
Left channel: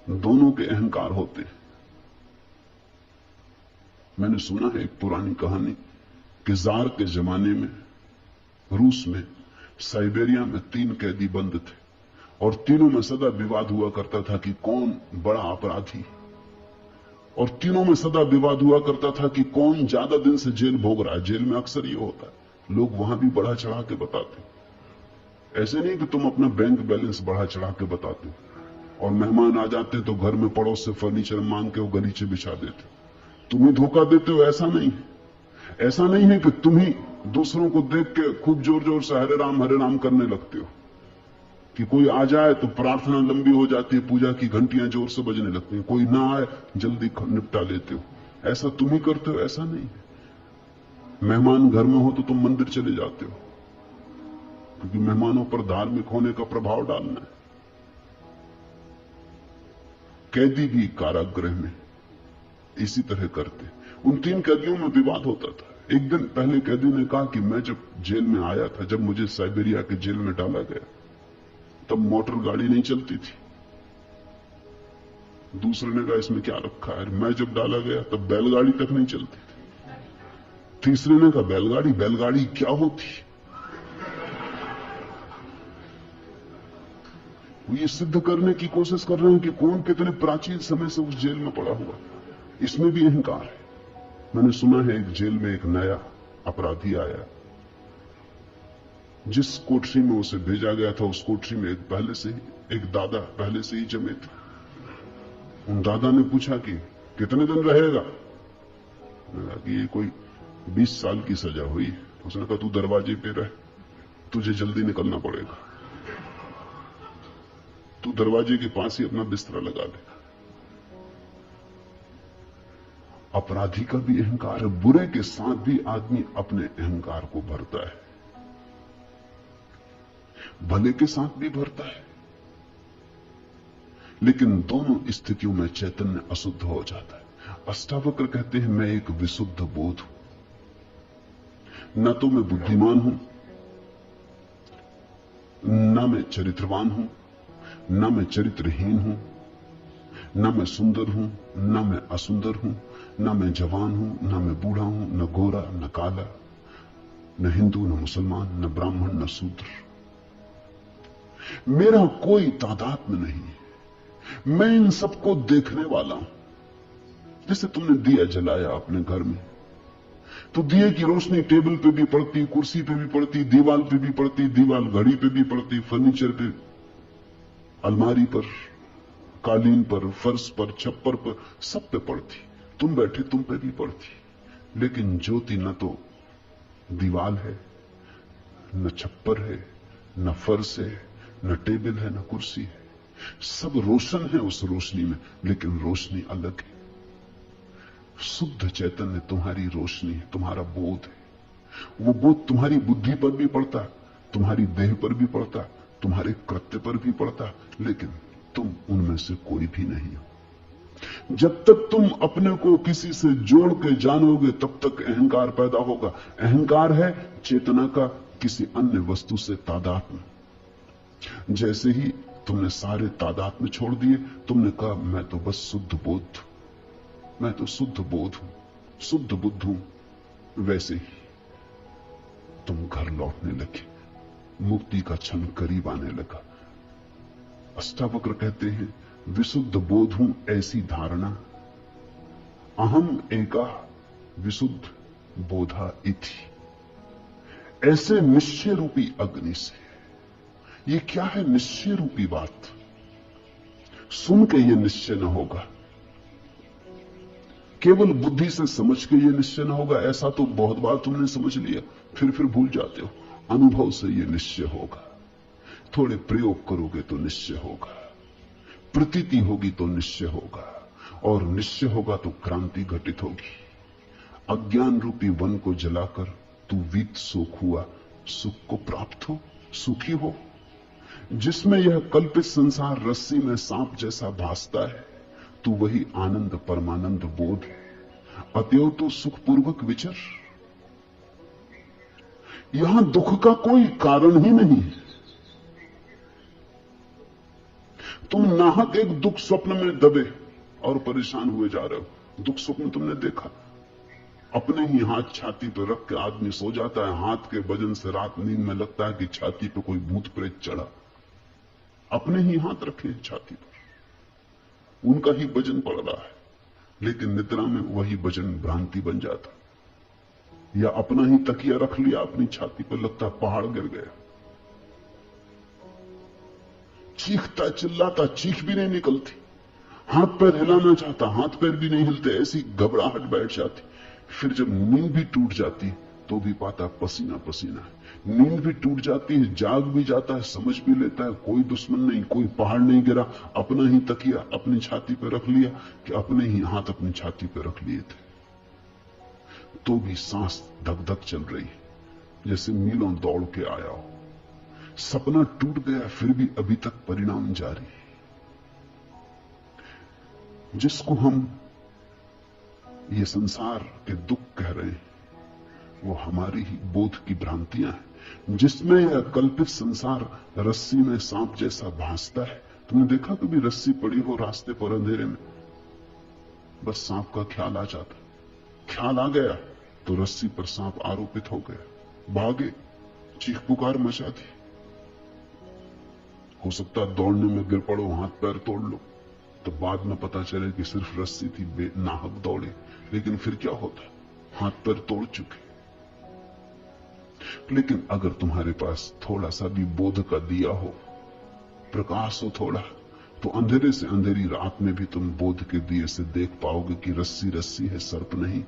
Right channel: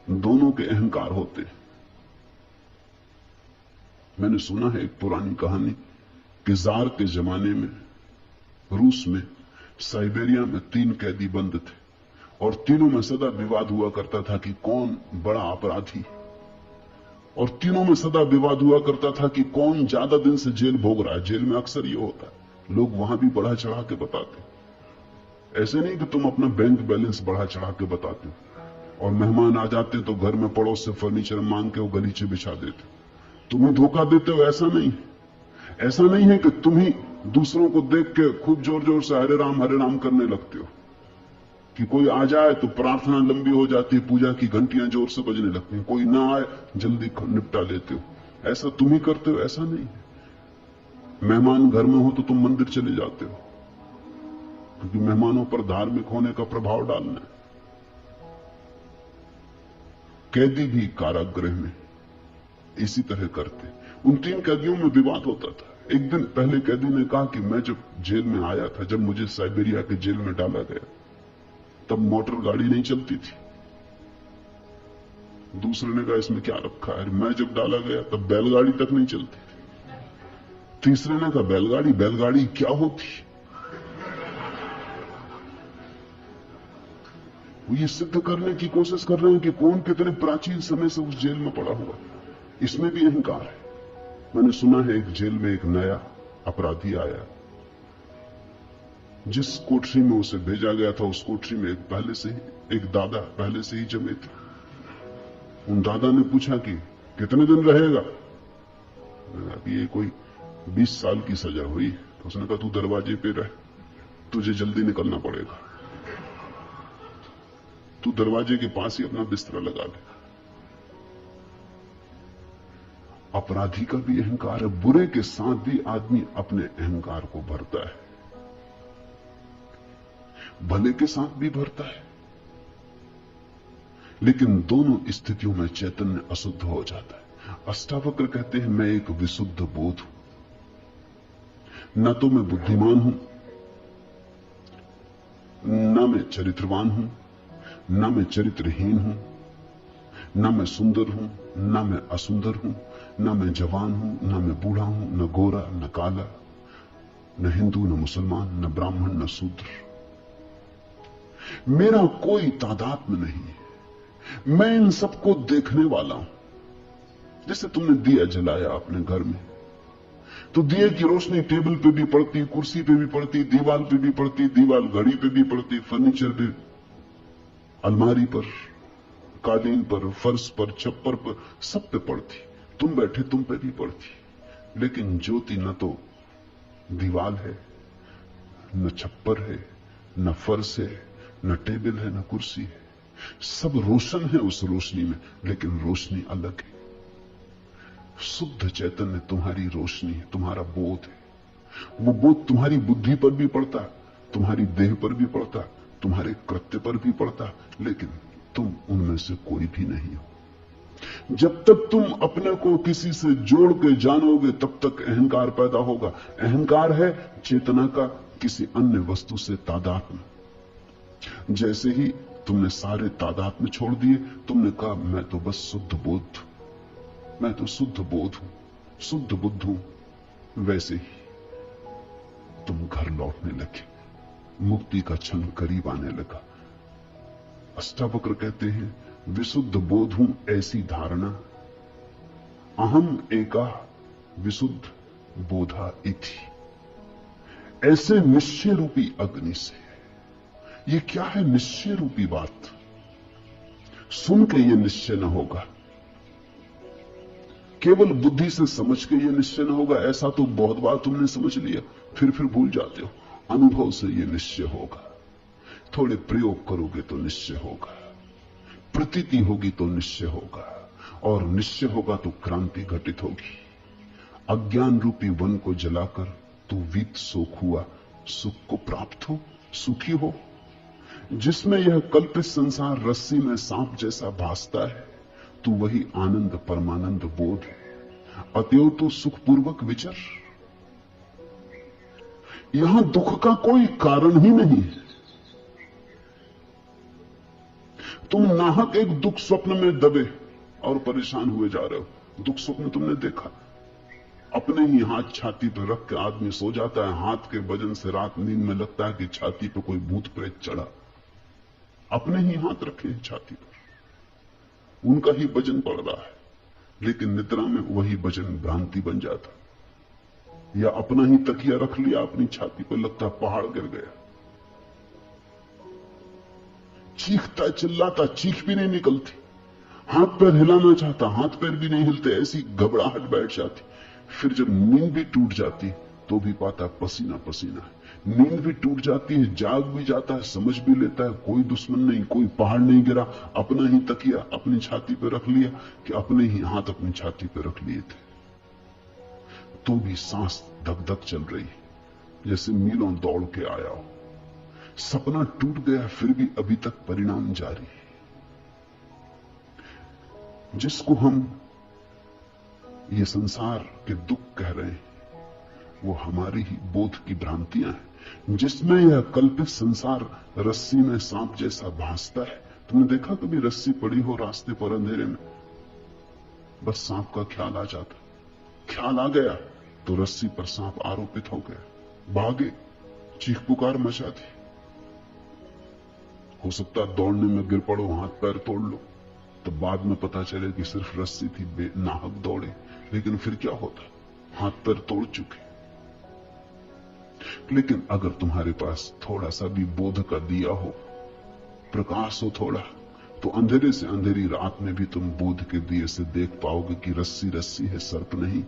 दोनों के अहंकार होते हैं। मैंने सुना है एक पुरानी कहानी कि जार के जमाने में रूस में साइबेरिया में 3 कैदी बंद थे और तीनों में सदा विवाद हुआ करता था कि कौन बड़ा अपराधी, और तीनों में सदा विवाद हुआ करता था कि कौन ज्यादा दिन से जेल भोग रहा है। जेल में अक्सर ये होता है, लोग वहां भी बढ़ा चढ़ा के बताते। ऐसे नहीं कि तुम अपना बैंक बैलेंस बढ़ा चढ़ा के बताते हो और मेहमान आ जाते तो घर में पड़ोस से फर्नीचर मांग के वो गलीचे बिछा देते, तुम ही धोखा देते हो। ऐसा नहीं है कि तुम ही दूसरों को देख के खूब जोर जोर से हरे राम करने लगते हो, कि कोई आ जाए तो प्रार्थना लंबी हो जाती है, पूजा की घंटियां जोर से बजने लगती हैं, कोई ना आए जल्दी निपटा लेते हो। ऐसा तुम ही करते हो, ऐसा नहीं। मेहमान घर में हो तो तुम मंदिर चले जाते हो, क्योंकि मेहमानों पर धार्मिक होने का प्रभाव डालना है। कैदी भी कारागृह में इसी तरह करते। उन 3 कैदियों में विवाद होता था। एक दिन पहले कैदी ने कहा कि मैं जब जेल में आया था, जब मुझे साइबेरिया के जेल में डाला गया, तब मोटर गाड़ी नहीं चलती थी। दूसरे ने कहा इसमें क्या रखा है, मैं जब डाला गया तब बैलगाड़ी तक नहीं चलती थी। तीसरे ने कहा बैलगाड़ी क्या होती। वो ये सिद्ध करने की कोशिश कर रहे हैं कि कौन कितने प्राचीन समय से उस जेल में पड़ा हुआ। इसमें भी अहंकार है। मैंने सुना है एक जेल में एक नया अपराधी आया, जिस कोठरी में उसे भेजा गया था उस कोठरी में एक दादा पहले से ही जमे थे। उन दादा ने पूछा कि कितने दिन रहेगा, कि ये कोई 20 साल की सजा हुई। तो उसने कहा तू दरवाजे पे रह, तुझे जल्दी निकलना पड़ेगा, तू दरवाजे के पास ही अपना बिस्तरा लगा ले। अपराधी का भी अहंकार है, बुरे के साथ भी आदमी अपने अहंकार को भरता है, भले के साथ भी भरता है, लेकिन दोनों स्थितियों में चैतन्य अशुद्ध हो जाता है। अष्टावक्र कहते हैं मैं एक विशुद्ध बोध हूं, न तो मैं बुद्धिमान हूं, न मैं चरित्रवान हूं, न मैं चरित्रहीन हूं, न मैं सुंदर हूं, न मैं असुंदर हूं, न मैं जवान हूं, न मैं बूढ़ा हूं, न गोरा न काला, न हिंदू न मुसलमान, न ब्राह्मण न शूद्र। मेरा कोई तादात्म्य नहीं, मैं इन सबको देखने वाला हूं। जैसे तुमने दिया जलाया अपने घर में, तो दिए की रोशनी टेबल पे भी पड़ती, कुर्सी पे भी पड़ती, दीवार पे भी पड़ती, दीवार घड़ी पे भी पड़ती, फर्नीचर पे, अलमारी पर, कालीन पर, फर्श पर, छप्पर पर, सब पे पड़ती। तुम बैठे तुम पे भी पड़ती। लेकिन ज्योति न तो दीवार है, न छप्पर है, न फर्श है, न टेबल है, न कुर्सी है। सब रोशन है उस रोशनी में, लेकिन रोशनी अलग है। शुद्ध चैतन्य तुम्हारी रोशनी है, तुम्हारा बोध है। वो बोध तुम्हारी बुद्धि पर भी पड़ता, तुम्हारी देह पर भी पड़ता, तुम्हारे कृत्य पर भी पड़ता, लेकिन तुम उनमें से कोई भी नहीं हो। जब तक तुम अपने को किसी से जोड़ के जानोगे तब तक अहंकार पैदा होगा। अहंकार है चेतना का किसी अन्य वस्तु से तादात्म्य। जैसे ही तुमने सारे तादात्म्य छोड़ दिए, तुमने कहा मैं तो बस शुद्ध बोध, मैं तो शुद्ध बोध हूं, शुद्ध बुद्ध हूं, वैसे ही तुम घर लौटने लगे, मुक्ति का क्षण करीब आने लगा। अष्टावक्र कहते हैं विशुद्ध बोध हूं ऐसी धारणा, अहम एका विशुद्ध बोधा इति। ऐसे निश्चय रूपी अग्नि से, ये क्या है निश्चय रूपी बात? सुन के ये निश्चय न होगा, केवल बुद्धि से समझ के ये निश्चय न होगा। ऐसा तो बहुत बार तुमने समझ लिया, फिर भूल जाते हो। अनुभव से ये निश्चय होगा, थोड़े प्रयोग करोगे तो निश्चय होगा, प्रतीति होगी तो निश्चय होगा, और निश्चय होगा तो क्रांति घटित होगी। अज्ञान रूपी वन को जलाकर तू वीत शोक हुआ, सुख को प्राप्त हो, सुखी हो। जिसमें यह कल्पित संसार रस्सी में सांप जैसा भासता है, तू वही आनंद परमानंद बोध है। अतएव तो सुखपूर्वक विचर। यहां दुख का कोई कारण ही नहीं। तुम नाहक एक दुख स्वप्न में दबे और परेशान हुए जा रहे हो। दुख स्वप्न तुमने देखा, अपने ही हाथ छाती पर रख के आदमी सो जाता है, हाथ के वजन से रात नींद में लगता है कि छाती पर कोई भूत प्रेत चढ़ा। अपने ही हाथ रखे छाती पर, उनका ही वजन पड़ रहा है, लेकिन निद्रा में वही वजन भ्रांति बन जाता। या अपना ही तकिया रख लिया अपनी छाती पर, लगता पहाड़ गिर गया। चीखता चिल्लाता, चीख भी नहीं निकलती, हाथ पैर हिलाना चाहता, हाथ पैर भी नहीं हिलते, ऐसी घबराहट बैठ जाती। फिर जब नींद भी टूट जाती तो भी पाता पसीना पसीना है। नींद भी टूट जाती है, जाग भी जाता है, समझ भी लेता है कोई दुश्मन नहीं, कोई पहाड़ नहीं गिरा, अपना ही तकिया अपनी छाती पर रख लिया कि अपने ही हाथ अपनी छाती पर रख लिए थे, तो भी सांस धक धक चल रही, जैसे मीलों दौड़ के आया हो। सपना टूट गया, फिर भी अभी तक परिणाम जारी है। जिसको हम ये संसार के दुख कह रहे हैं, वो हमारी ही बोध की भ्रांतियां हैं, जिसमें यह कल्पित संसार रस्सी में सांप जैसा भासता है। तुमने देखा कभी रस्सी पड़ी हो रास्ते पर अंधेरे में, बस सांप का ख्याल आ जाता, ख्याल आ गया तो रस्सी पर सांप आरोपित हो गया, भागे, चीख पुकार मचा दी। हो सकता दौड़ने में गिर पड़ो, हाथ पैर तोड़ लो, तो बाद में पता चले कि सिर्फ रस्सी थी, नाहक दौड़े। लेकिन फिर क्या होता, हाथ पैर तोड़ चुके। लेकिन अगर तुम्हारे पास थोड़ा सा भी बोध का दिया हो, प्रकाश हो थोड़ा, तो अंधेरे से अंधेरी रात में भी तुम बोध के दिए से देख पाओगे कि रस्सी रस्सी है, सर्प नहीं।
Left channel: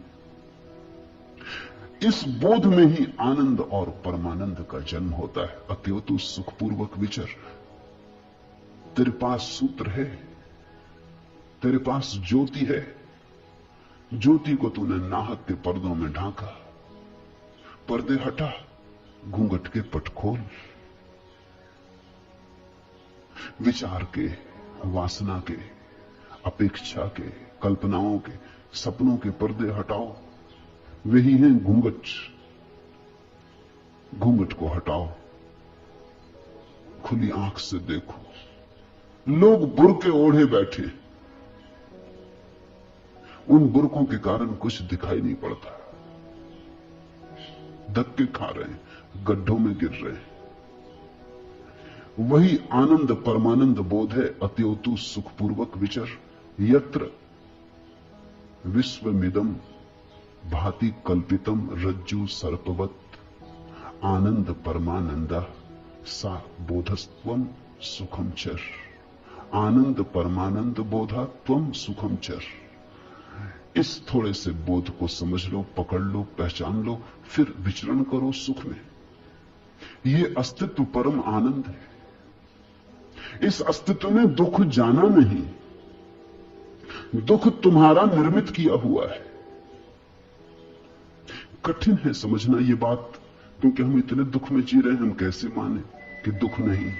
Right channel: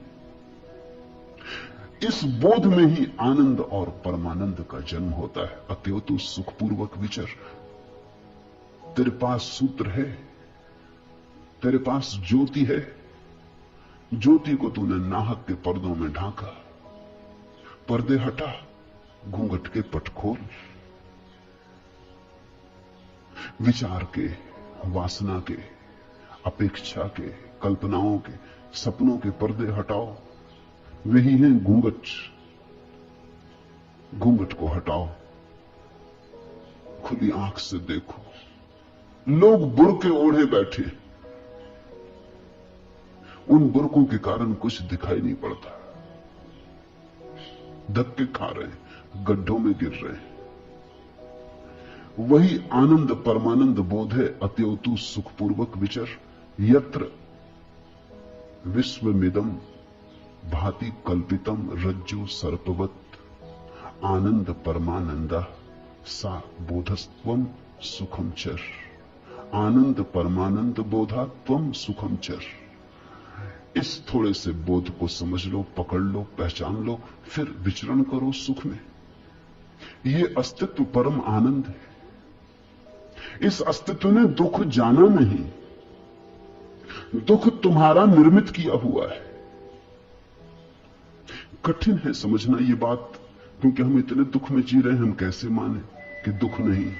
इस बोध में ही आनंद और परमानंद का जन्म होता है। अतएव तू सुखपूर्वक विचर। तेरे पास सूत्र है, तेरे पास ज्योति है, ज्योति को तूने नाहक के पर्दों में ढांका। पर्दे हटा, घूंघट के पट खोल, विचार के, वासना के, अपेक्षा के, कल्पनाओं के, सपनों के पर्दे हटाओ। वही है घूंघट, घूंघट को हटाओ, खुली आंख से देखो। लोग बुर्के ओढ़े बैठे, उन बुर्कों के कारण कुछ दिखाई नहीं पड़ता, धक्के खा रहे हैं, गड्ढों में गिर रहे हैं। वही आनंद परमानंद बोध है। अतएव तू सुखपूर्वक विचर। यत्र विश्वमिदं भाति कल्पितम रज्जु सर्पवत् आनंद परमानंद सा बोधस्त्वम सुखम चर। आनंद परमानंद बोधा त्वम सुखम चर। इस थोड़े से बोध को समझ लो, पकड़ लो, पहचान लो, फिर विचरण करो सुख में। ये अस्तित्व परम आनंद है। इस अस्तित्व ने दुख जाना नहीं, दुख तुम्हारा निर्मित किया हुआ है। कठिन है समझना ये बात, क्योंकि हम इतने दुख में जी रहे हैं, हम कैसे माने कि दुख नहीं।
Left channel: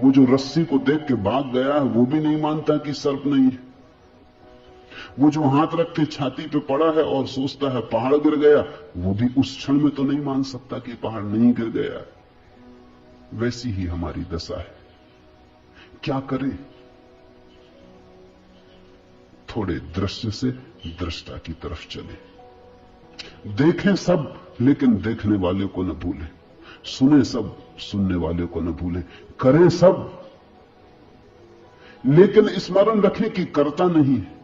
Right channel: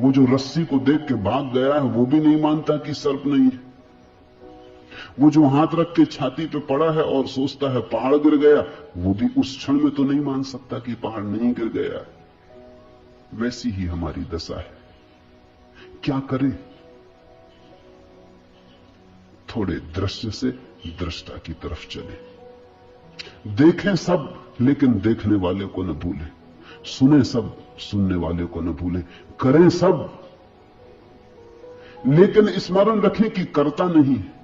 वो जो रस्सी को देख के भाग गया है, वो भी नहीं मानता कि सर्प नहीं है। वो जो हाथ रख के छाती पे पड़ा है और सोचता है पहाड़ गिर गया, वो भी उस क्षण में तो नहीं मान सकता कि पहाड़ नहीं गिर गया। वैसी ही हमारी दशा है। क्या करें? थोड़े दृश्य से दृष्टा की तरफ चले। देखें सब, लेकिन देखने वाले को न भूलें। सुने सब, सुनने वाले को न भूलें। करें सब, लेकिन स्मरण रखें कि करता नहीं है।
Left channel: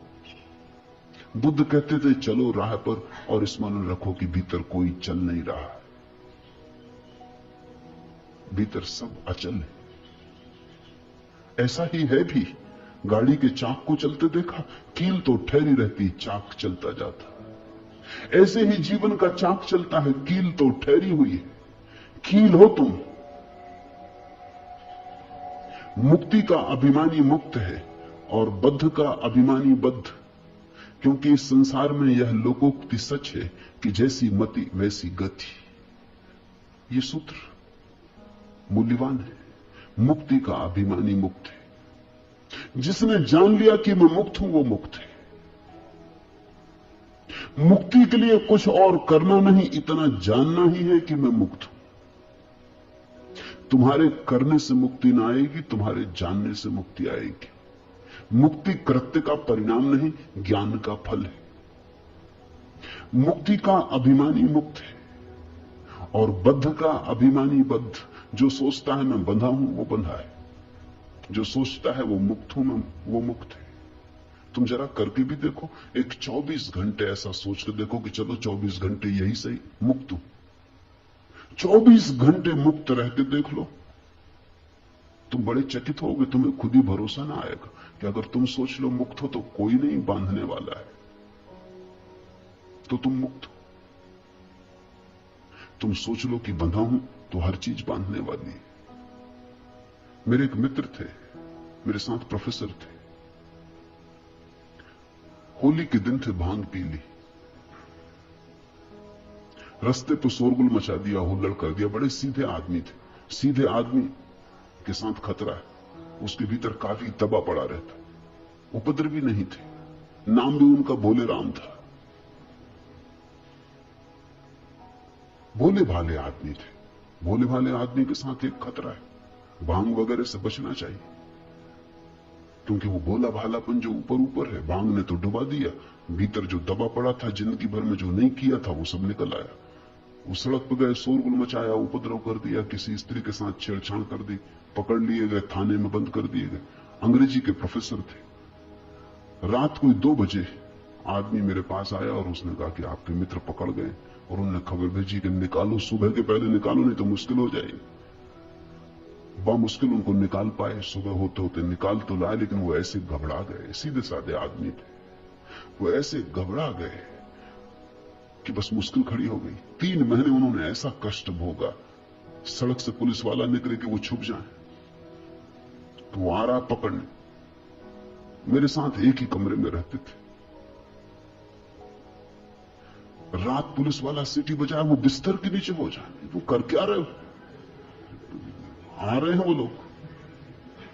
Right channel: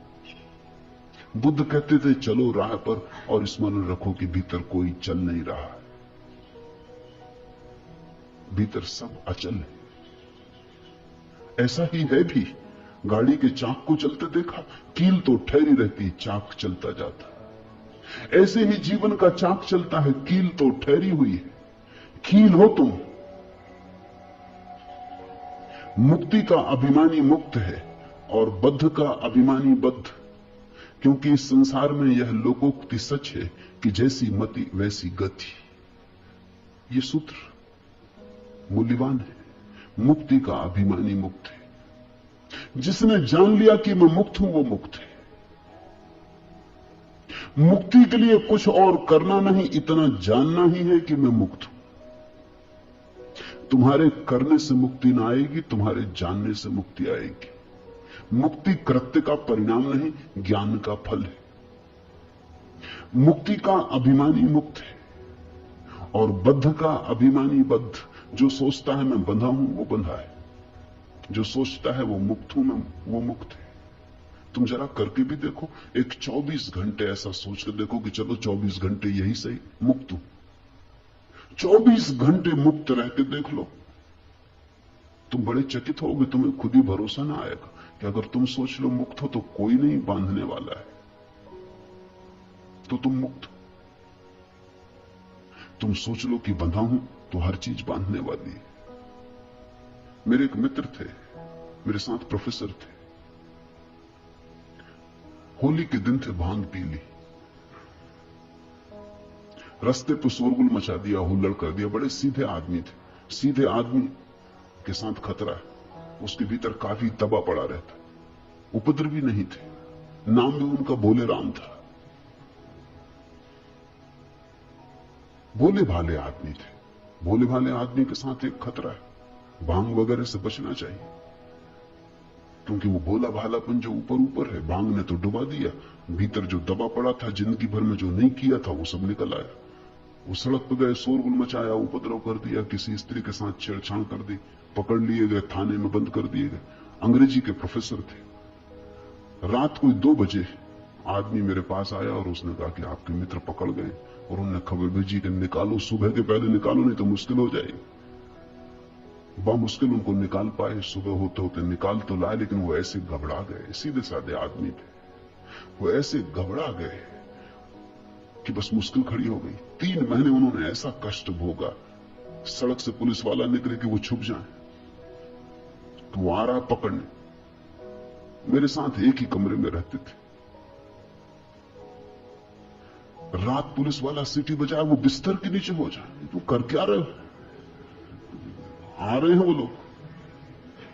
बुद्ध कहते थे चलो राह पर, और स्मरण रखो कि भीतर कोई चल नहीं रहा है, भीतर सब अचल है। ऐसा ही है भी। गाड़ी के चाक को चलते देखा, कील तो ठहरी रहती, चाक चलता जाता। ऐसे ही जीवन का चाक चलता है, कील तो ठहरी हुई है। कील हो तुम। मुक्ति का अभिमानी मुक्त है और बद्ध का अभिमानी बद्ध, क्योंकि इस संसार में यह लोकोक्ति सच है कि जैसी मति वैसी गति। ये सूत्र मूल्यवान है। मुक्ति का अभिमानी मुक्त है। जिसने जान लिया कि मैं मुक्त हूं, वो मुक्त है। मुक्ति के लिए कुछ और करना नहीं, इतना जानना ही है कि मैं मुक्त हूं। तुम्हारे करने से मुक्ति ना आएगी, तुम्हारे जानने से मुक्ति आएगी। मुक्ति कृत्य का परिणाम नहीं, ज्ञान का फल है। मुक्ति का अभिमानी मुक्त है और बद्ध का अभिमानी बद्ध। जो सोचता है मैं बंधा हूं, वो बंधा है। जो सोचता है वो मुक्त हूं, मैं वो मुक्त है। तुम जरा करके भी देखो, एक 24 घंटे ऐसा सोच के देखो कि चलो 24 घंटे यही सही, मुक्त हूं। 24 घंटे मुक्त रह के देख लो, तुम बड़े चकित होगे। तुम्हें खुद ही भरोसा ना आएगा कि अगर तुम सोच लो मुक्त हो तो कोई नहीं बांधने वाला है, तो तुम मुक्त हो। तुम सोच लो कि बंधा हूं तो हर चीज बांधने वाली है। मेरे एक मित्र थे, मेरे साथ प्रोफेसर थे। होली के दिन थे, भांग पी ली, रास्ते पर शोरगुल मचा दिया, हुल्लड़ कर दिया। बड़े सीधे आदमी थे। सीधे आदमी के साथ खतरा है। उसके भीतर काफी दबा पड़ा रहता। उपद्रवी नहीं थे। नाम भी उनका भोले राम था। भोले भाले आदमी थे। भोले भाले आदमी के साथ एक खतरा है, भांग वगैरह से बचना चाहिए, क्योंकि वो भोला भालापन जो ऊपर ऊपर है, भांग ने तो डुबा दिया। भीतर जो दबा पड़ा था, जिंदगी भर में जो नहीं किया था, वो सब निकल आया। वो सड़क पर गए, शोरगुल मचाया, उपद्रव कर दिया, किसी स्त्री के साथ छेड़छाड़ कर दी, पकड़ लिए गए, थाने में बंद कर दिए गए। अंग्रेजी के प्रोफेसर थे। रात कोई 2 बजे आदमी मेरे पास आया और उसने कहा कि आपके मित्र पकड़ गए, और उन्होंने खबर भेजी कि निकालो, सुबह के पहले निकालो, नहीं तो मुश्किल हो जाएगी। मुश्किल उनको निकाल पाए। सुबह होते होते निकाल तो लाए, लेकिन वो ऐसे घबरा गए। सीधे साधे आदमी थे, वो ऐसे घबरा गए कि बस मुश्किल खड़ी हो गई। 3 महीने उन्होंने ऐसा कष्ट भोगा। सड़क से पुलिस वाला निकले कि वो छुप जाए, तो वो आ रहा पकड़ने। मेरे साथ एक ही कमरे में रहते थे। रात पुलिस वाला सीटी बजाए, वो बिस्तर के नीचे हो जाए। वो कर क्या रहे हो? आ रहे हैं वो लोग।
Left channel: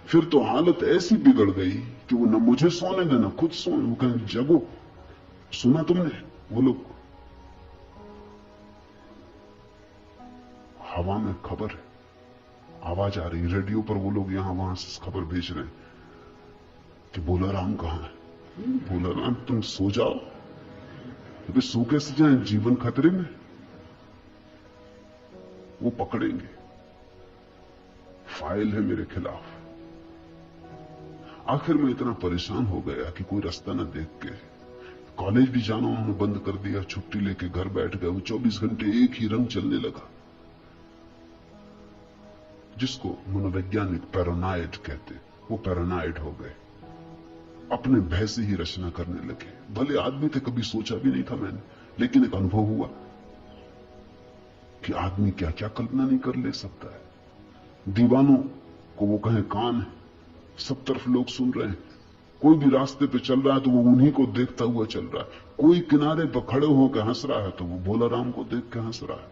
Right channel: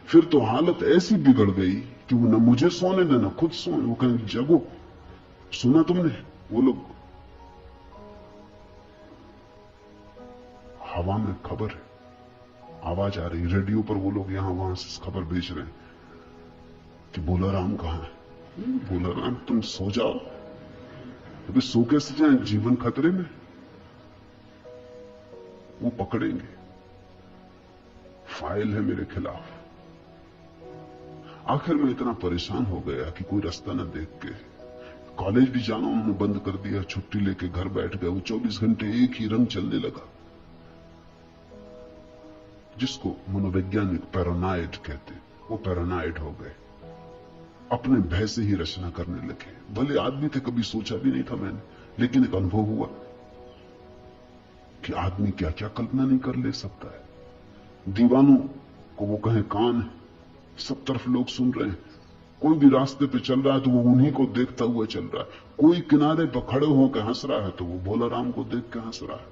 फिर तो हालत ऐसी बिगड़ गई कि वो न मुझे सोने दे, न खुद सोने। वो कहें जगो, सुना तुमने? वो लोग हवा में खबर है, आवाज आ रही रेडियो पर। वो लोग यहां वहां से खबर भेज रहे हैं कि भोला राम कहां है। भोला राम तुम सो जाओ। अभी सो कैसे जाए, जीवन खतरे में। वो पकड़ेंगे, फाइल है मेरे खिलाफ। आखिर में इतना परेशान हो गया कि कोई रास्ता न देख के कॉलेज भी जाना उन्होंने बंद कर दिया। छुट्टी लेके घर बैठ गए। वो 24 घंटे एक ही रंग चलने लगा, जिसको मनोवैज्ञानिक पैरानॉइड कहते। वो पैरानॉइड हो गए, अपने भय से ही रचना करने लगे। भले आदमी थे, कभी सोचा भी नहीं था मैंने, लेकिन एक अनुभव हुआ कि आदमी क्या क्या कल्पना नहीं कर ले सकता है। दीवानों को वो कहें काम है, सब तरफ लोग सुन रहे हैं। कोई भी रास्ते पे चल रहा है तो वो उन्हीं को देखता हुआ चल रहा है। कोई किनारे पर खड़े होकर हंस रहा है तो वो भोला राम को देख के हंस रहा है।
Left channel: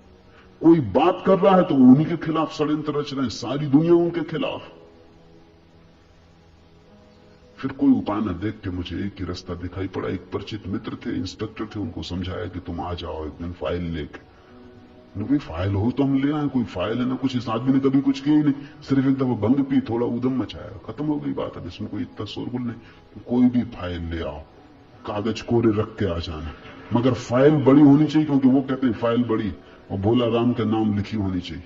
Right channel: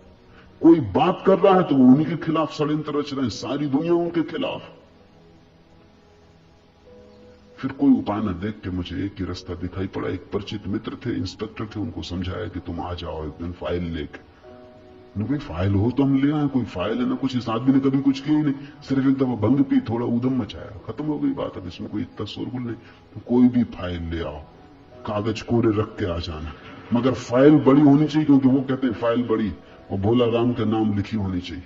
कोई बात कर रहा है तो वो उन्हीं के खिलाफ षड्यंत्र रच रहे हैं। सारी दुनिया उनके खिलाफ। फिर कोई उपाय न देख के मुझे एक ही रास्ता दिखाई पड़ा। एक परिचित मित्र थे, इंस्पेक्टर थे, उनको समझाया कि तुम आ जाओ एक दिन फाइल लेके। कोई फाइल हो तो हम ले आए, कोई फाइल है ना कुछ। इस आदमी ने कभी कुछ किया ही नहीं, सिर्फ एक दफा भंग पी, थोड़ा उधम मचाया, खत्म हो गई बात। अब इसमें कोई इतना शोरगुल नहीं। कोई भी फाइल ले आओ, कागज कोरे रख के आ जाना, मगर फाइल बड़ी होनी चाहिए, क्योंकि वो कहते हैं फाइल बड़ी और भोला राम के नाम लिखी होनी चाहिए।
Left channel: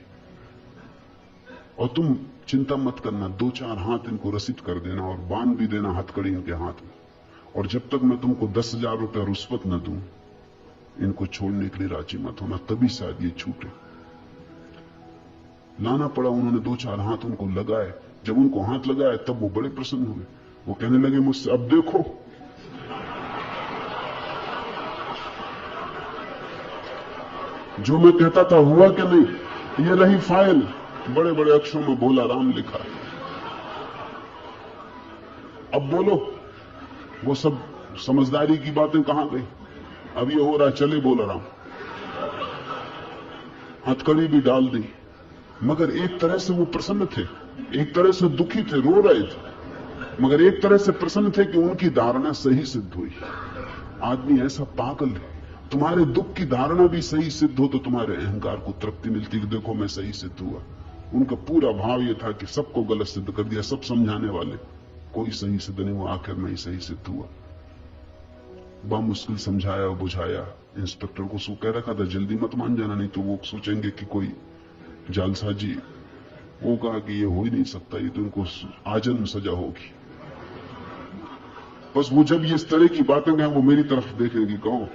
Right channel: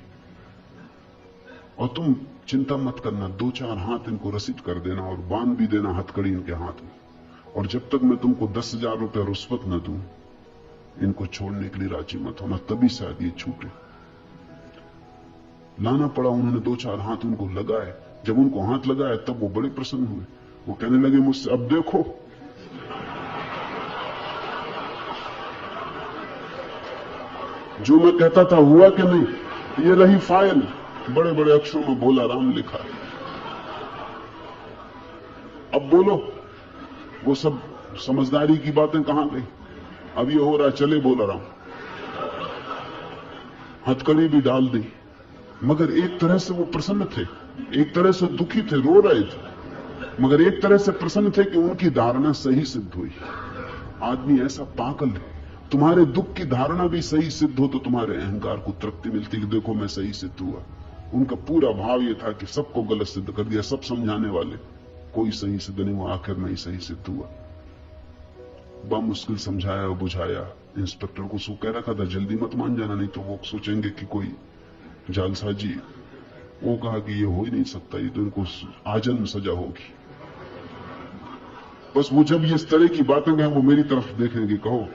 और तुम चिंता मत करना, 2-4 हाथ इनको रसीद कर देना और बांध भी देना हथकड़ी इनके हाथ में। और जब तक मैं तुमको 10,000 रुपया रुश्वत न दूं, इनको छोड़ने के लिए राजी मत होना, तभी शायद ये छूटे। लाना पड़ा, उन्होंने 2-4 हाथ उनको लगाए। जब उनको हाथ लगाए तब वो बड़े प्रसन्न हुए। वो कहने लगे मुझसे, अब देखो जो मैं कहता था हुआ कि नहीं, ये रही फाइल, बड़े बड़े अक्षरों में भोला राम लिखा है। अब बोलो, वो सब समझदारी की बातें कहां गई? अब ये हो रहा, चले भोला राम, हथकड़ी भी डाल दी। मगर एक तरह से वो प्रसन्न थे, एक तरह से दुखी थे, रो रहे थे, मगर एक तरह से प्रसन्न थे कि उनकी धारणा सही सिद्ध हुई। आदमी ऐसा पागल है, तुम्हारे दुख की धारणा भी सही सिद्ध हो तो तुम्हारे अहंकार को तृप्ति मिलती कि देखो मैं सही सिद्ध हुआ। उनका पूरा भाव यह था कि सबको गलत सिद्ध कर दिया, सब समझाने वाले, कोई सही सिद्ध नहीं हुआ, आखिर में ही सही सिद्ध हुआ। मुश्किल समझाया बुझाया, इंस्पेक्टर को सो कह रखा था जल्दी मत मान जाना, नहीं तो वो सोचेंगे कि कोई जालसाजी। वो कहा कि ये हो ही नहीं सकता, ये तो इनको आजन्म सजा होगी। बस वो जब ये इस तरह की बातें कहें वो मेरी तरफ देखेंगे, कहो।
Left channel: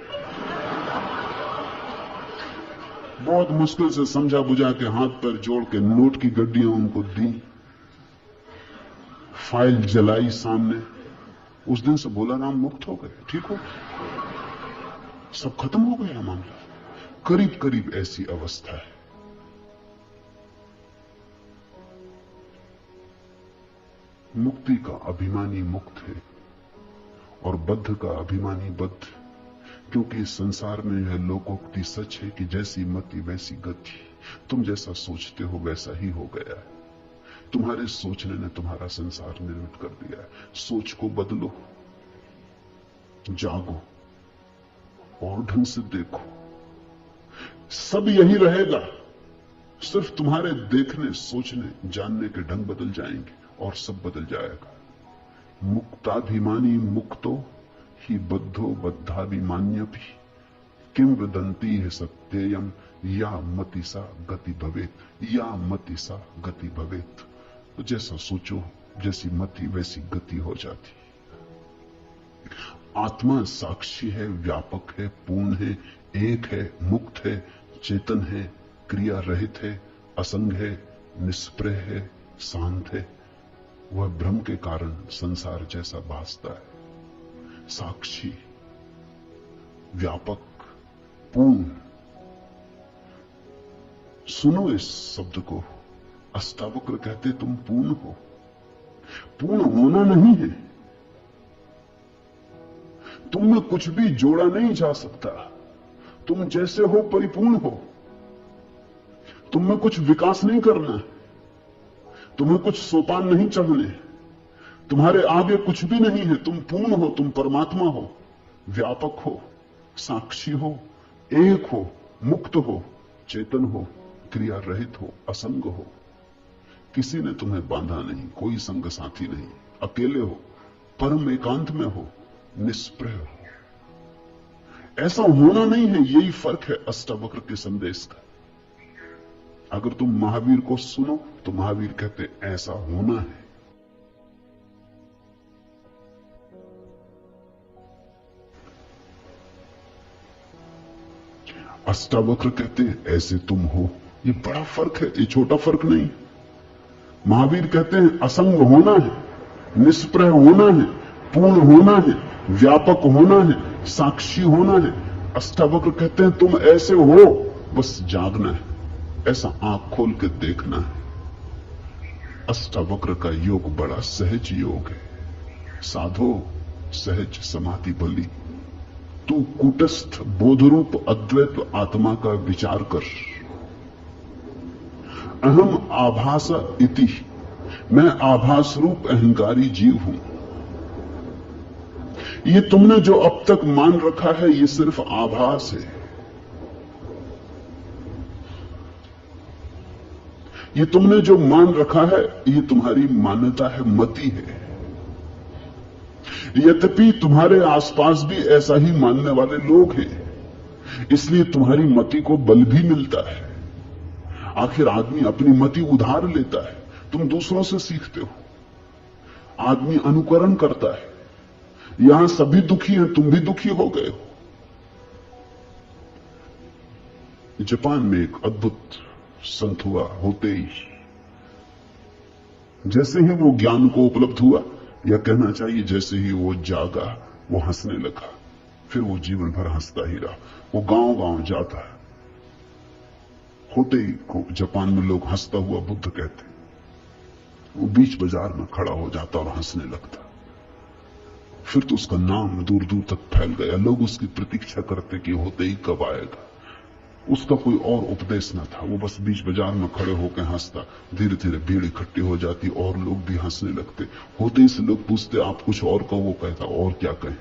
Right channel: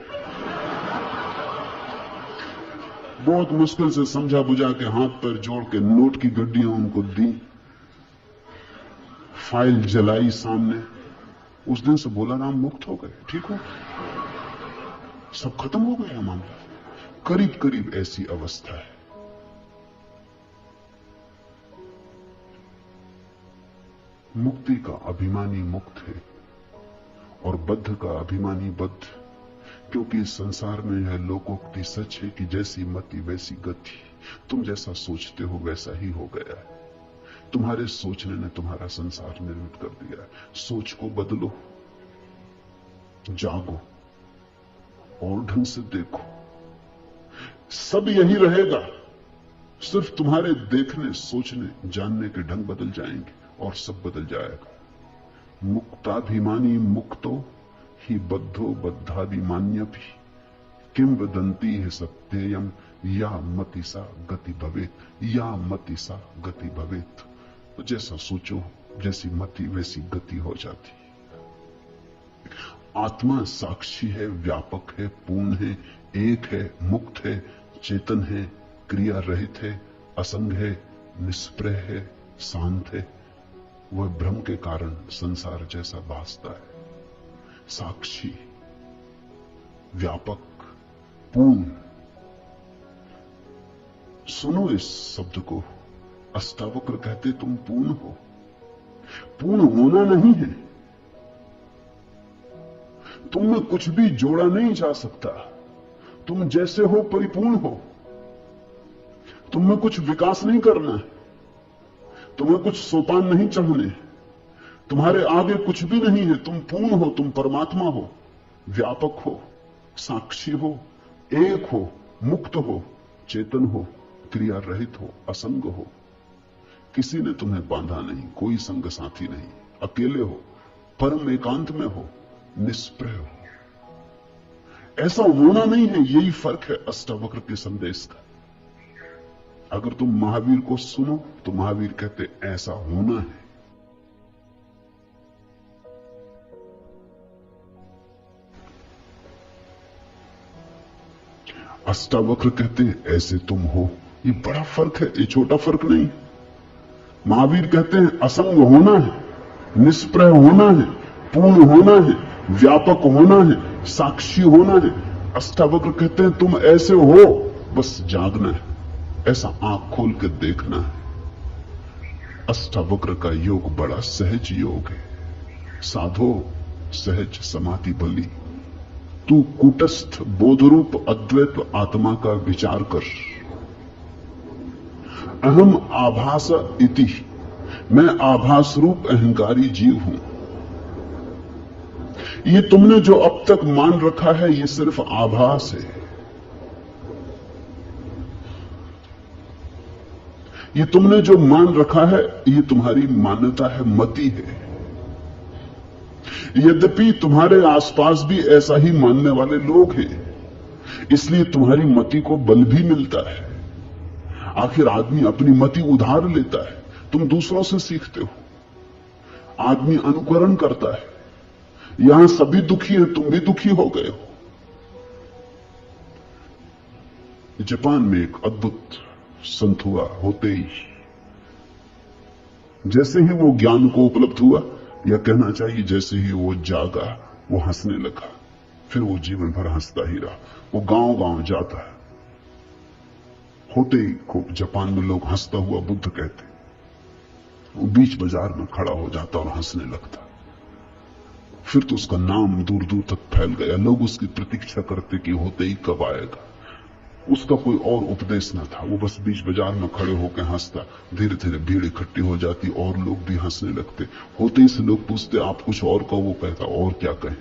बहुत मुश्किल से समझा बुझा के हाथ पैर जोड़ के नोट की गड्डियां उनको दी, फाइल जलाई सामने। उस दिन से भोला राम मुक्त हो गए, ठीक हो, सब खत्म हो गया मामला। करीब करीब ऐसी अवस्था है। मुक्ति का अभिमानी मुक्त है और बद्ध का अभिमानी बद्ध, क्योंकि इस संसार में यह लोकोक्ति सच है कि जैसी मति वैसी गति। तुम जैसा सोचते हो वैसा ही हो गया। तुम्हारे सोचने ने तुम्हारा संसार निर्मित कर दिया। सोच को बदलो, जागो और ढंग से देखो, सब यही रहेगा। सिर्फ तुम्हारे देखने, सोचने, जानने के ढंग बदल जाएंगे और सब बदल जाएगा। मुक्ताभिमानी मुक्तो ही बद्धो बद्धाभिमान्यपि किम वदन्ति है सत्ययम या मति सा गति भवेत, या मति सा गति भवेत। तो जैसा सोचो, जैसी मति वैसी गति हो जाती। आत्मा साक्षी है, व्यापक है, पूर्ण है, एक है, मुक्त है, चेतन है, क्रिया रहित है, असंग है, निष्प्रह है, शांत है। वह भ्रम के कारण संसार जैसा भासता है। साक्षी, व्यापक, पूर्ण। सुनो इस शब्द को, अष्टावक्र कहते तुम पूर्ण हो। पूर्ण होना नहीं है, तुम में कुछ भी जोड़ा नहीं जा सकता। तुम जैसे हो परिपूर्ण हो, तुम में कुछ विकास नहीं करना है, तुम्हें कुछ सोपान नहीं चढ़ने, तुम्हारे आगे कुछ भी नहीं है। तुम पूर्ण हो, तुम परमात्मा हो, व्यापक हो, साक्षी हो, एक हो, मुक्त हो, चेतन हो, क्रिया रहित हो, असंग हो। किसी ने तुम्हें बांधा नहीं, कोई संग साथी नहीं, अकेले हो, परम एकांत में हो, निष्प्रह हो। ऐसा होना नहीं है, यही फर्क है अष्टावक्र के संदेश का। अगर तुम महावीर को सुनो तो महावीर कहते ऐसा होना है। अष्टावक्र कहते हैं ऐसे तुम हो। ये बड़ा फर्क है, ये छोटा फर्क नहीं। महावीर कहते हैं असंग होना है, निष्प्रह होना है, पूर्ण होना है, व्यापक होना है, साक्षी होना है। अष्टावक्र कहते हैं तुम ऐसे हो, बस जागना है, ऐसा आंख खोल के देखना है। अष्टावक्र का योग बड़ा सहज योग है। साधो सहज समाधि भली, तू कूटस्थ बोधरूप अद्वैत आत्मा का विचार कर। अहम आभास इति, मैं आभास रूप अहंकारी जीव हूं। ये तुमने जो अब तक मान रखा है ये सिर्फ आभास है। ये तुमने जो मान रखा है ये तुम्हारी मान्यता है, मति है। यद्यपि तुम्हारे आसपास भी ऐसा ही मानने वाले लोग हैं, इसलिए तुम्हारी मति को बल भी मिलता है। आखिर आदमी अपनी मति उधार लेता है, तुम दूसरों से सीखते हो। आदमी अनुकरण करता है। यहां सभी दुखी हैं, तुम भी दुखी हो गए हो। जापान में एक अद्भुत संत हुआ, होते ही जैसे ही वो ज्ञान को उपलब्ध हुआ, या कहना चाहिए जैसे ही वो जागा, वो हंसने लगा। फिर वो जीवन भर हंसता ही रहा। वो गांव-गांव जाता है। होते ही को जापान में लोग हंसता हुआ बुद्ध कहते। वो बीच बाजार में खड़ा हो जाता और हंसने लगता। फिर तो उसका नाम दूर दूर तक फैल गया। लोग उसकी प्रतीक्षा करते कि होते ही कब आएगा। उसका कोई और उपदेश न था, वो बस बीच बाजार में खड़े होकर हंसता। धीरे धीरे भीड़ इकट्ठी हो जाती और लोग भी हंसने लगते। होते ही से लोग पूछते आप कुछ और कहो, वो कहता और क्या कहें।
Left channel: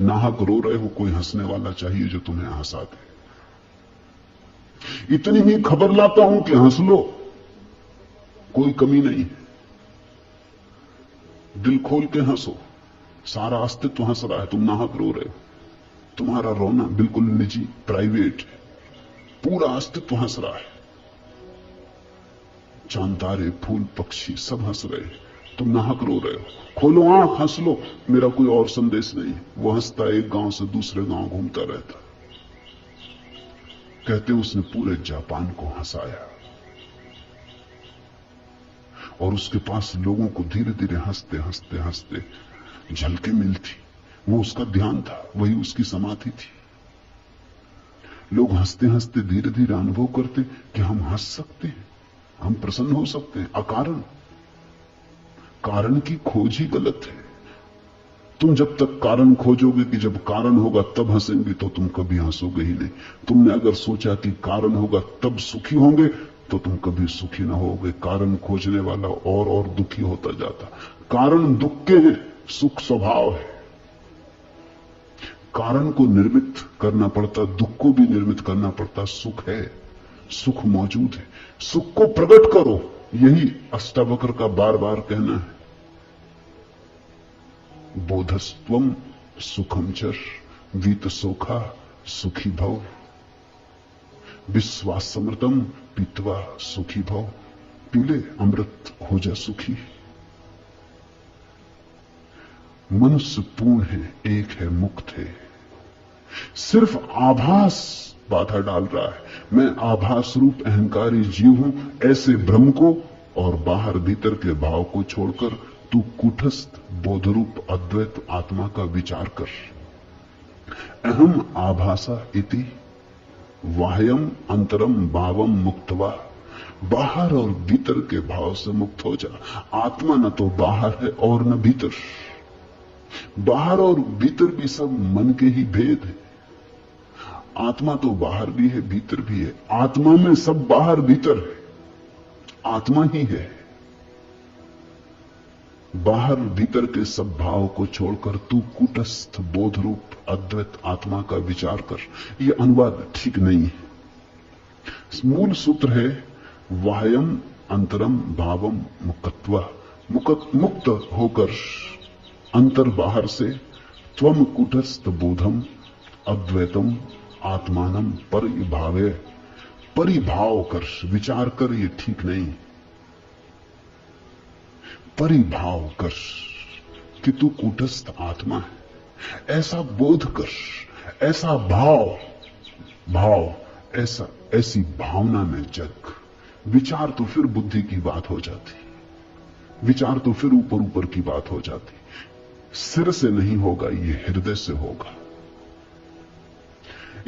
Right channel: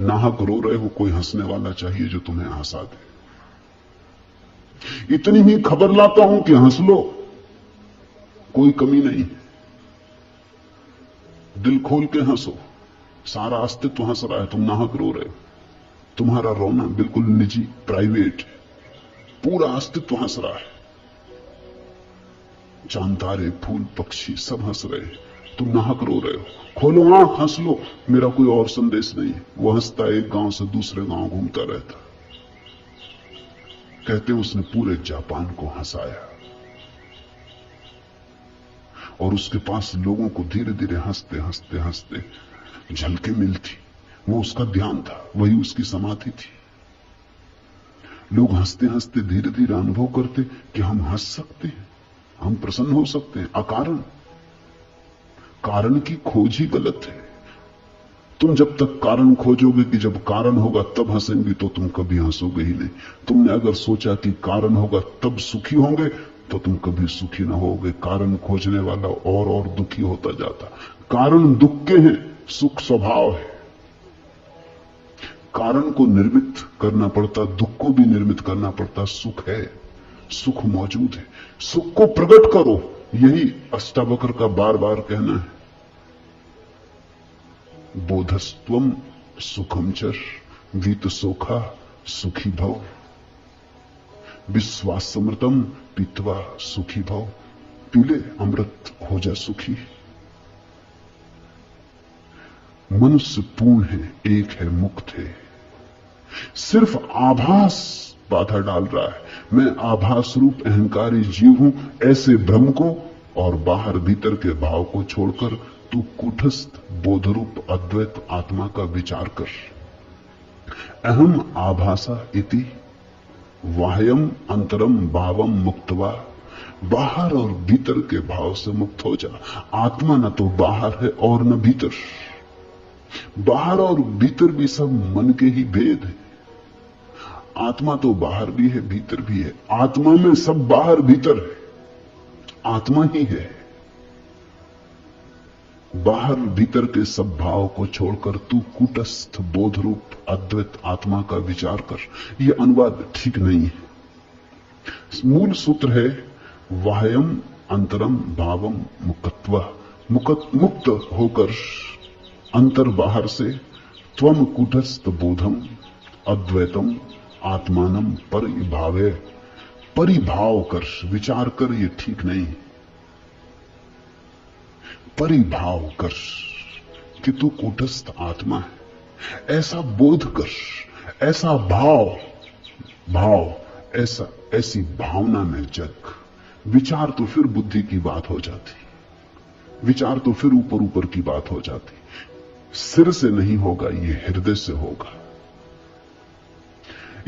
नाहक रो रहे हो, कोई हंसने वाला चाहिए जो तुम्हें हंसा दे। इतनी ही खबर लाता हूं कि हंस लो, कोई कमी नहीं। दिल खोल के हंसो, सारा अस्तित्व हंस रहा है, तुम नाहक रो रहे हो। तुम्हारा रोना बिल्कुल निजी, प्राइवेट है। पूरा अस्तित्व हंस रहा है। चांद तारे फूल पक्षी सब हंस रहे हैं, तुम नाहक रो रहे हो। खोलो आंख, हंस लो, मेरा कोई और संदेश नहीं। वो हंसता एक गांव से दूसरे गांव घूमता रहता। कहते उसने पूरे जापान को हंसाया और उसके पास लोगों को धीरे धीरे हंसते हंसते हंसते झलके मिलती। वो उसका ध्यान था, वही उसकी समाधि थी। लोग हंसते हंसते धीरे धीरे अनुभव करते कि हम हंस सकते हैं, हम प्रसन्न हो सकते हैं अकारण। कारण की खोज ही गलत है। तुम जब तक कारण खोजोगे कि जब कारण होगा तब हंसेंगे, तो तुम कभी हंसोगे ही नहीं। तुमने अगर सोचा कि कारण होगा तब सुखी होंगे, तो तुम कभी सुखी ना होगे। कारण खोजने वाला और दुखी होता जाता। कारण दुख के हैं, सुख स्वभाव है। कारण को निर्मित करना पड़ता, दुख को भी निर्मित करना पड़ता। सुख है, सुख मौजूद है, सुख को प्रकट करो। यही अष्टावक्र का बार बार कहना है। बोधस्त्वम सुखम चर वीत सुखा सुखी भव, विश्वासमृतम पीत्वा सुखी भव। पीले अमृत हो जा सुखी। मनुष्य पूर्ण है, एक है, मुक्त है। सिर्फ आभास बाधा डाल रहा है। मैं आभास रूप अहंकारी जीव हूं, ऐसे भ्रम को और बाहर भीतर के भाव को छोड़कर तू कूटस्थ बोधरूप अद्वैत आत्मा का विचार कर। अहम आभासा इति वाह्यम अंतरम भावम मुक्तवा। बाहर और भीतर के भाव से मुक्त हो जा। आत्मा न तो बाहर है और न भीतर। बाहर और भीतर भी सब मन के ही भेद है। आत्मा तो बाहर भी है, भीतर भी है। आत्मा में सब बाहर भीतर है, आत्मा ही है। बाहर भीतर के सब भाव को छोड़कर तू कूटस्थ बोध रूप अद्वैत आत्मा का विचार कर। यह अनुवाद ठीक नहीं है। मूल सूत्र है वाह्यम अंतरम भावम मुक्तवा। मुक्त होकर अंतर बाहर से त्वम कूटस्थ बोधम अद्वैतम आत्मानम परिभावे। परिभाव कर, विचार कर, ये ठीक नहीं। परिभाव कर कि तू कूटस्थ आत्मा है, ऐसा बोध कर, ऐसा भाव ऐसी भावना में जग। विचार तो फिर बुद्धि की बात हो जाती, विचार तो फिर ऊपर ऊपर की बात हो जाती। सिर से नहीं होगा, ये हृदय से होगा।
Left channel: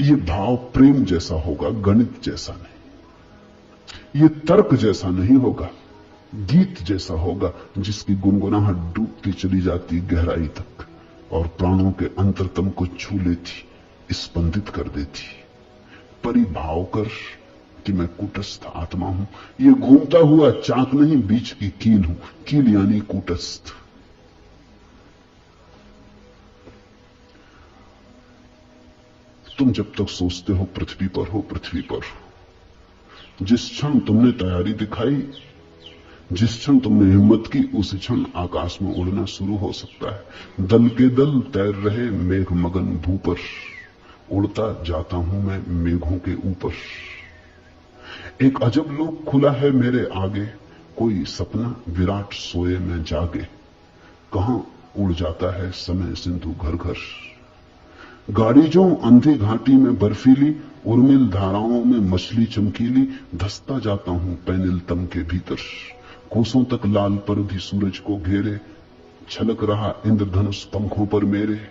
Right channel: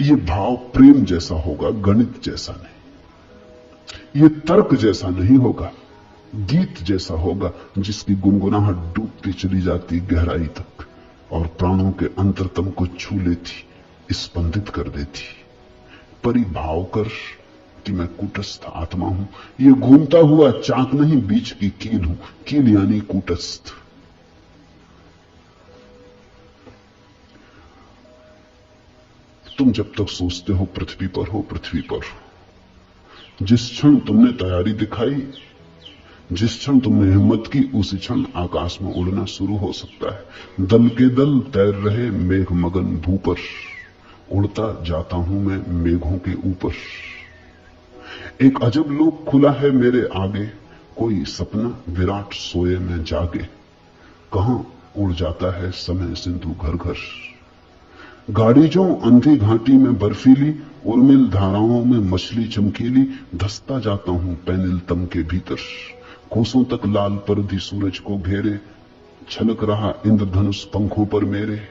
ये भाव प्रेम जैसा होगा, गणित जैसा नहीं। ये तर्क जैसा नहीं होगा, गीत जैसा होगा जिसकी गुनगुनाहट डूबती चली जाती गहराई तक और प्राणों के अंतरतम को छू लेती, स्पंदित कर देती। परिभाव कर कि मैं कूटस्थ आत्मा हूं। ये घूमता हुआ चाक नहीं, बीच की कील हूं। कील यानी कूटस्थ। तुम जब तक सोचते हो पृथ्वी पर हो, पृथ्वी पर हो। जिस क्षण तुमने तैयारी दिखाई, जिस क्षण तुमने हिम्मत की, उस क्षण आकाश में उड़ना शुरू हो सकता है। दल के दल तैर रहे मेघ मगन भू पर, उड़ता जाता हूं मैं मेघों के ऊपर। एक अजब लोक खुला है मेरे आगे, कोई सपना विराट सोए में जागे। कहां उड़ जाता है समय सिंधु घर घर। गाड़ी जो अंधी घाटी में बर्फीली, उर्मिल धाराओं में मछली चमकीली, धसता जाता हूं पैनिल तम के भीतर। कोसों तक लाल परधी सूरज को घेरे, छलक रहा इंद्रधनुष पंखों पर मेरे।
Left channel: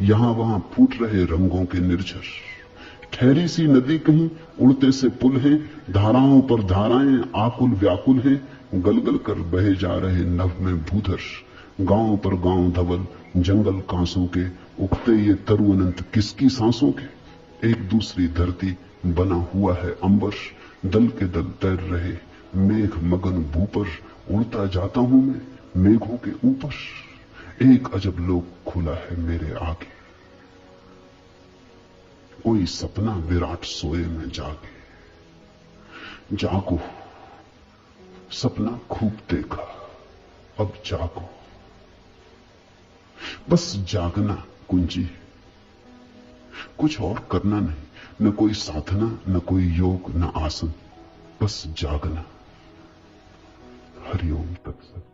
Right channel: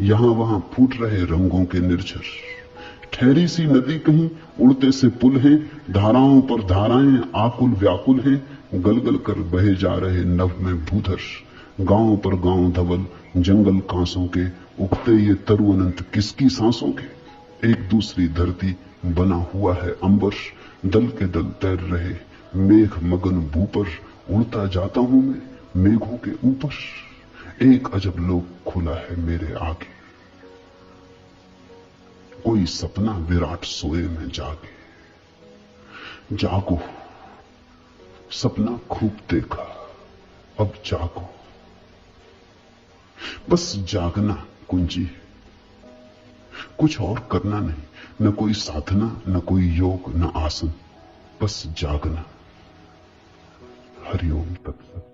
यहां वहां फूट रहे रंगों के निर्झर, ठहरी सी नदी कहीं उड़ते से पुल हैं। धाराओं पर धाराएं आकुल व्याकुल हैं, गलगल कर बहे जा रहे नभ में भूधर। गांव पर गांव धवल, जंगल कांसों के, उगते ये तरु अनंत किसकी सांसों के। एक दूसरी धरती बना हुआ है अंबर, दल के दल तैर रहे मेघ मगन भू पर। उड़ता जाता हूं मैं मेघों के ऊपर। एक अजब लोक खुला है मेरे आगे, कोई सपना विराट सोए में जागे। जागो, सपना खूब देखा, अब जागो। बस जागना कुंजी है, कुछ और करना नहीं। न कोई साधना, न कोई योग, न आसन, बस जागना। हरिओम तत्सत।